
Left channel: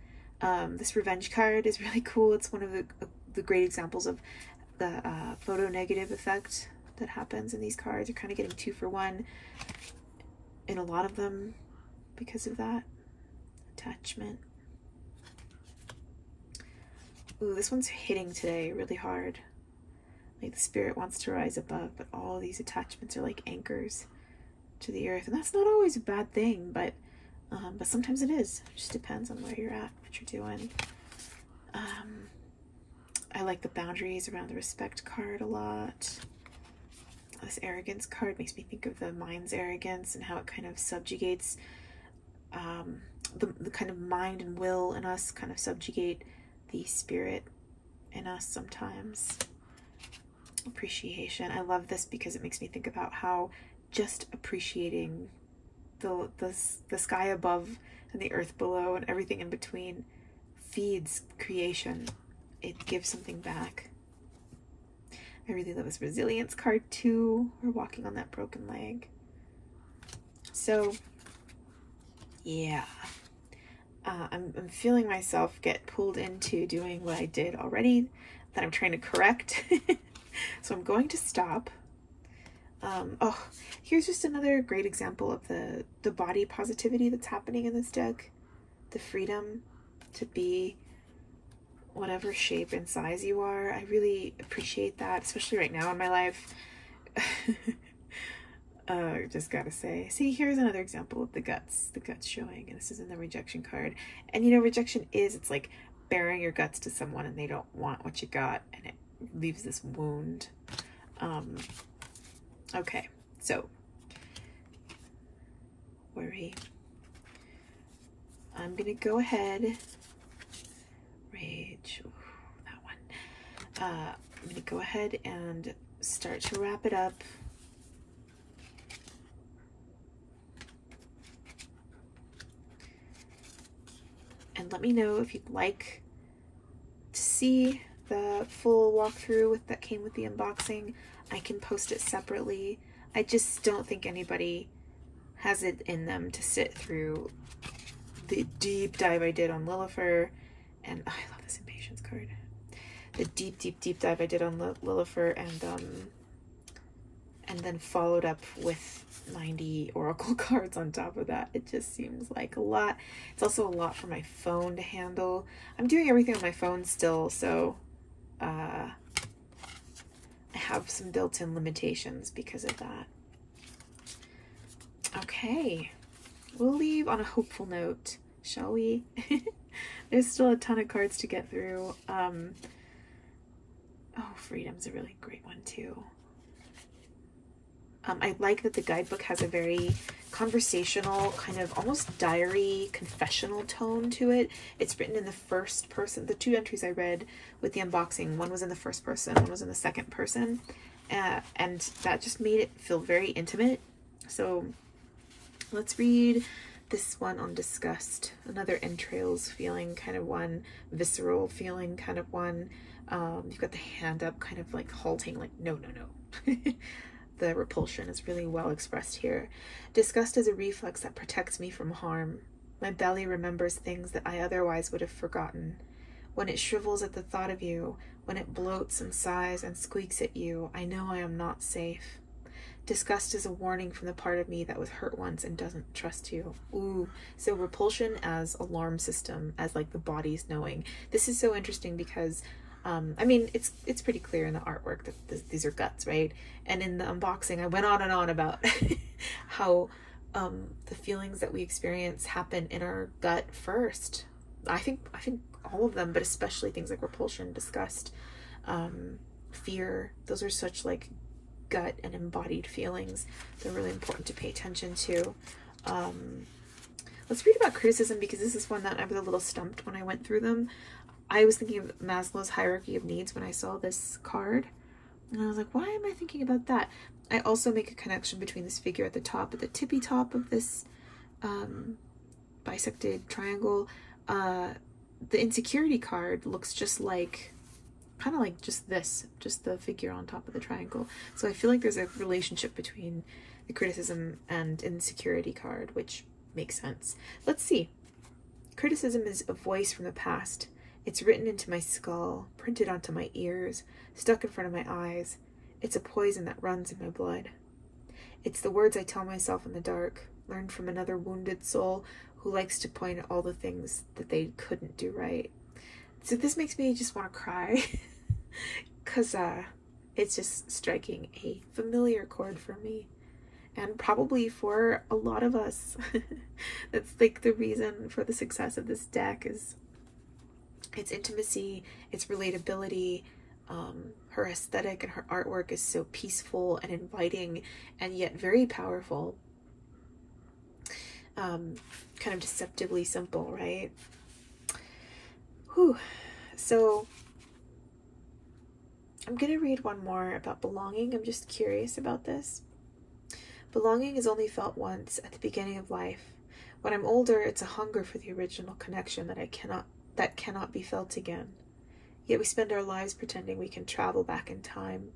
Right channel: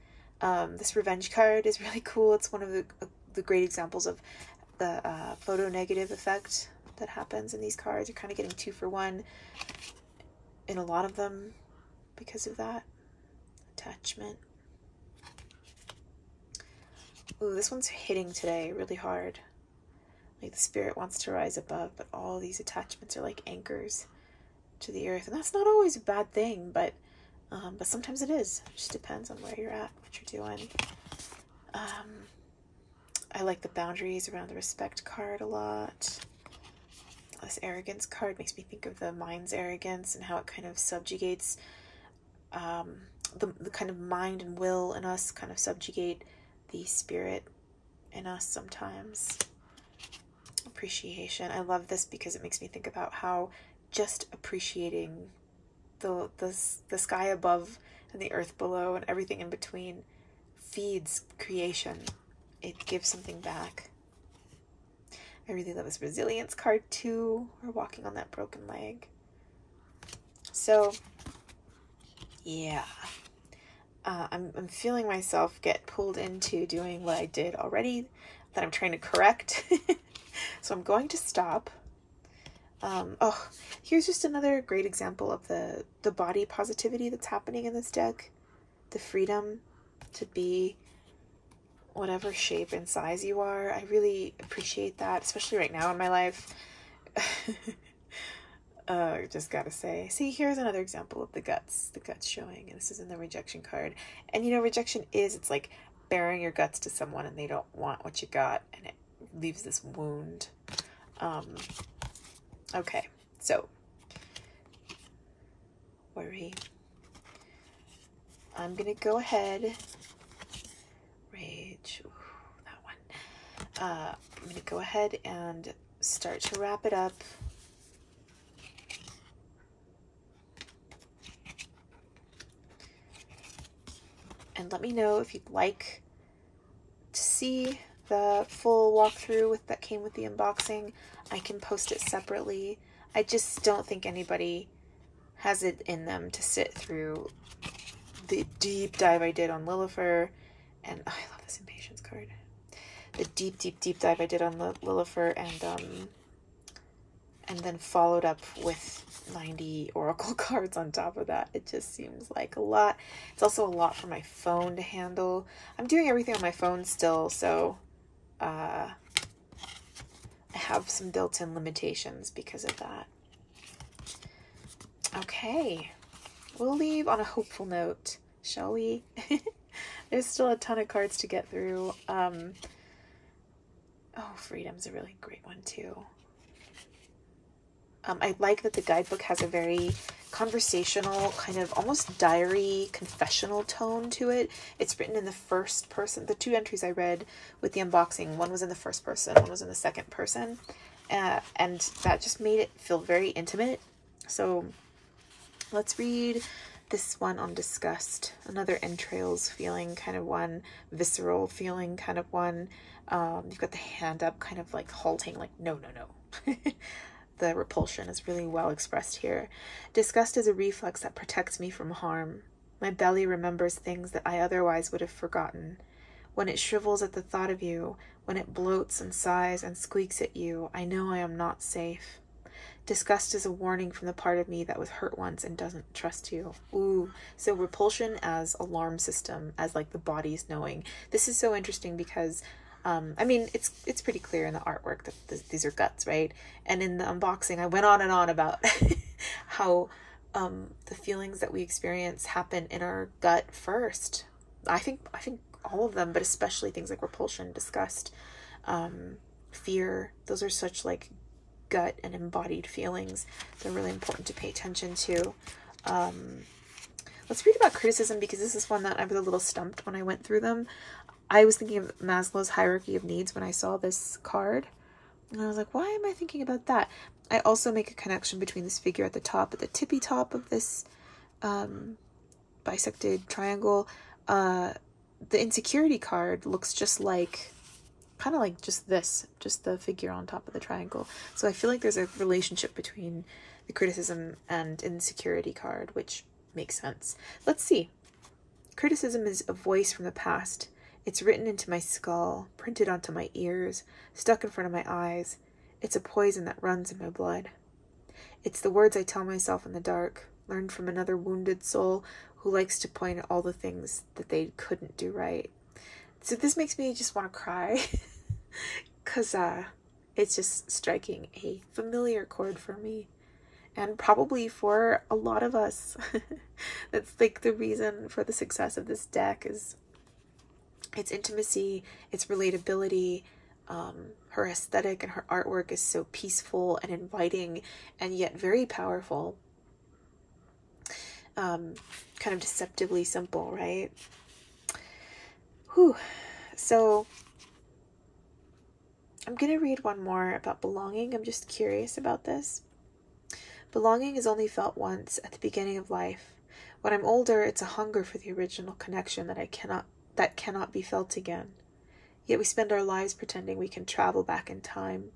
This revenge card is really cool. It's one of the great examples of the photo negative effect that happens in these cards. You're kind of getting 2 for 1 in a lot of them because of that. Attachment. Ooh, this one's hitting today really hard. Like the spirit wants to rise above, but all these attachments are like anchors to the earth. And that's not always a bad thing, but sometimes it is. It just depends on where you're at, what you're doing. I like the boundaries around the respect card a lot. This arrogance card makes me think of the mind's arrogance and how it kind of subjugates the kind of mind and will in us, kind of subjugate the spirit in us sometimes. Appreciation. I love this because it makes me think about how just appreciating the sky above and the earth below and everything in between feeds creation. It gives something back. I really love this resilience card too. We're walking on that broken leg. So yeah, I'm feeling myself get pulled into doing what I did already that I'm trying to correct. So I'm going to stop. Oh, here's just another great example of the body positivity that's happening in this deck. The freedom to be whatever shape and size you are. I really appreciate that, especially right now in my life. Just gotta say. See, here's another example of the guts showing, and this is in the rejection card. And you know, rejection is, it's like bearing your guts to someone and they don't want what you got, and it leaves this wound. Okay, so worry. I'm gonna go ahead. Rage. Ooh, that one. I'm gonna go ahead and start to wrap it up. And let me know if you'd like to see the full walkthrough that came with the unboxing. I can post it separately. I just don't think anybody has it in them to sit through the deep dive I did on Lilifer. And oh, I love this impatience card. The deep dive I did on Lilifer, and then followed up with 90 oracle cards on top of that. It just seems like a lot. It's also a lot for my phone to handle. I'm doing everything on my phone still, so I have some built-in limitations because of that. Okay, we'll leave on a hopeful note, shall we? There's still a ton of cards to get through. Oh, freedom's a really great one too. I like that the guidebook has a very conversational, kind of almost diary, confessional tone to it. It's written in the first person. The 2 entries I read with the unboxing, one was in the first person, one was in the second person. And that just made it feel very intimate. So let's read this one on disgust, another entrails feeling kind of one, visceral feeling kind of one. You've got the hand up kind of like halting, like no, no, no. The repulsion is really well expressed here. Disgust is a reflex that protects me from harm. My belly remembers things that I otherwise would have forgotten. When it shrivels at the thought of you, when it bloats and sighs and squeaks at you, I know I am not safe. Disgust is a warning from the part of me that was hurt once and doesn't trust you. Ooh, so repulsion as alarm system, as like the body's knowing. This is so interesting because, I mean, it's pretty clear in the artwork that these are guts, right? And in the unboxing, I went on and on about how the feelings that we experience happen in our gut first. I think all of them, but especially things like repulsion, disgust, fear. Those are such like gut and embodied feelings. They're really important to pay attention to. Let's read about criticism, because this is one that I was a little stumped when I went through them. I was thinking of Maslow's hierarchy of needs when I saw this card, and I was like, why am I thinking about that? I also make a connection between this figure at the top, at the tippy top of this bisected triangle. The insecurity card looks just like, kind of like just this, just the figure on top of the triangle. So I feel like there's a relationship between the criticism and insecurity card, which makes sense. Let's see. Criticism is a voice from the past. It's written into my skull, printed onto my ears, stuck in front of my eyes. It's a poison that runs in my blood. It's the words I tell myself in the dark, learned from another wounded soul who likes to point at all the things that they couldn't do right. So this makes me just want to cry, because it's just striking a familiar chord for me, and probably for a lot of us. That's like the reason for the success of this deck, is its intimacy, its relatability. Her aesthetic and her artwork is so peaceful and inviting, and yet very powerful. Kind of deceptively simple, right? Whew. So I'm going to read one more about belonging. I'm just curious about this. Belonging is only felt once, at the beginning of life. When I'm older, it's a hunger for the original connection that cannot be felt again. Yet we spend our lives pretending we can travel back in time.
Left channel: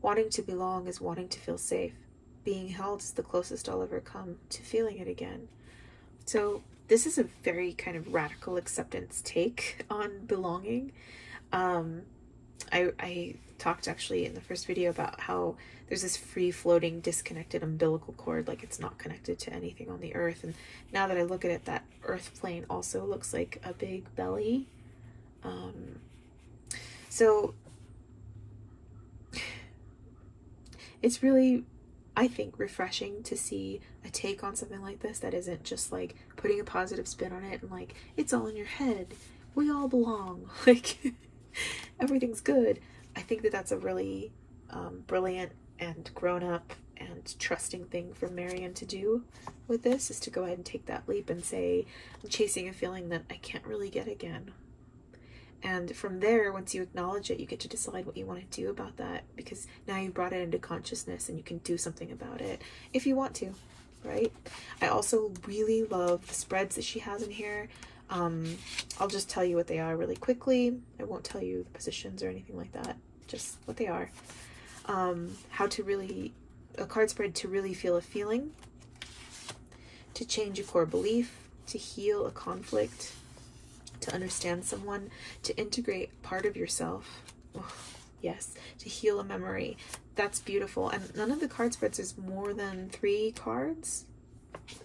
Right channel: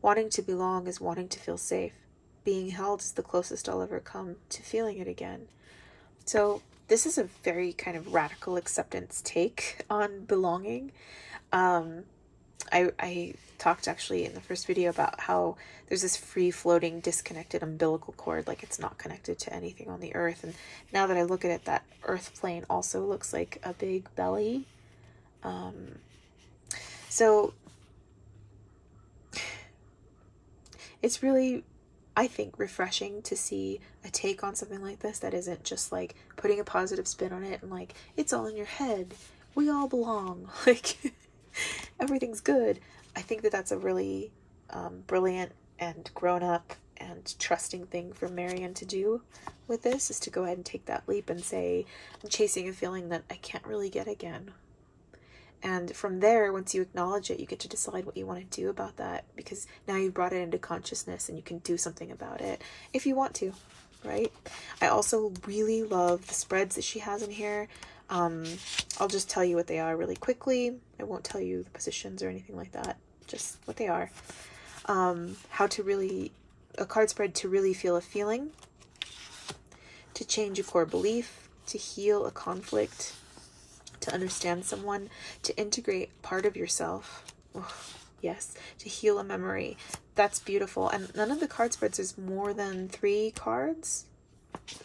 Wanting to belong is wanting to feel safe. Being held is the closest I'll ever come to feeling it again. So this is a very kind of radical acceptance take on belonging. I talked actually in the first video about how there's this free-floating, disconnected umbilical cord, like it's not connected to anything on the earth. And now that I look at it, that earth plane also looks like a big belly. So it's really, I think, refreshing to see a take on something like this that isn't just like putting a positive spin on it and like, it's all in your head, we all belong, like everything's good. I think that that's a really brilliant and grown-up and trusting thing for Marian to do with this, is to go ahead and take that leap and say, I'm chasing a feeling that I can't really get again. And from there, once you acknowledge it, you get to decide what you want to do about that, because now you've brought it into consciousness and you can do something about it if you want to, right? I also really love the spreads that she has in here. I'll just tell you what they are really quickly. I won't tell you the positions or anything like that, just what they are. How to really, a card spread to really feel a feeling, to change a core belief, to heal a conflict, to understand someone, to integrate part of yourself. Oh, yes, to heal a memory. That's beautiful. And none of the card spreads is more than 3 cards.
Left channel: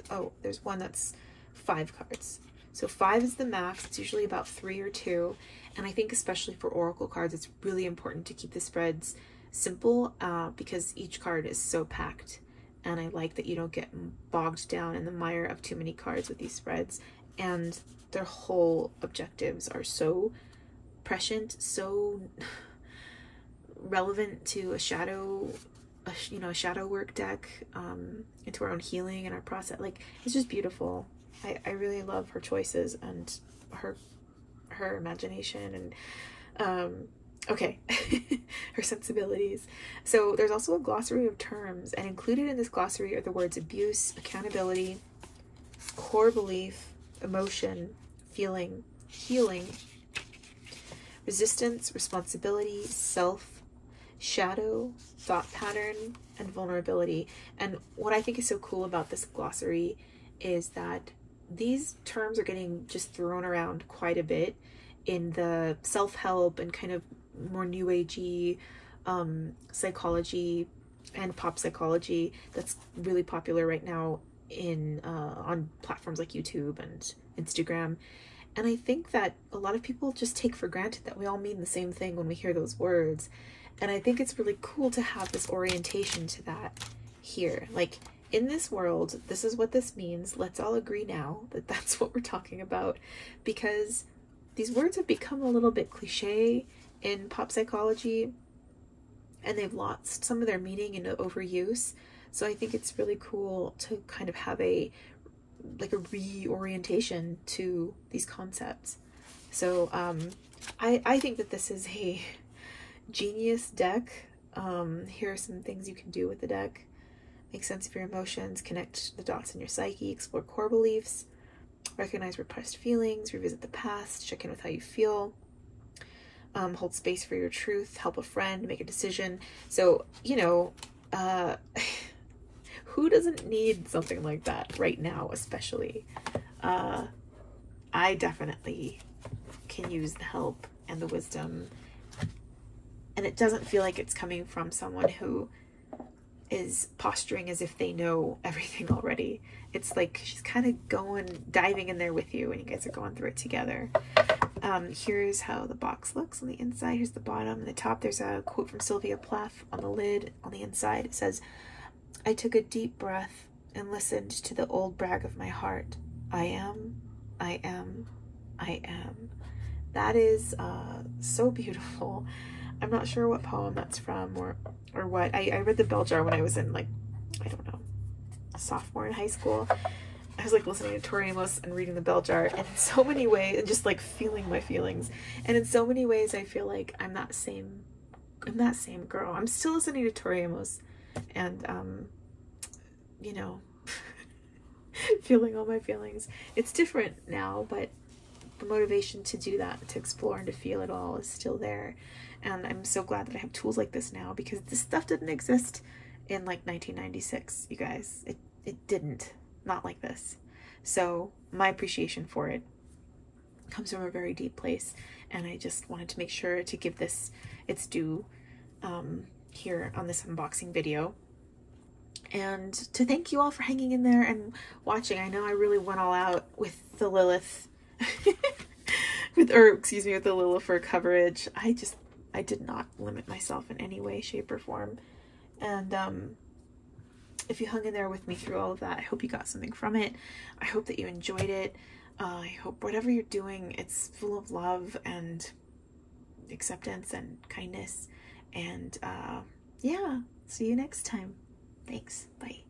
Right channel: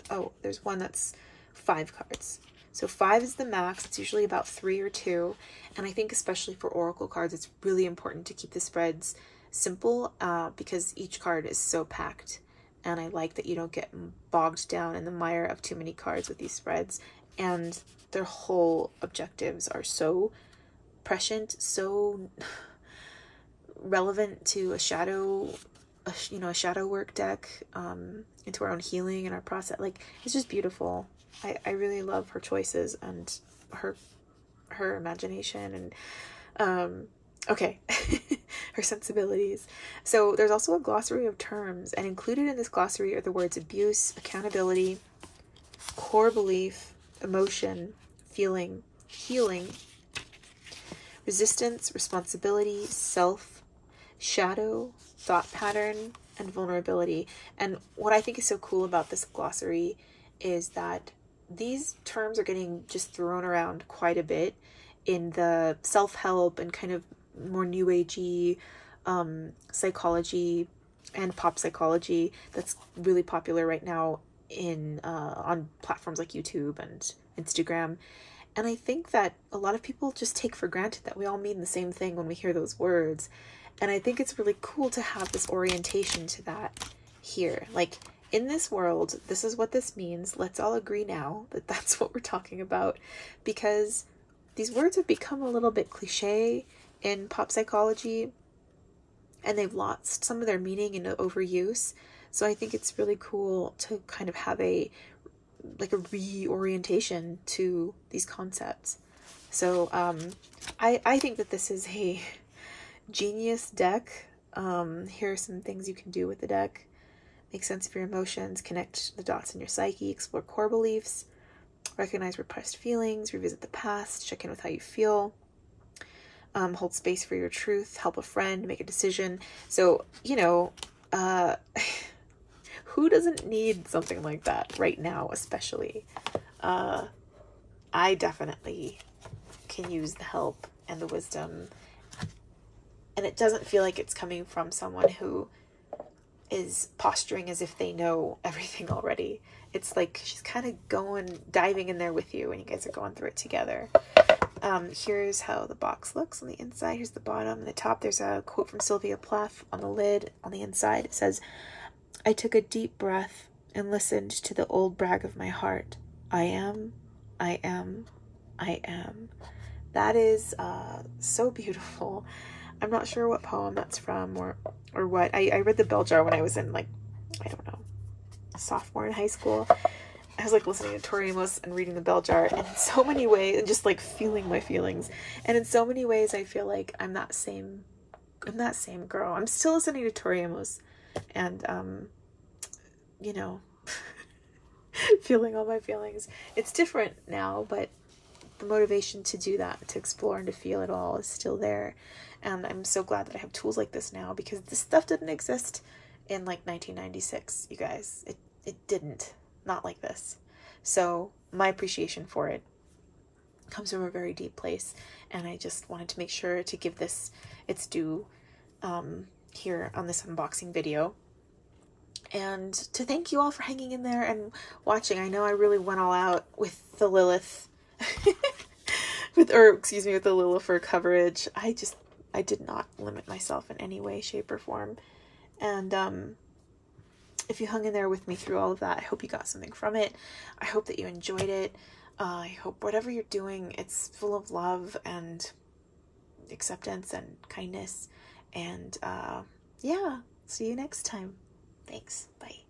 Oh, there's one that's 5 cards. So 5 is the max. It's usually about 3 or 2. And I think especially for oracle cards, it's really important to keep the spreads simple, because each card is so packed. And I like that you don't get bogged down in the mire of too many cards with these spreads. And their whole objectives are so prescient, so relevant to a shadow work deck, into our own healing and our process. Like, it's just beautiful. I really love her choices and her imagination and okay, her sensibilities. So there's also a glossary of terms, and included in this glossary are the words abuse, accountability, core belief, emotion, feeling, healing, resistance, responsibility, self, shadow, thought pattern, and vulnerability. And what I think is so cool about this glossary is that these terms are getting just thrown around quite a bit in the self-help and kind of more new agey psychology and pop psychology that's really popular right now in on platforms like YouTube and Instagram. And I think that a lot of people just take for granted that we all mean the same thing when we hear those words. And I think it's really cool to have this orientation to that here. Like, in this world, this is what this means. Let's all agree now that that's what we're talking about, because these words have become a little bit cliche in pop psychology, and they've lost some of their meaning in overuse. So I think it's really cool to kind of have a reorientation to these concepts. So I think that this is a genius deck. Here are some things you can do with the deck. Make sense of your emotions, connect the dots in your psyche, explore core beliefs, recognize repressed feelings, revisit the past, check in with how you feel, hold space for your truth, help a friend, make a decision. So, you know, who doesn't need something like that right now, especially? I definitely can use the help and the wisdom, and it doesn't feel like it's coming from someone who is posturing as if they know everything already. It's like she's kind of diving in there with you, and you guys are going through it together. Here's how the box looks on the inside. Here's the bottom. On the top, there's a quote from Sylvia Plath. On the lid, on the inside, it says, "I took a deep breath and listened to the old brag of my heart. I am, I am, I am." That is so beautiful. I'm not sure what poem that's from or what. I read the bell jar when I was in, like, I don't know, sophomore in high school. I was like listening to Tori Amos and reading the bell jar, and in so many ways, and just like feeling my feelings. And in so many ways, I feel like I'm that same girl. I'm still listening to Tori Amos and, you know, feeling all my feelings. It's different now, but the motivation to do that, to explore and to feel it all, is still there. And I'm so glad that I have tools like this now, because this stuff didn't exist in like 1996, you guys. It didn't. Not like this. So my appreciation for it comes from a very deep place, and I just wanted to make sure to give this its due here on this unboxing video, and to thank you all for hanging in there and watching. I know I really went all out with the Lilith with the Lilifer coverage. I did not limit myself in any way, shape, or form. And if you hung in there with me through all of that, I hope you got something from it. I hope that you enjoyed it. I hope whatever you're doing, it's full of love and acceptance and kindness. And yeah, see you next time. Thanks. Bye.